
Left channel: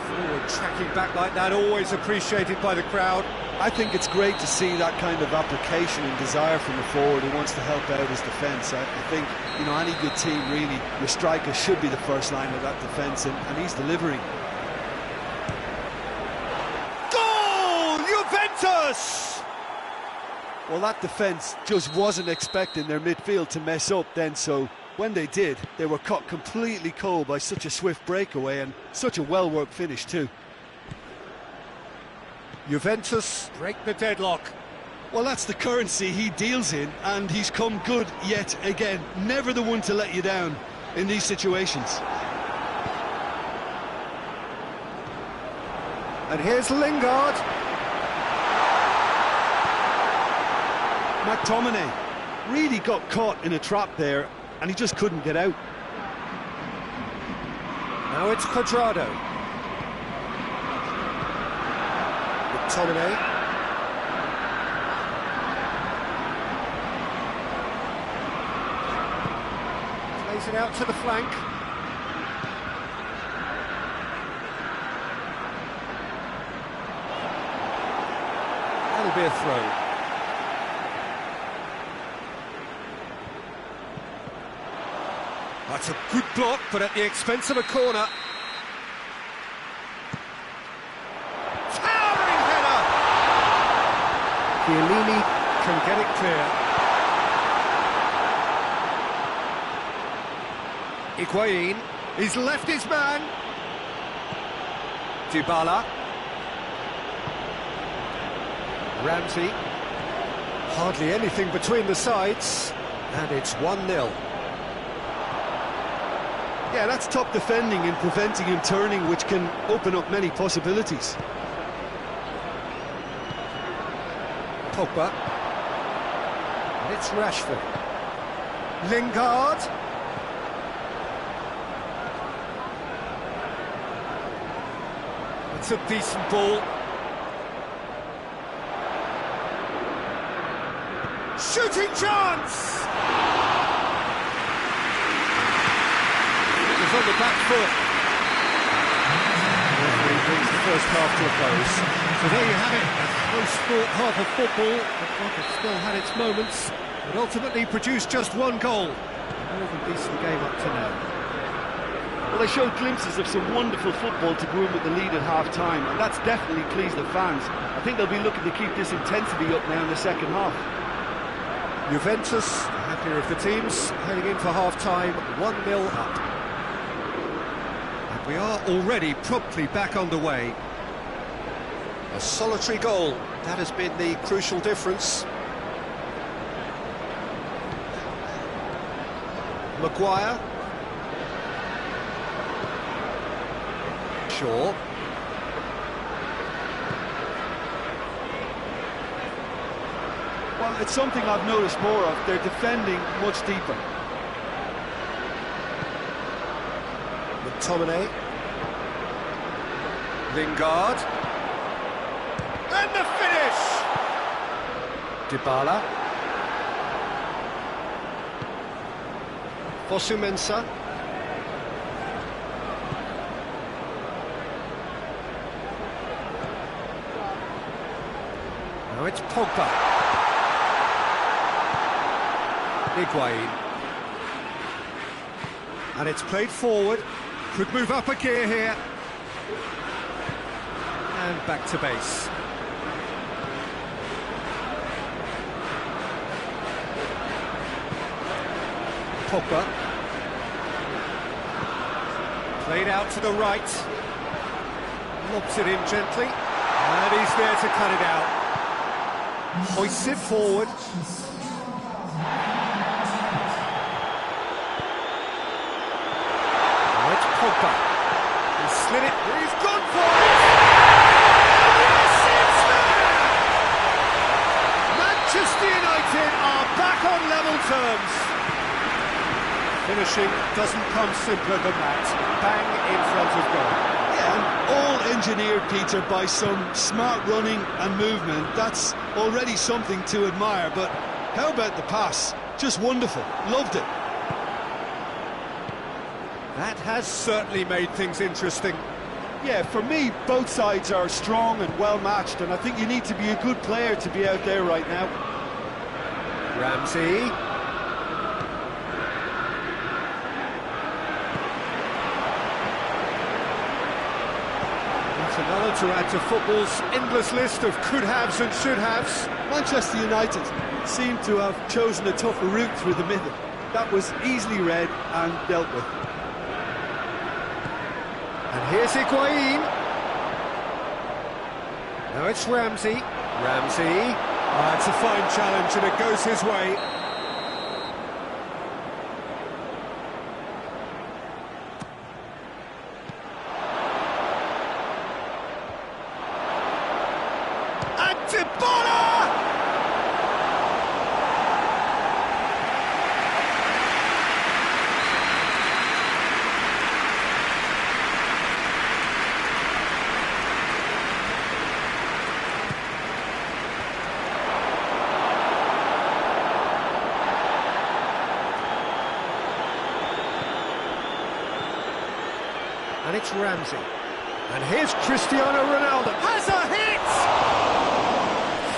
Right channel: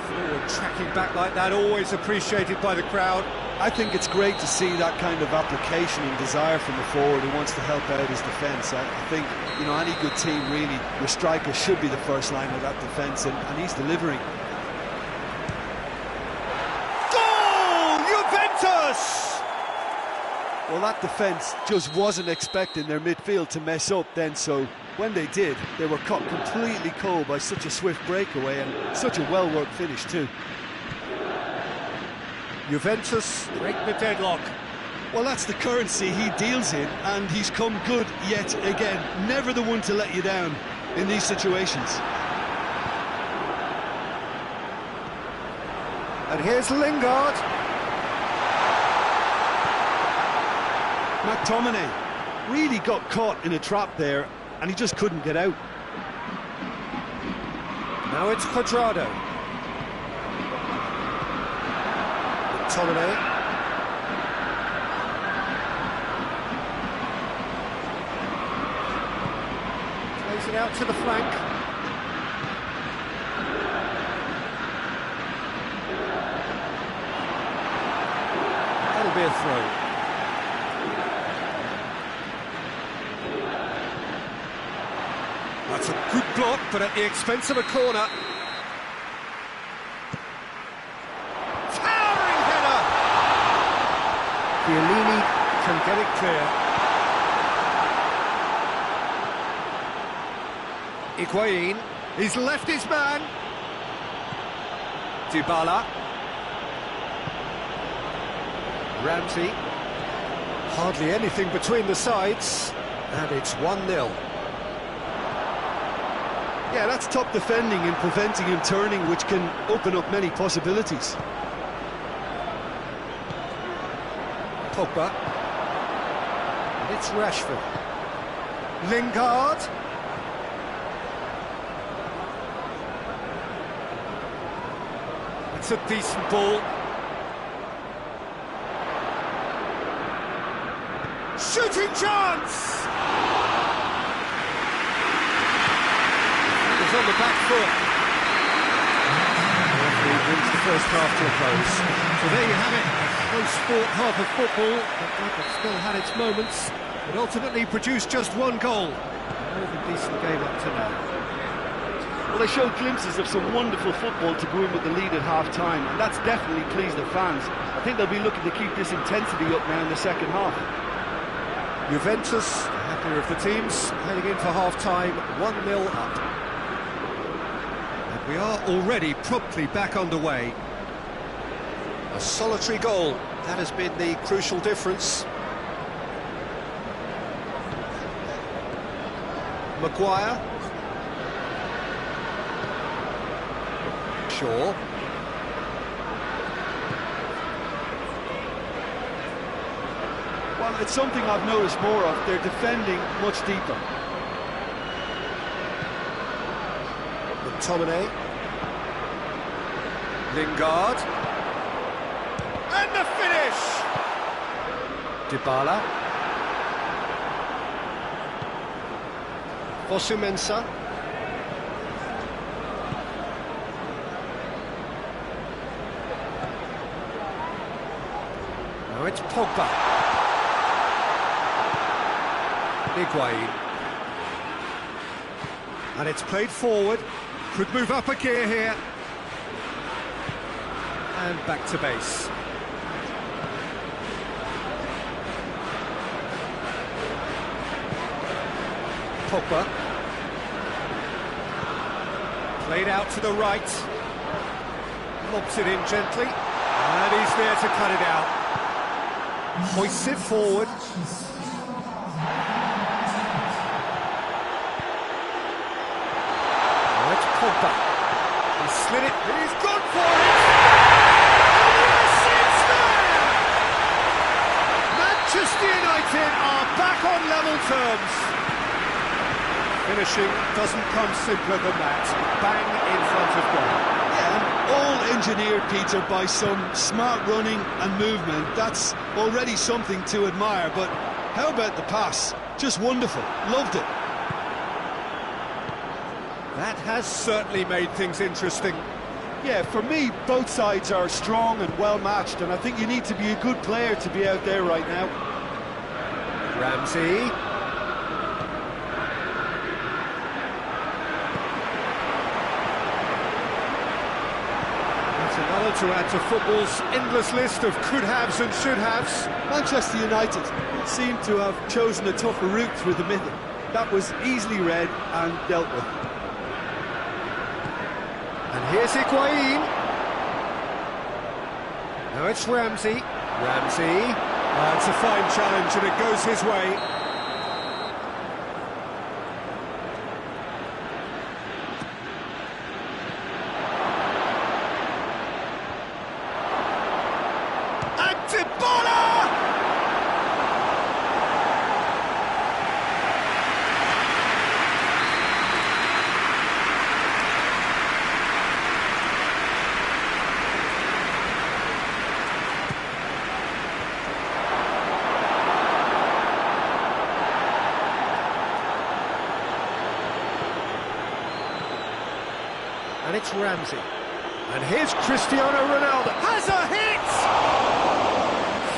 Forward tracking back like that, always appreciated by the crowd. I think it's great to see that kind of application and desire from a forward who wants to help out his defence. I think, you know, any good team really, your striker should be the first line of that defence, and he's delivering. Goal! Juventus! Well, that defence just wasn't expecting their midfield to mess up then, so when they did, they were caught completely cold by such a swift breakaway and such a well-worked finish too. Juventus break the deadlock. Well, that's the currency he deals in, and he's come good yet again. Never the one to let you down in these situations. And here's Lingard. McTominay really got caught in a trap there, and he just couldn't get out. Now it's Cuadrado. McTominay. Plays it out to the flank. That'll be a throw. That's a good block, but at the expense of a corner. Towering header! Chiellini can get it clear. Higuain, he's left his man. Dybala. Ramsey. Hardly anything between the sides, and it's 1-0. Yeah, that's top defending and preventing him turning, which can open up many possibilities. Pogba. And it's Rashford. Lingard. It's a decent ball. Shooting chance! It was on the back foot. The referee brings the first half to a close. So there you have it, a close-fought half of football, but one that still had its moments, but ultimately produced just one goal. A more than decent game up to now. Well, they showed glimpses of some wonderful football to go in with the lead at half-time, and that's definitely pleased the fans. I think they'll be looking to keep this intensity up now in the second half. Juventus, the happier of the teams, heading in for half-time, 1-0 up. And we are already promptly back underway. A solitary goal, that has been the crucial difference. Maguire. Shaw. Well, it's something I've noticed more of. They're defending much deeper. McTominay. Lingard. And the finish! Dybala. Fosu-Mensah. Now it's Pogba. Higuain. And it's played forward. Could move up a gear here. And back to base. Pogba. Played out to the right. Lobs it in gently. And he's there to cut it out. Hoists it forward. Now it's Pogba. He slid it. He's gone for it. And yes, it's there! Manchester United are back on level terms. Finishing doesn't come simpler than that. Bang in front of goal. Yeah, and all engineered, Peter, by some smart running and movement. That's already something to admire, but how about the pass? Just wonderful. Loved it. That has certainly made things interesting. Yeah, for me, both sides are strong and well matched, and I think you need to be a good player to be out there right now. Ramsey. It's another to add to football's endless list of could-haves and should-haves. Manchester United seem to have chosen a tougher route through the middle. That was easily read and dealt with. And here's Higuain. Now it's Ramsey. Ramsey. It's a fine challenge and it goes his way. And Dybala! And it's Ramsey. And here's Cristiano Ronaldo. Has a hit!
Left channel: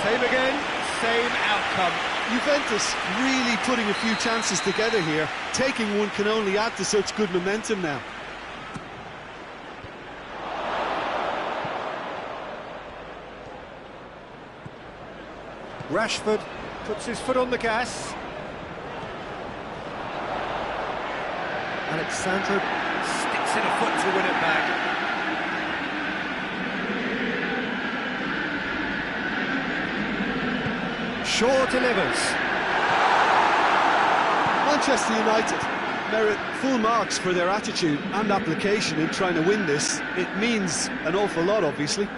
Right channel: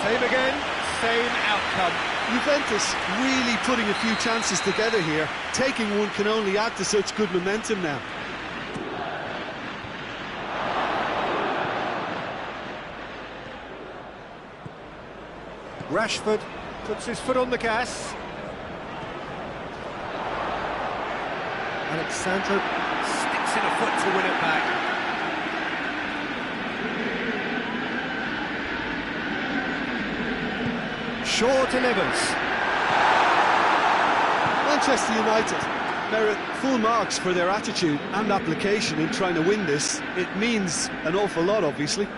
Same again, same outcome. Juventus really putting a few chances together here. Taking one can only add to such good momentum now. Rashford puts his foot on the gas. Alexandro sticks in a foot to win it back. Shaw delivers. Manchester United merit full marks for their attitude and application in trying to win this. It means an awful lot, obviously.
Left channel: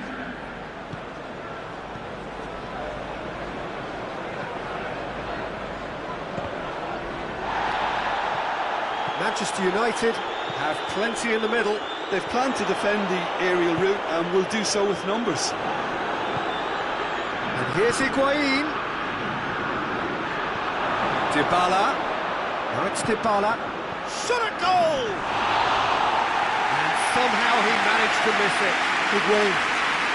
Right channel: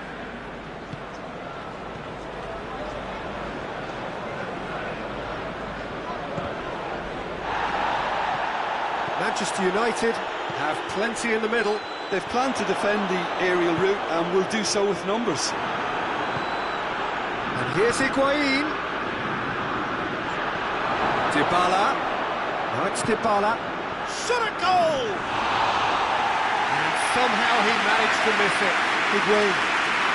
Manchester United have plenty in the middle. They've planned to defend the aerial route and will do so with numbers. And here's Higuain. Dybala. Now it's Dybala. Shot at goal! And somehow he managed to miss it. Higuain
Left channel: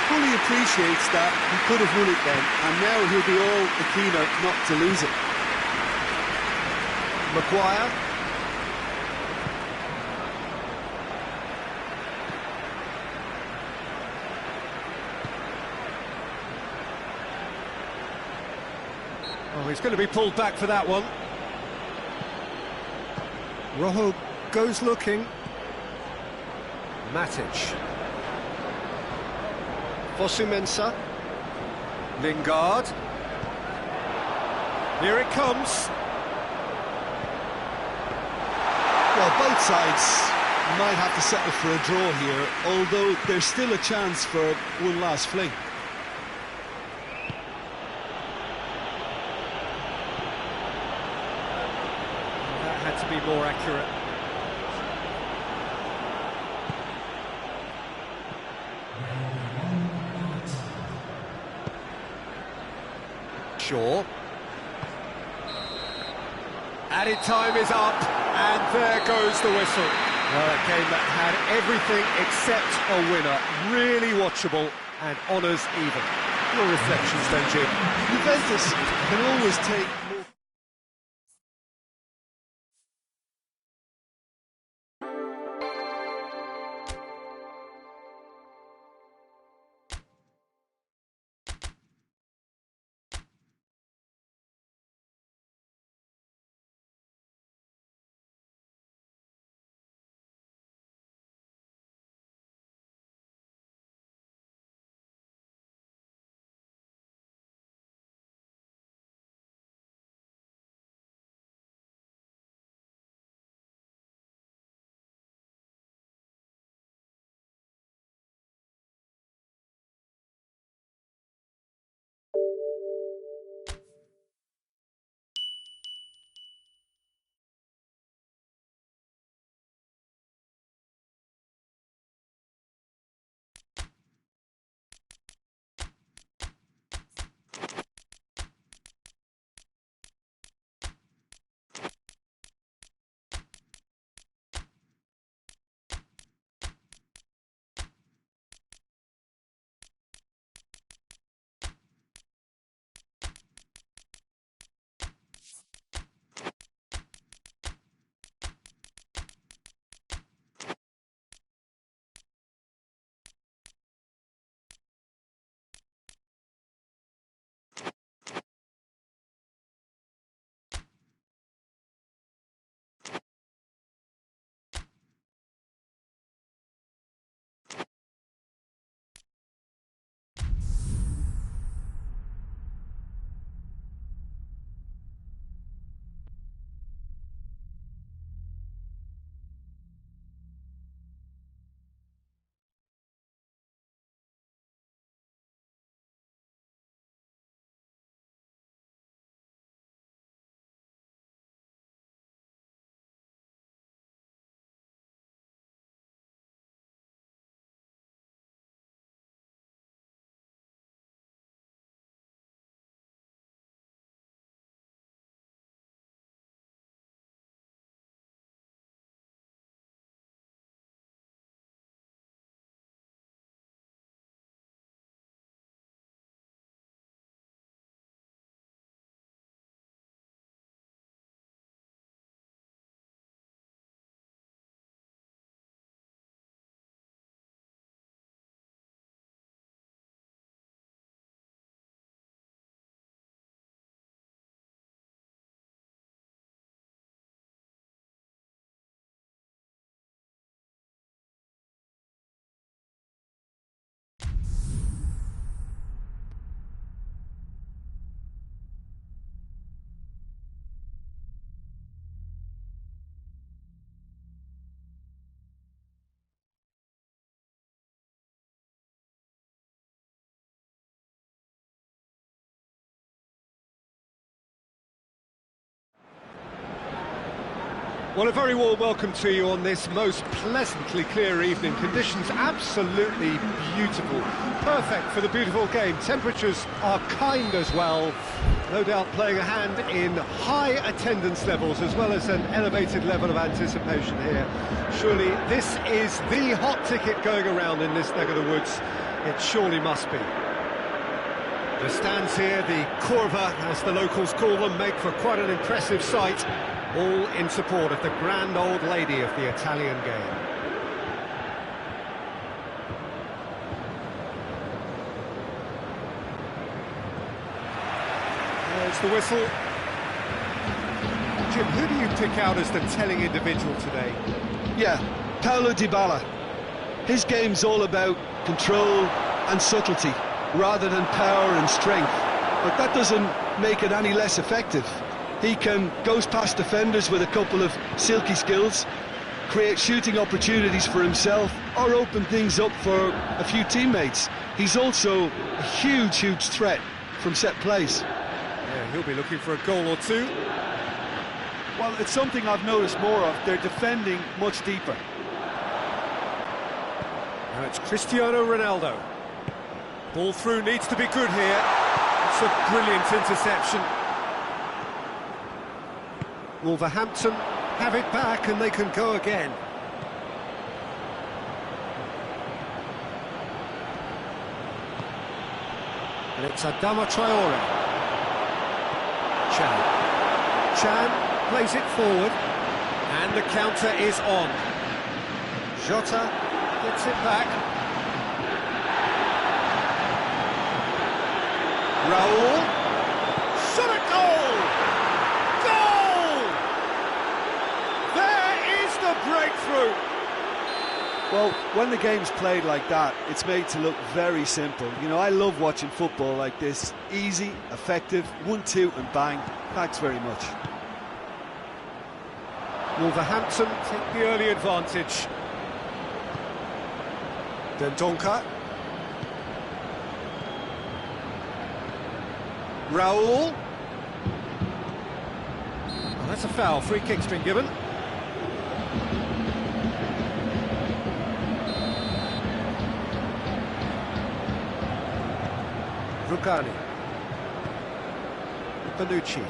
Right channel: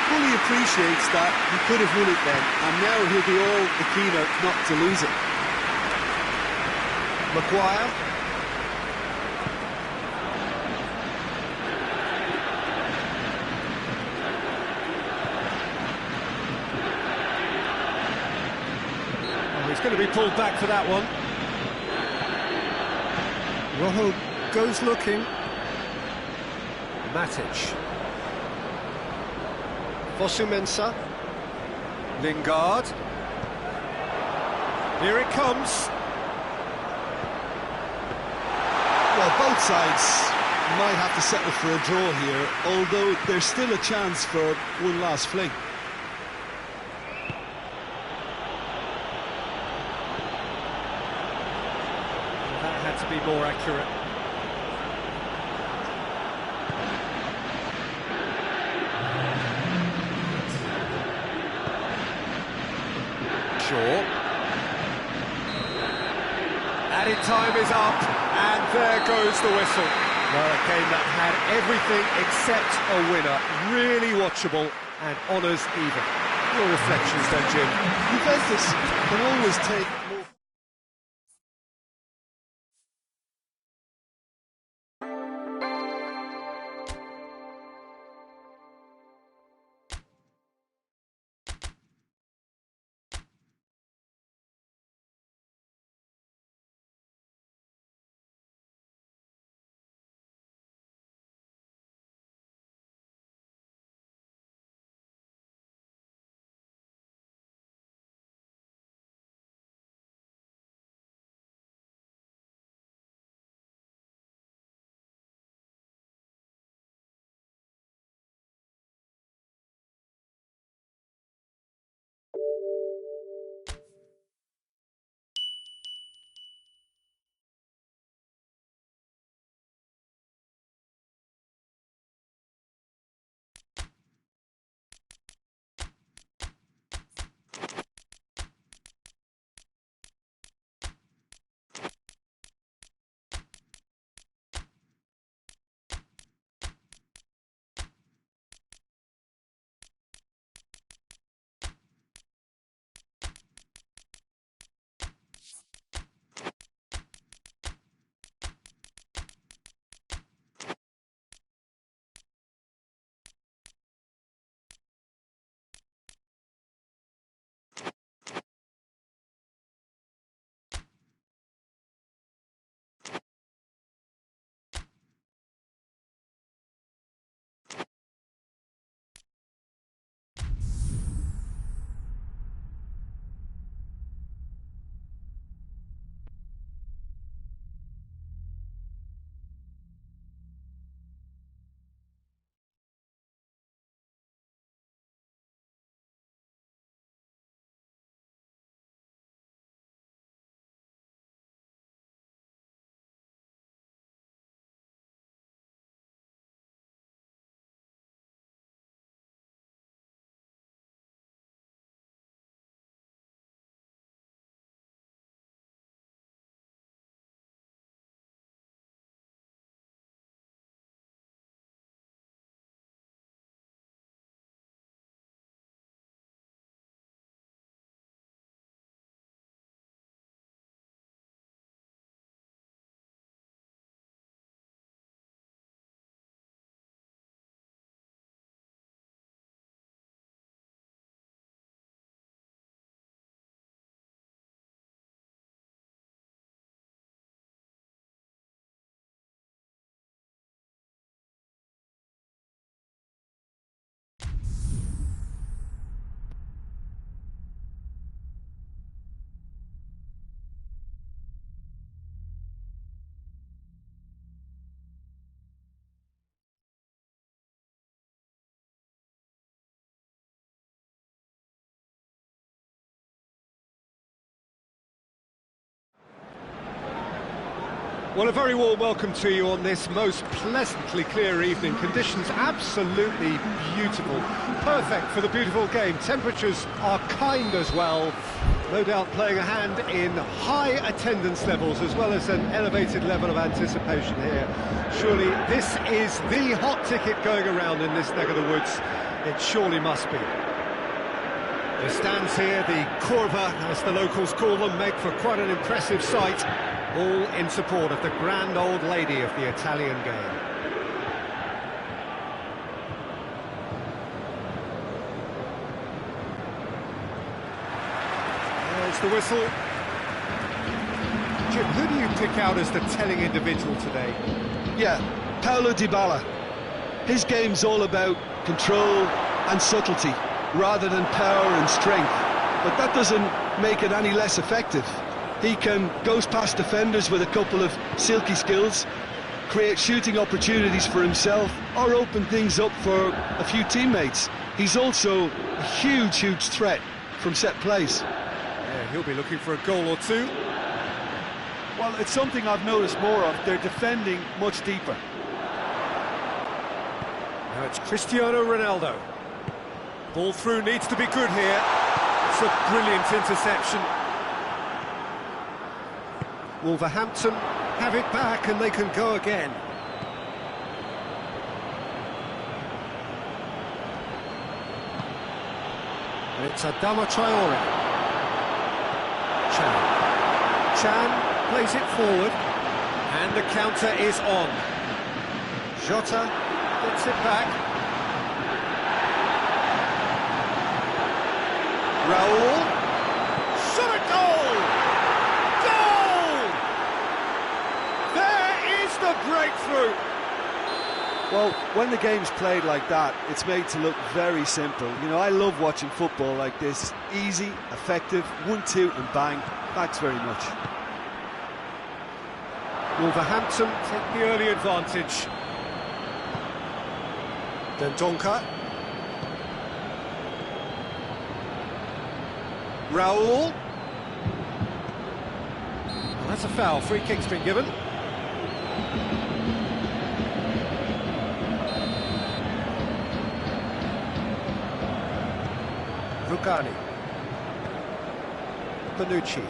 fully appreciates that he could have won it then, and now he'll be all the keener not to lose it. Maguire. Oh, he's going to be pulled back for that one. Rojo goes looking. Matic. Fosu-Mensah. Lingard. Here it comes. Well, both sides might have to settle for a draw here, although there's still a chance for one last fling. That had to be more accurate. Shaw. Added time is up, and there goes the whistle. Well, a game that had everything except a winner. Really watchable and honours even. Your reflections then, Jim? Juventus can always take more Well, a very warm welcome to you on this most pleasantly clear evening. Conditions absolutely beautiful. Perfect for the beautiful game. Temperatures are kind as well. No doubt playing a hand in high attendance levels as well as an elevated level of anticipation here. Surely this is the hot ticket going around in this neck of the woods. It surely must be. The stands here, the curva, as the locals call them, make for quite an impressive sight. All in support of the grand old lady of the Italian game. There's the whistle. Jim, who do you pick out as the telling individual today? Yeah, Paulo Dybala. His game's all about control and subtlety, rather than power and strength. But that doesn't make it any less effective. He can goes past defenders with a couple of silky skills, create shooting opportunities for himself, or open things up for a few teammates. He's also a huge threat from set plays. Yeah, he'll be looking for a goal or two. Well, it's something I've noticed more of. They're defending much deeper. Now it's Cristiano Ronaldo. Ball through needs to be good here. It's a brilliant interception. Wolverhampton have it back and they can go again. And it's Adama Traore. Chan plays it forward. And the counter is on. Jota gets it back. Raul. Shot at goal! The breakthrough. Well, when the game's played like that, it's made to look very simple. You know, I love watching football like this. Easy, effective, 1-2 and bang. Thanks very much. Wolverhampton take the early advantage. Dendonka. Raul. Oh, that's a foul. Free kick's been given. Rugani. Bonucci.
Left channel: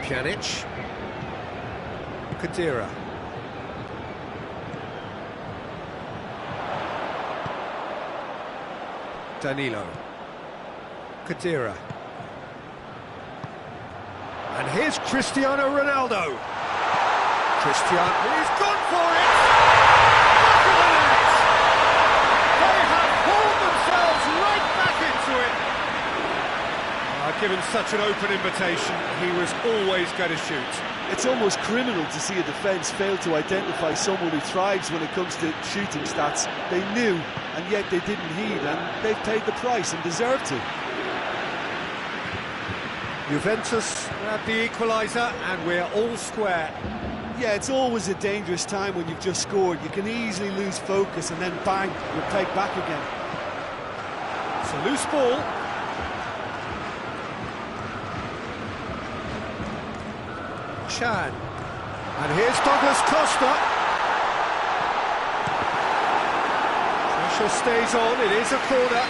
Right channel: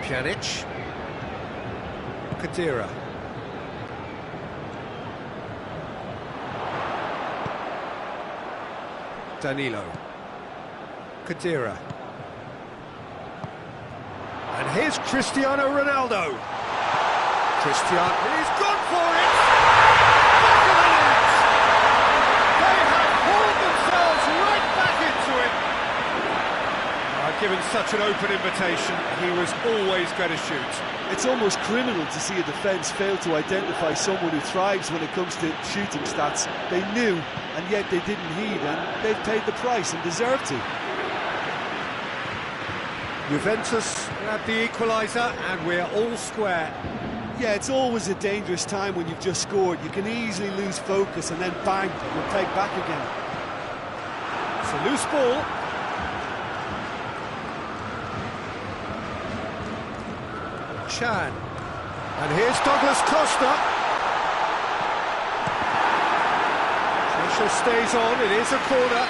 Pjanic. Khedira. Danilo. Khedira. And here's Cristiano Ronaldo. Cristiano, he's gone for it! Back of the net! They have hauled themselves right back into it. Given such an open invitation, he was always going to shoot. It's almost criminal to see a defence fail to identify someone who thrives when it comes to shooting stats. They knew, and yet they didn't heed, and they've paid the price and deserve to. Juventus grab the equaliser and we're all square. Yeah, it's always a dangerous time when you've just scored. You can easily lose focus and then bang, you're pegged back again. It's a loose ball. Chan. And here's Douglas Costa. Pressure stays on, it is a corner.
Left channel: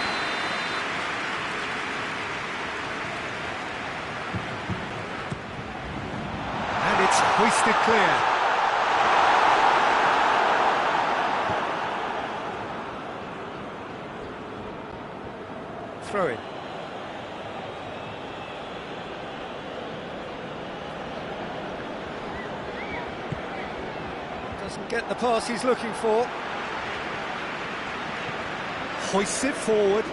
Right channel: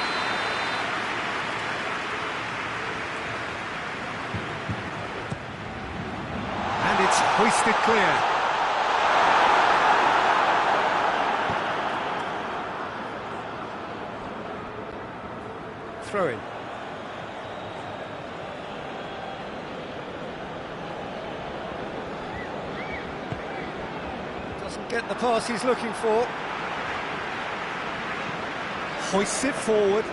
And it's hoisted clear. Throw in. Doesn't get the pass he's looking for. Hoists it forward.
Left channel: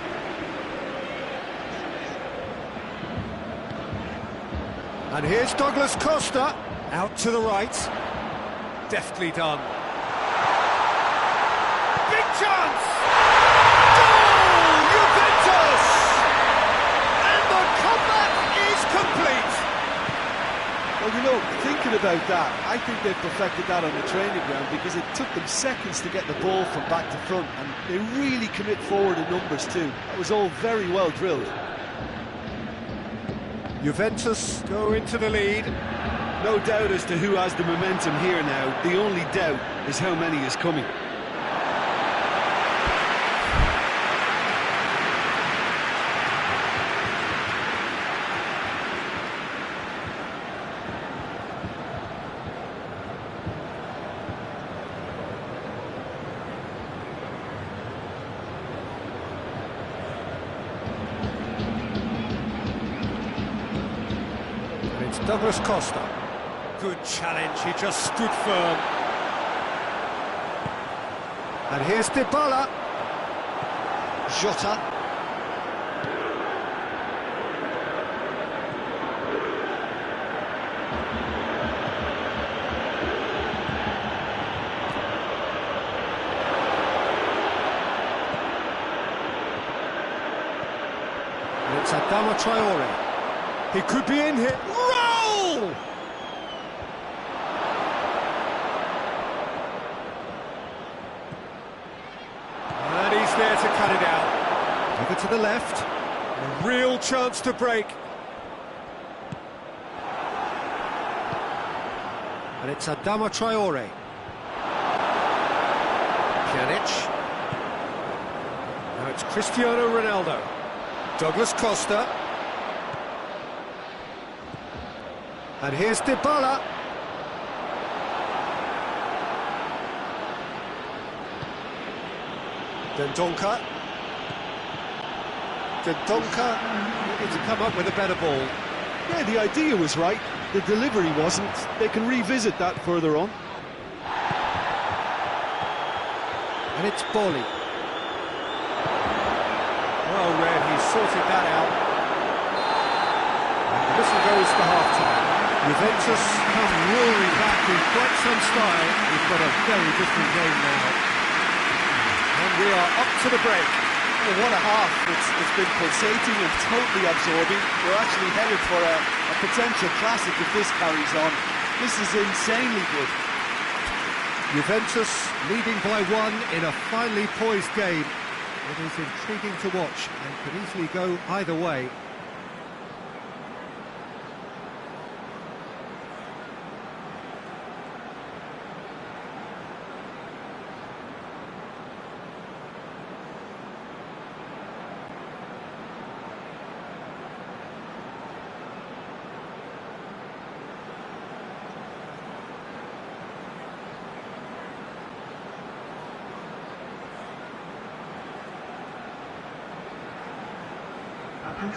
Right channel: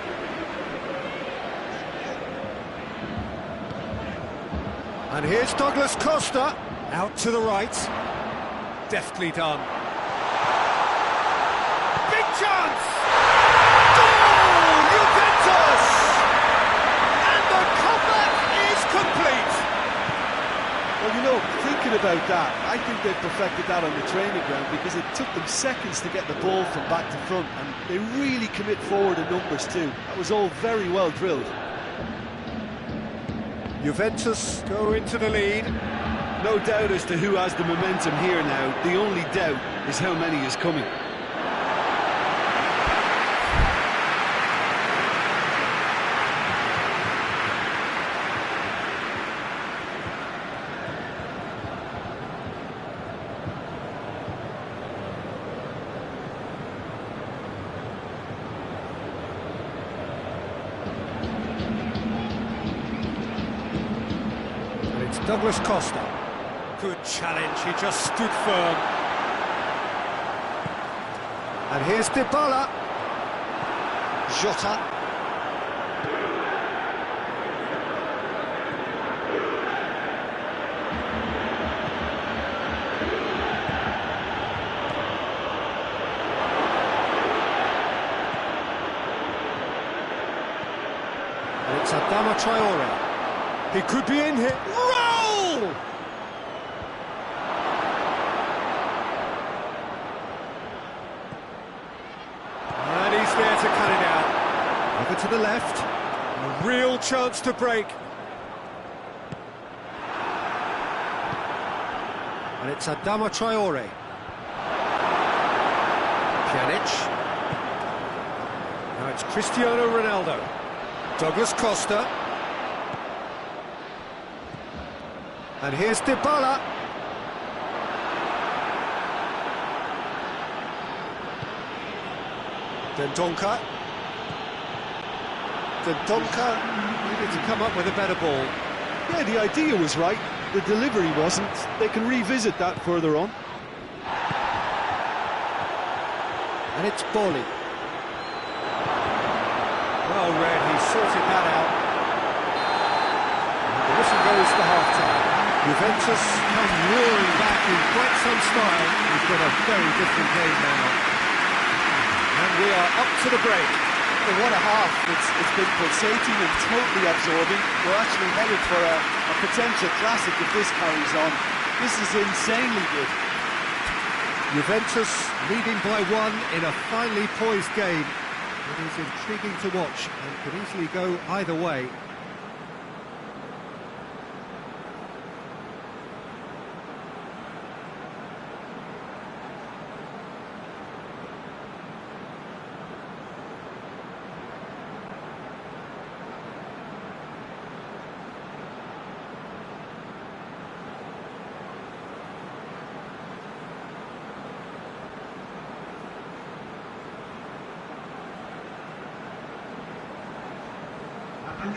And here's Douglas Costa, out to the right. Deftly done. Big chance! Goal! Juventus! And the comeback is complete. Well, you know, thinking about that, I think they've perfected that on the training ground because it took them seconds to get the ball from back to front, and they really commit forward in numbers too. That was all very well drilled. Juventus go into the lead. No doubt as to who has the momentum here now. The only doubt is how many is coming. And it's Douglas Costa. Good challenge, he just stood firm. And here's Dybala. Jota. And it's Adama Traore. He could be in here. Roll! And he's there to cut it out. Over to the left. A real chance to break. And it's Adama Traore. Pjanic. Now it's Cristiano Ronaldo. Douglas Costa. And here's Dybala. Dendonka. Needed to come up with a better ball. Yeah, the idea was right. The delivery wasn't. They can revisit that further on. And it's Boli. Well read, he sorted that out. And the whistle goes for half-time. Juventus come roaring back in quite some style. We've got a very different game now. And we are up to the break. Well, what a half. It's been pulsating and totally absorbing. We're actually headed for a potential classic if this carries on. This is insanely good. Juventus leading by 1 in a finely poised game. It is intriguing to watch and could easily go either way. And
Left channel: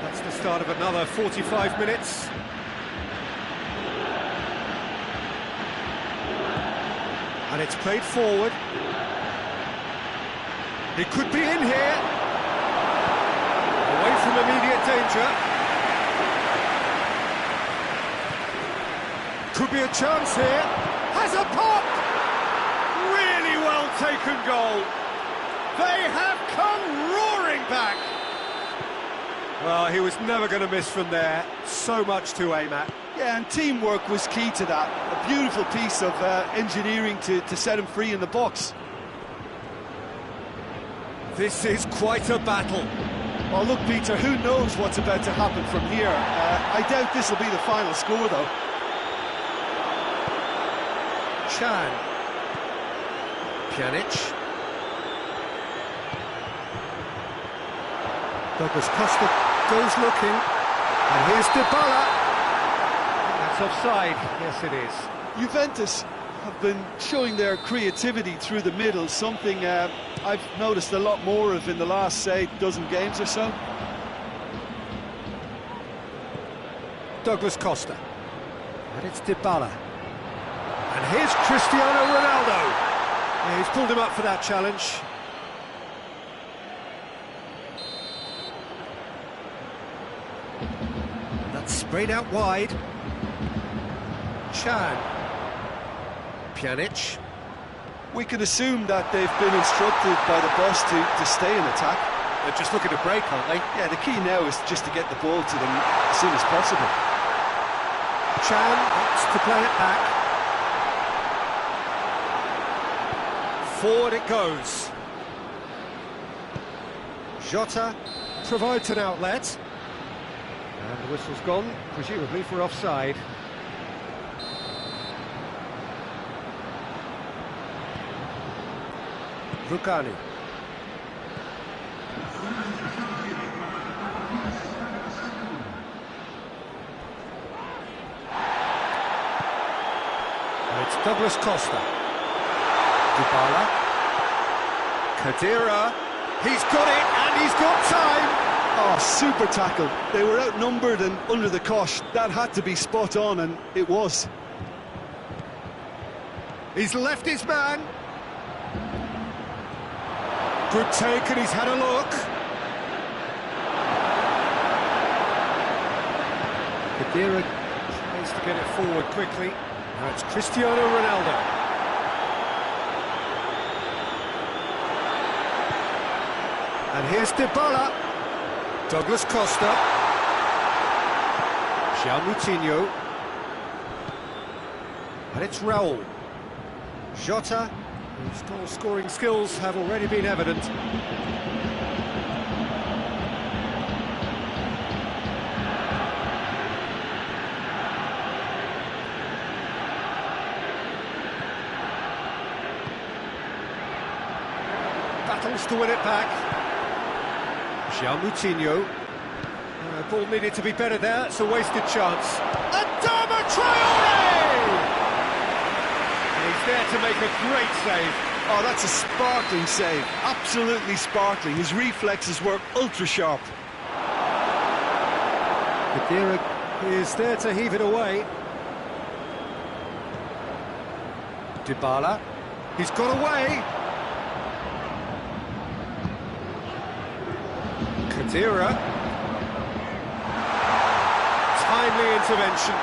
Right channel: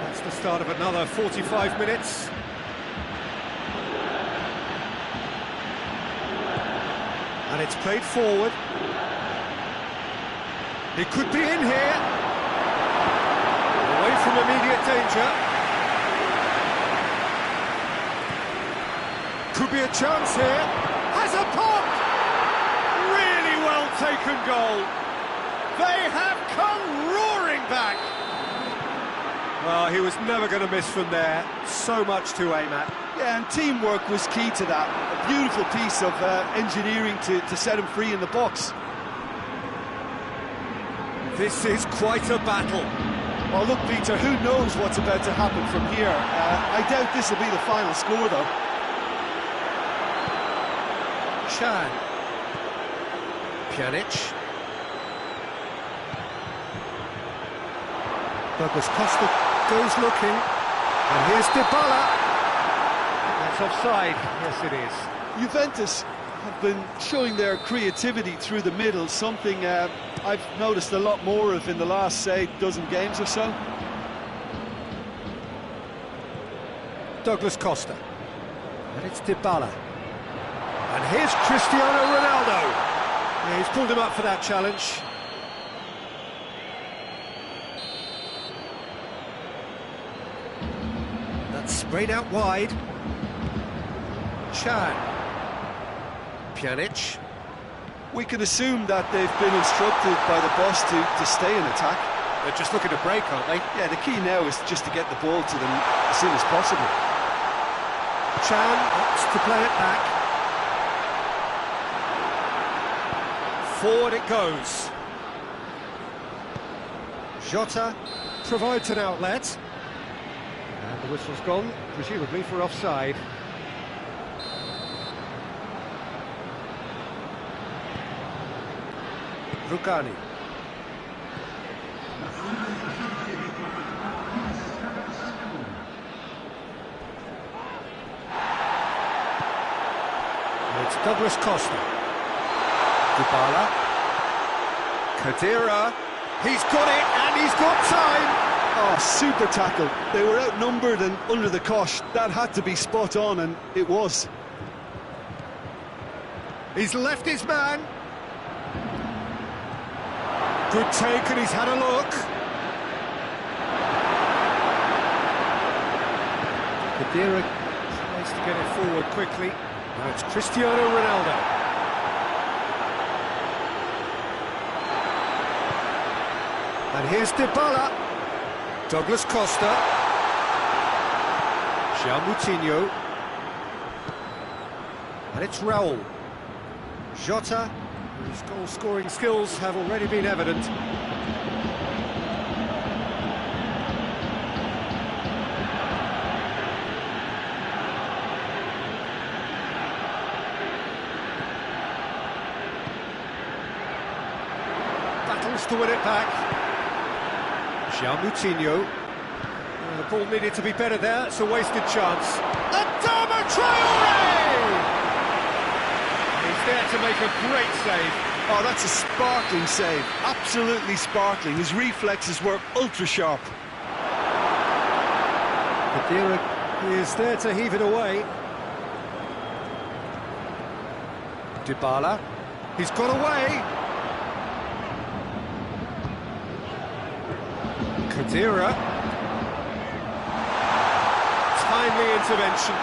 that's the start of another 45 minutes. And it's played forward. He could be in here. Away from immediate danger. Could be a chance here. Has a pop! Really well taken goal. They have come roaring back. Well, he was never going to miss from there. So much to aim at. Yeah, and teamwork was key to that. A beautiful piece of engineering to set him free in the box. This is quite a battle. Well, look, Peter, who knows what's about to happen from here. I doubt this will be the final score, though. Chan. Pjanic. Douglas Costa goes looking. And here's Dybala. I think that's offside. Yes, it is. Juventus have been showing their creativity through the middle, something I've noticed a lot more of in the last, say, dozen games or so. Douglas Costa. And it's Dybala. And here's Cristiano Ronaldo. Yeah, he's pulled him up for that challenge. And that's sprayed out wide. Chan. Pjanic. We can assume that they've been instructed by the boss to stay in attack. They're just looking to break, aren't they? Yeah, the key now is just to get the ball to them as soon as possible. Chan wants to play it back. Forward it goes. Jota provides an outlet. And the whistle's gone, presumably for offside. Rugani. And it's Douglas Costa. Dybala. Khedira. He's got it, and he's got time! Oh, super tackle. They were outnumbered and under the cosh. That had to be spot on, and it was. He's left his man. Good take, and he's had a look. Khedira tries to get it forward quickly. Now it's Cristiano Ronaldo. And here's Dybala. Douglas Costa. João Moutinho. And it's Raul. Jota, whose goal-scoring skills have already been evident. Battles to win it back. João Moutinho. Ball needed to be better there, it's a wasted chance. Adama Traore! And he's there to make a great save. Oh, that's a sparkling save, absolutely sparkling. His reflexes were ultra-sharp. Khedira is there to heave it away. Dybala, he's got away. Khedira. Timely intervention.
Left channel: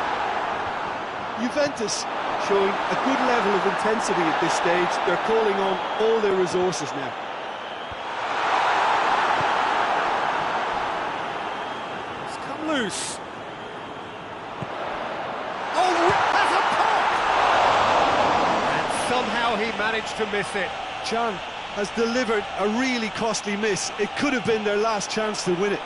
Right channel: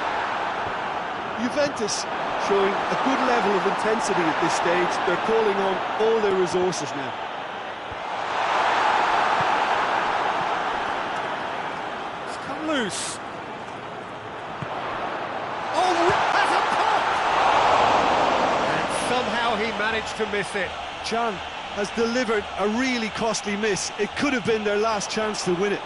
Juventus showing a good level of intensity at this stage. They're calling on all their resources now. It's come loose. Oh, has a pop! And somehow he managed to miss it. Can has delivered a really costly miss. It could have been their last chance to win it.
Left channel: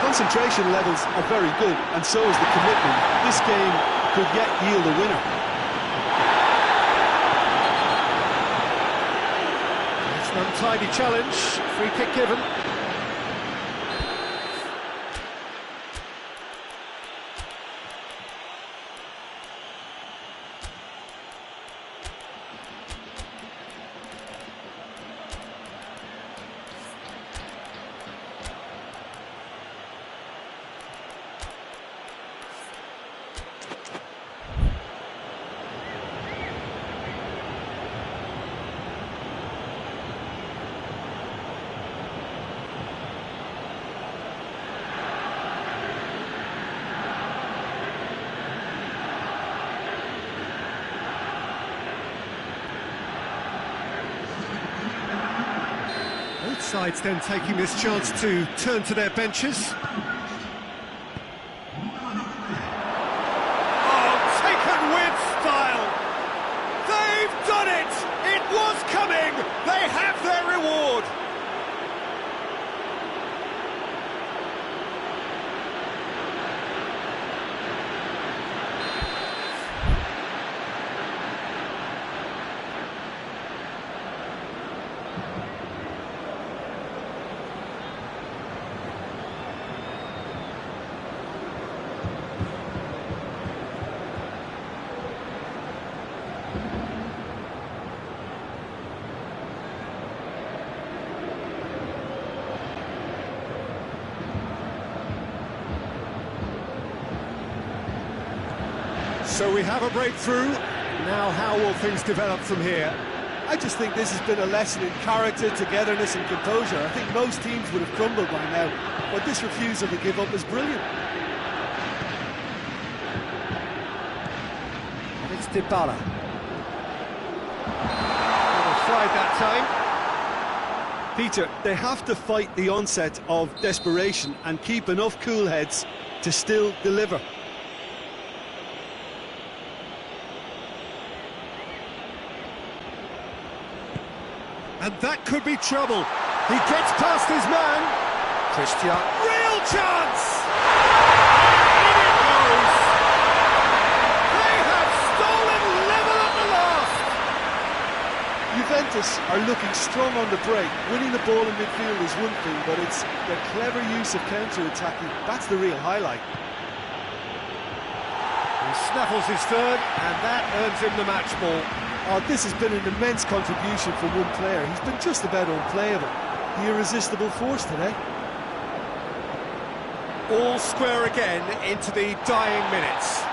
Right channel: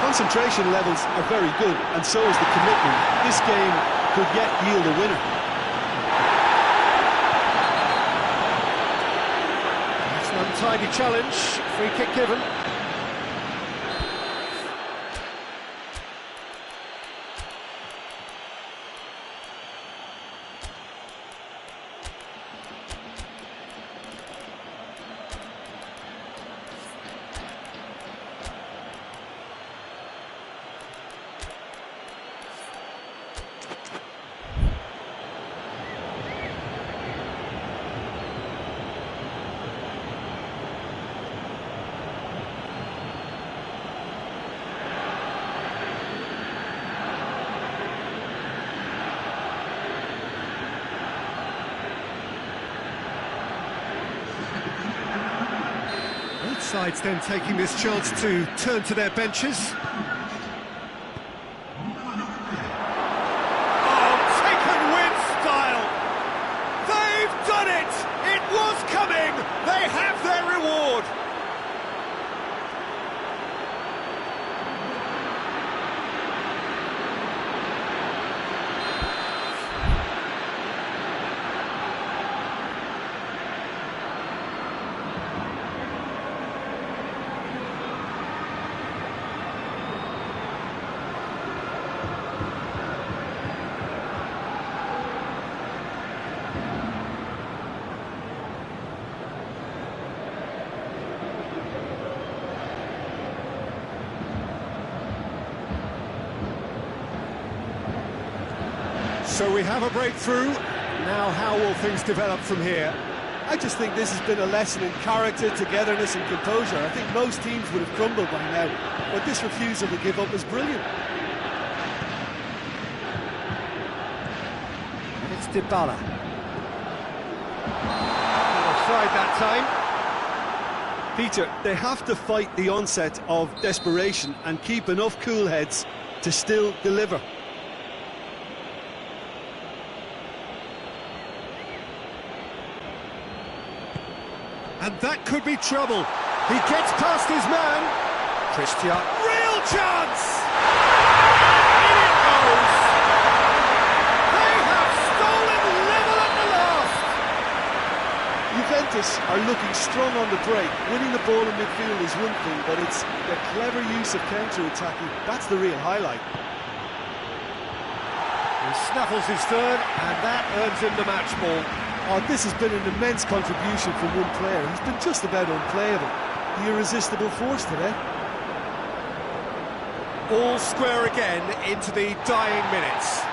Concentration levels are very good, and so is the commitment. This game could yet yield a winner. It's an untidy challenge, free kick given. Both sides then taking this chance to turn to their benches. Oh, taken with style! They've done it! It was coming! They have their reward! So we have a breakthrough. Now how will things develop from here? I just think this has been a lesson in character, togetherness and composure. I think most teams would have crumbled by now, but this refusal to give up is brilliant. And it's Dybala. Offside that time. Peter, they have to fight the onset of desperation and keep enough cool heads to still deliver. And that could be trouble. He gets past his man. Christian, real chance! And in it goes! They have stolen level at the last! Juventus are looking strong on the break. Winning the ball in midfield is one thing, but it's their clever use of counter-attacking. That's the real highlight. He snaffles his third, and that earns him the match ball. Oh, this has been an immense contribution from one player. He's been just about unplayable. The irresistible force today. All square again into the dying minutes.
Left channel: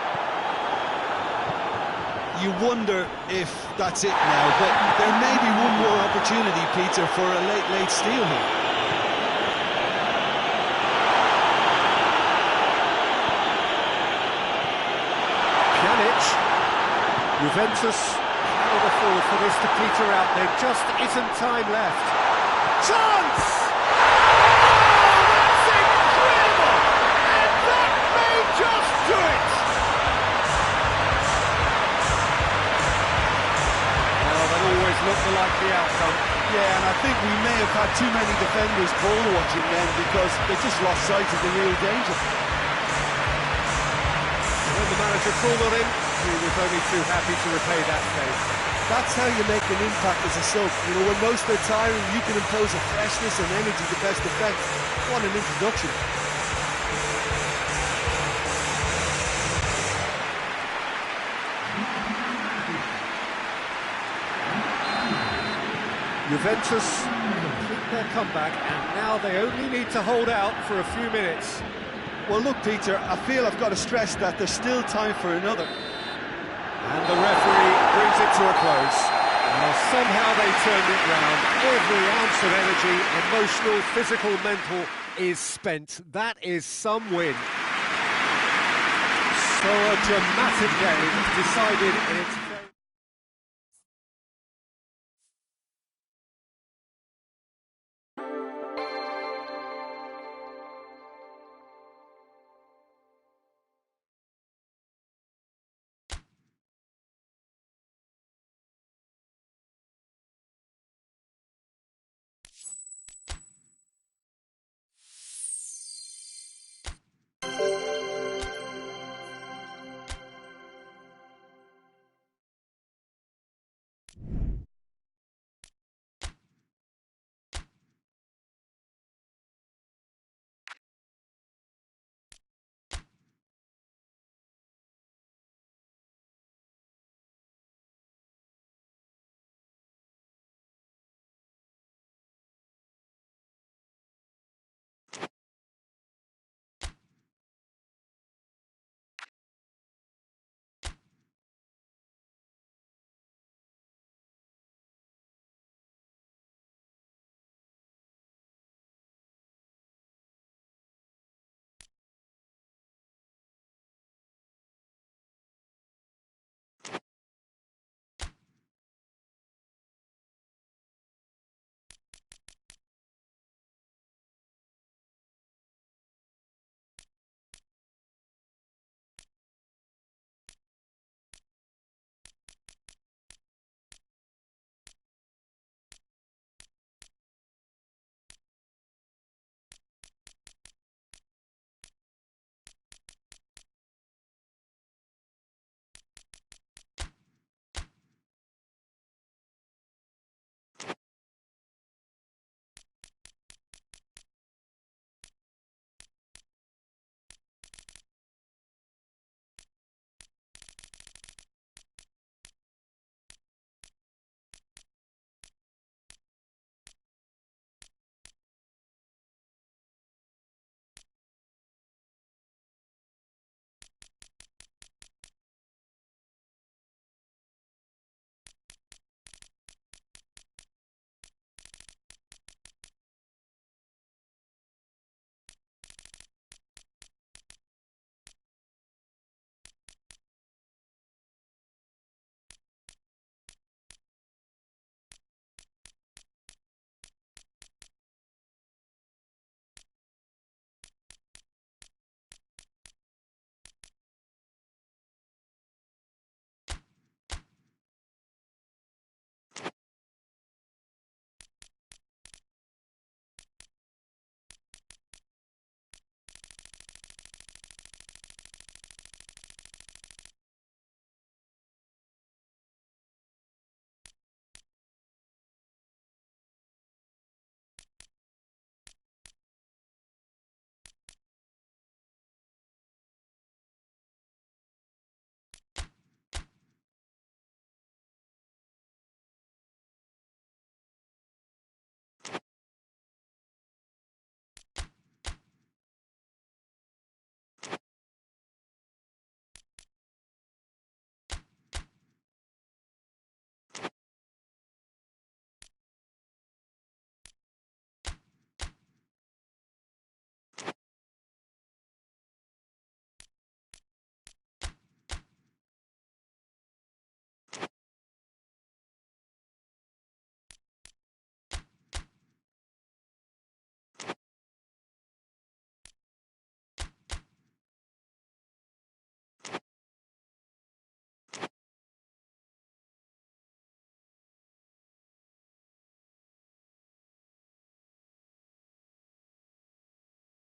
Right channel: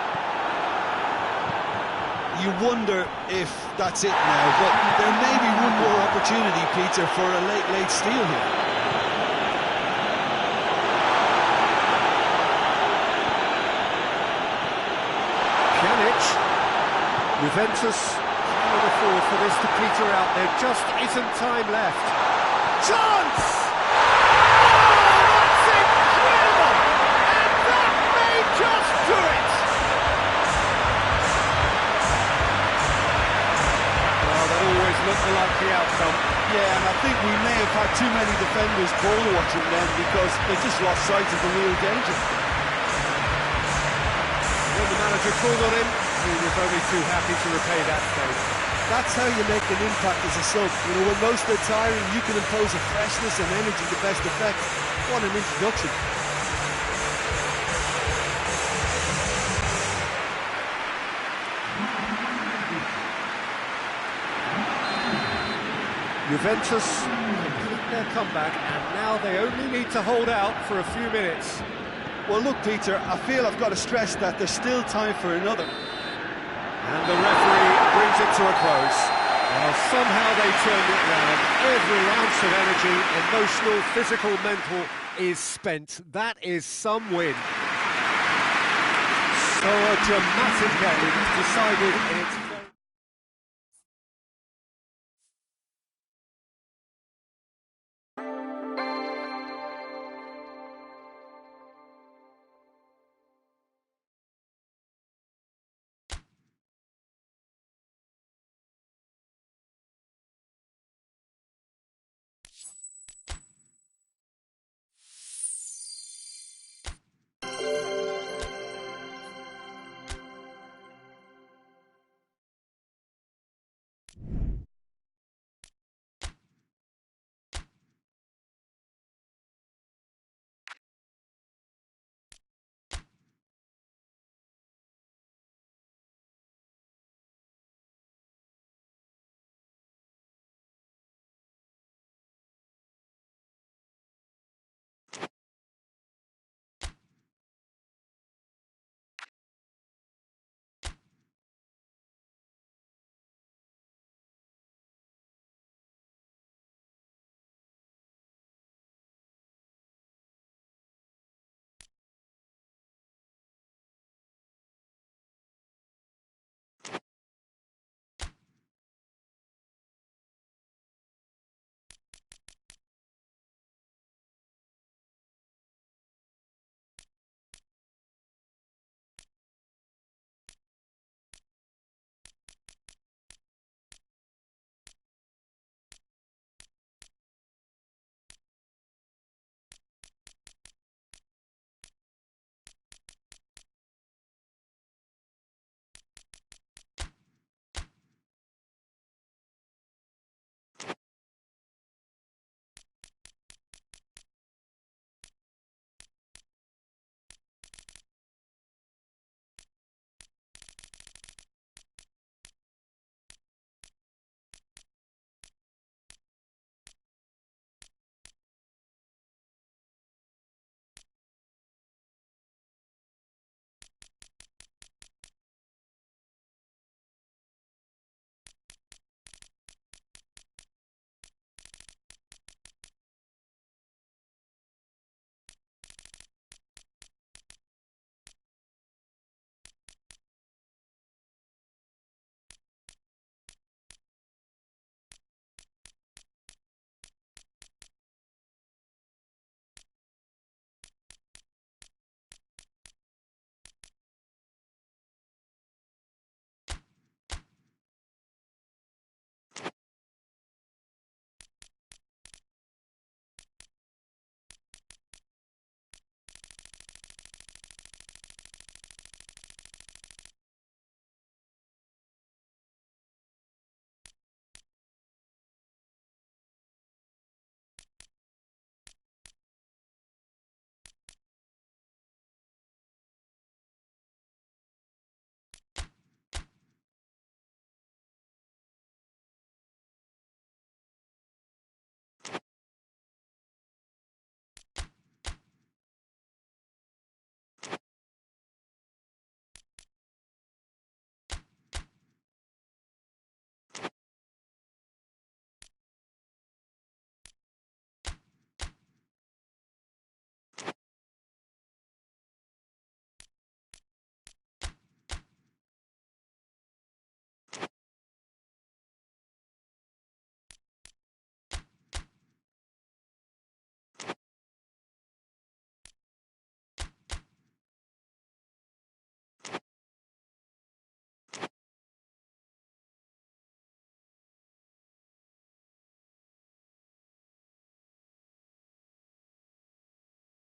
You wonder if that's it now, but there may be one more opportunity, Peter, for a late steal here. Pjanic. Juventus cannot afford for this to peter out. There just isn't time left. Chance! Oh, that's incredible! And that may just do it! Well, that always looked the likely outcome. Yeah, and I think we may have had too many defenders ball watching then because they just lost sight of the real danger. When the manager called on him, he was only too happy to repay that save. That's how you make an impact as a sub. You know, when most are tiring, you can impose a freshness and energy to best effect. What an introduction. Juventus complete their comeback, and now they only need to hold out for a few minutes. Well, look, Peter, I feel I've got to stress that there's still time for another. And the referee brings it to a close. Well, somehow they turned it round. Every ounce of energy, emotional, physical, mental, is spent. That is some win. So a dramatic game decided in its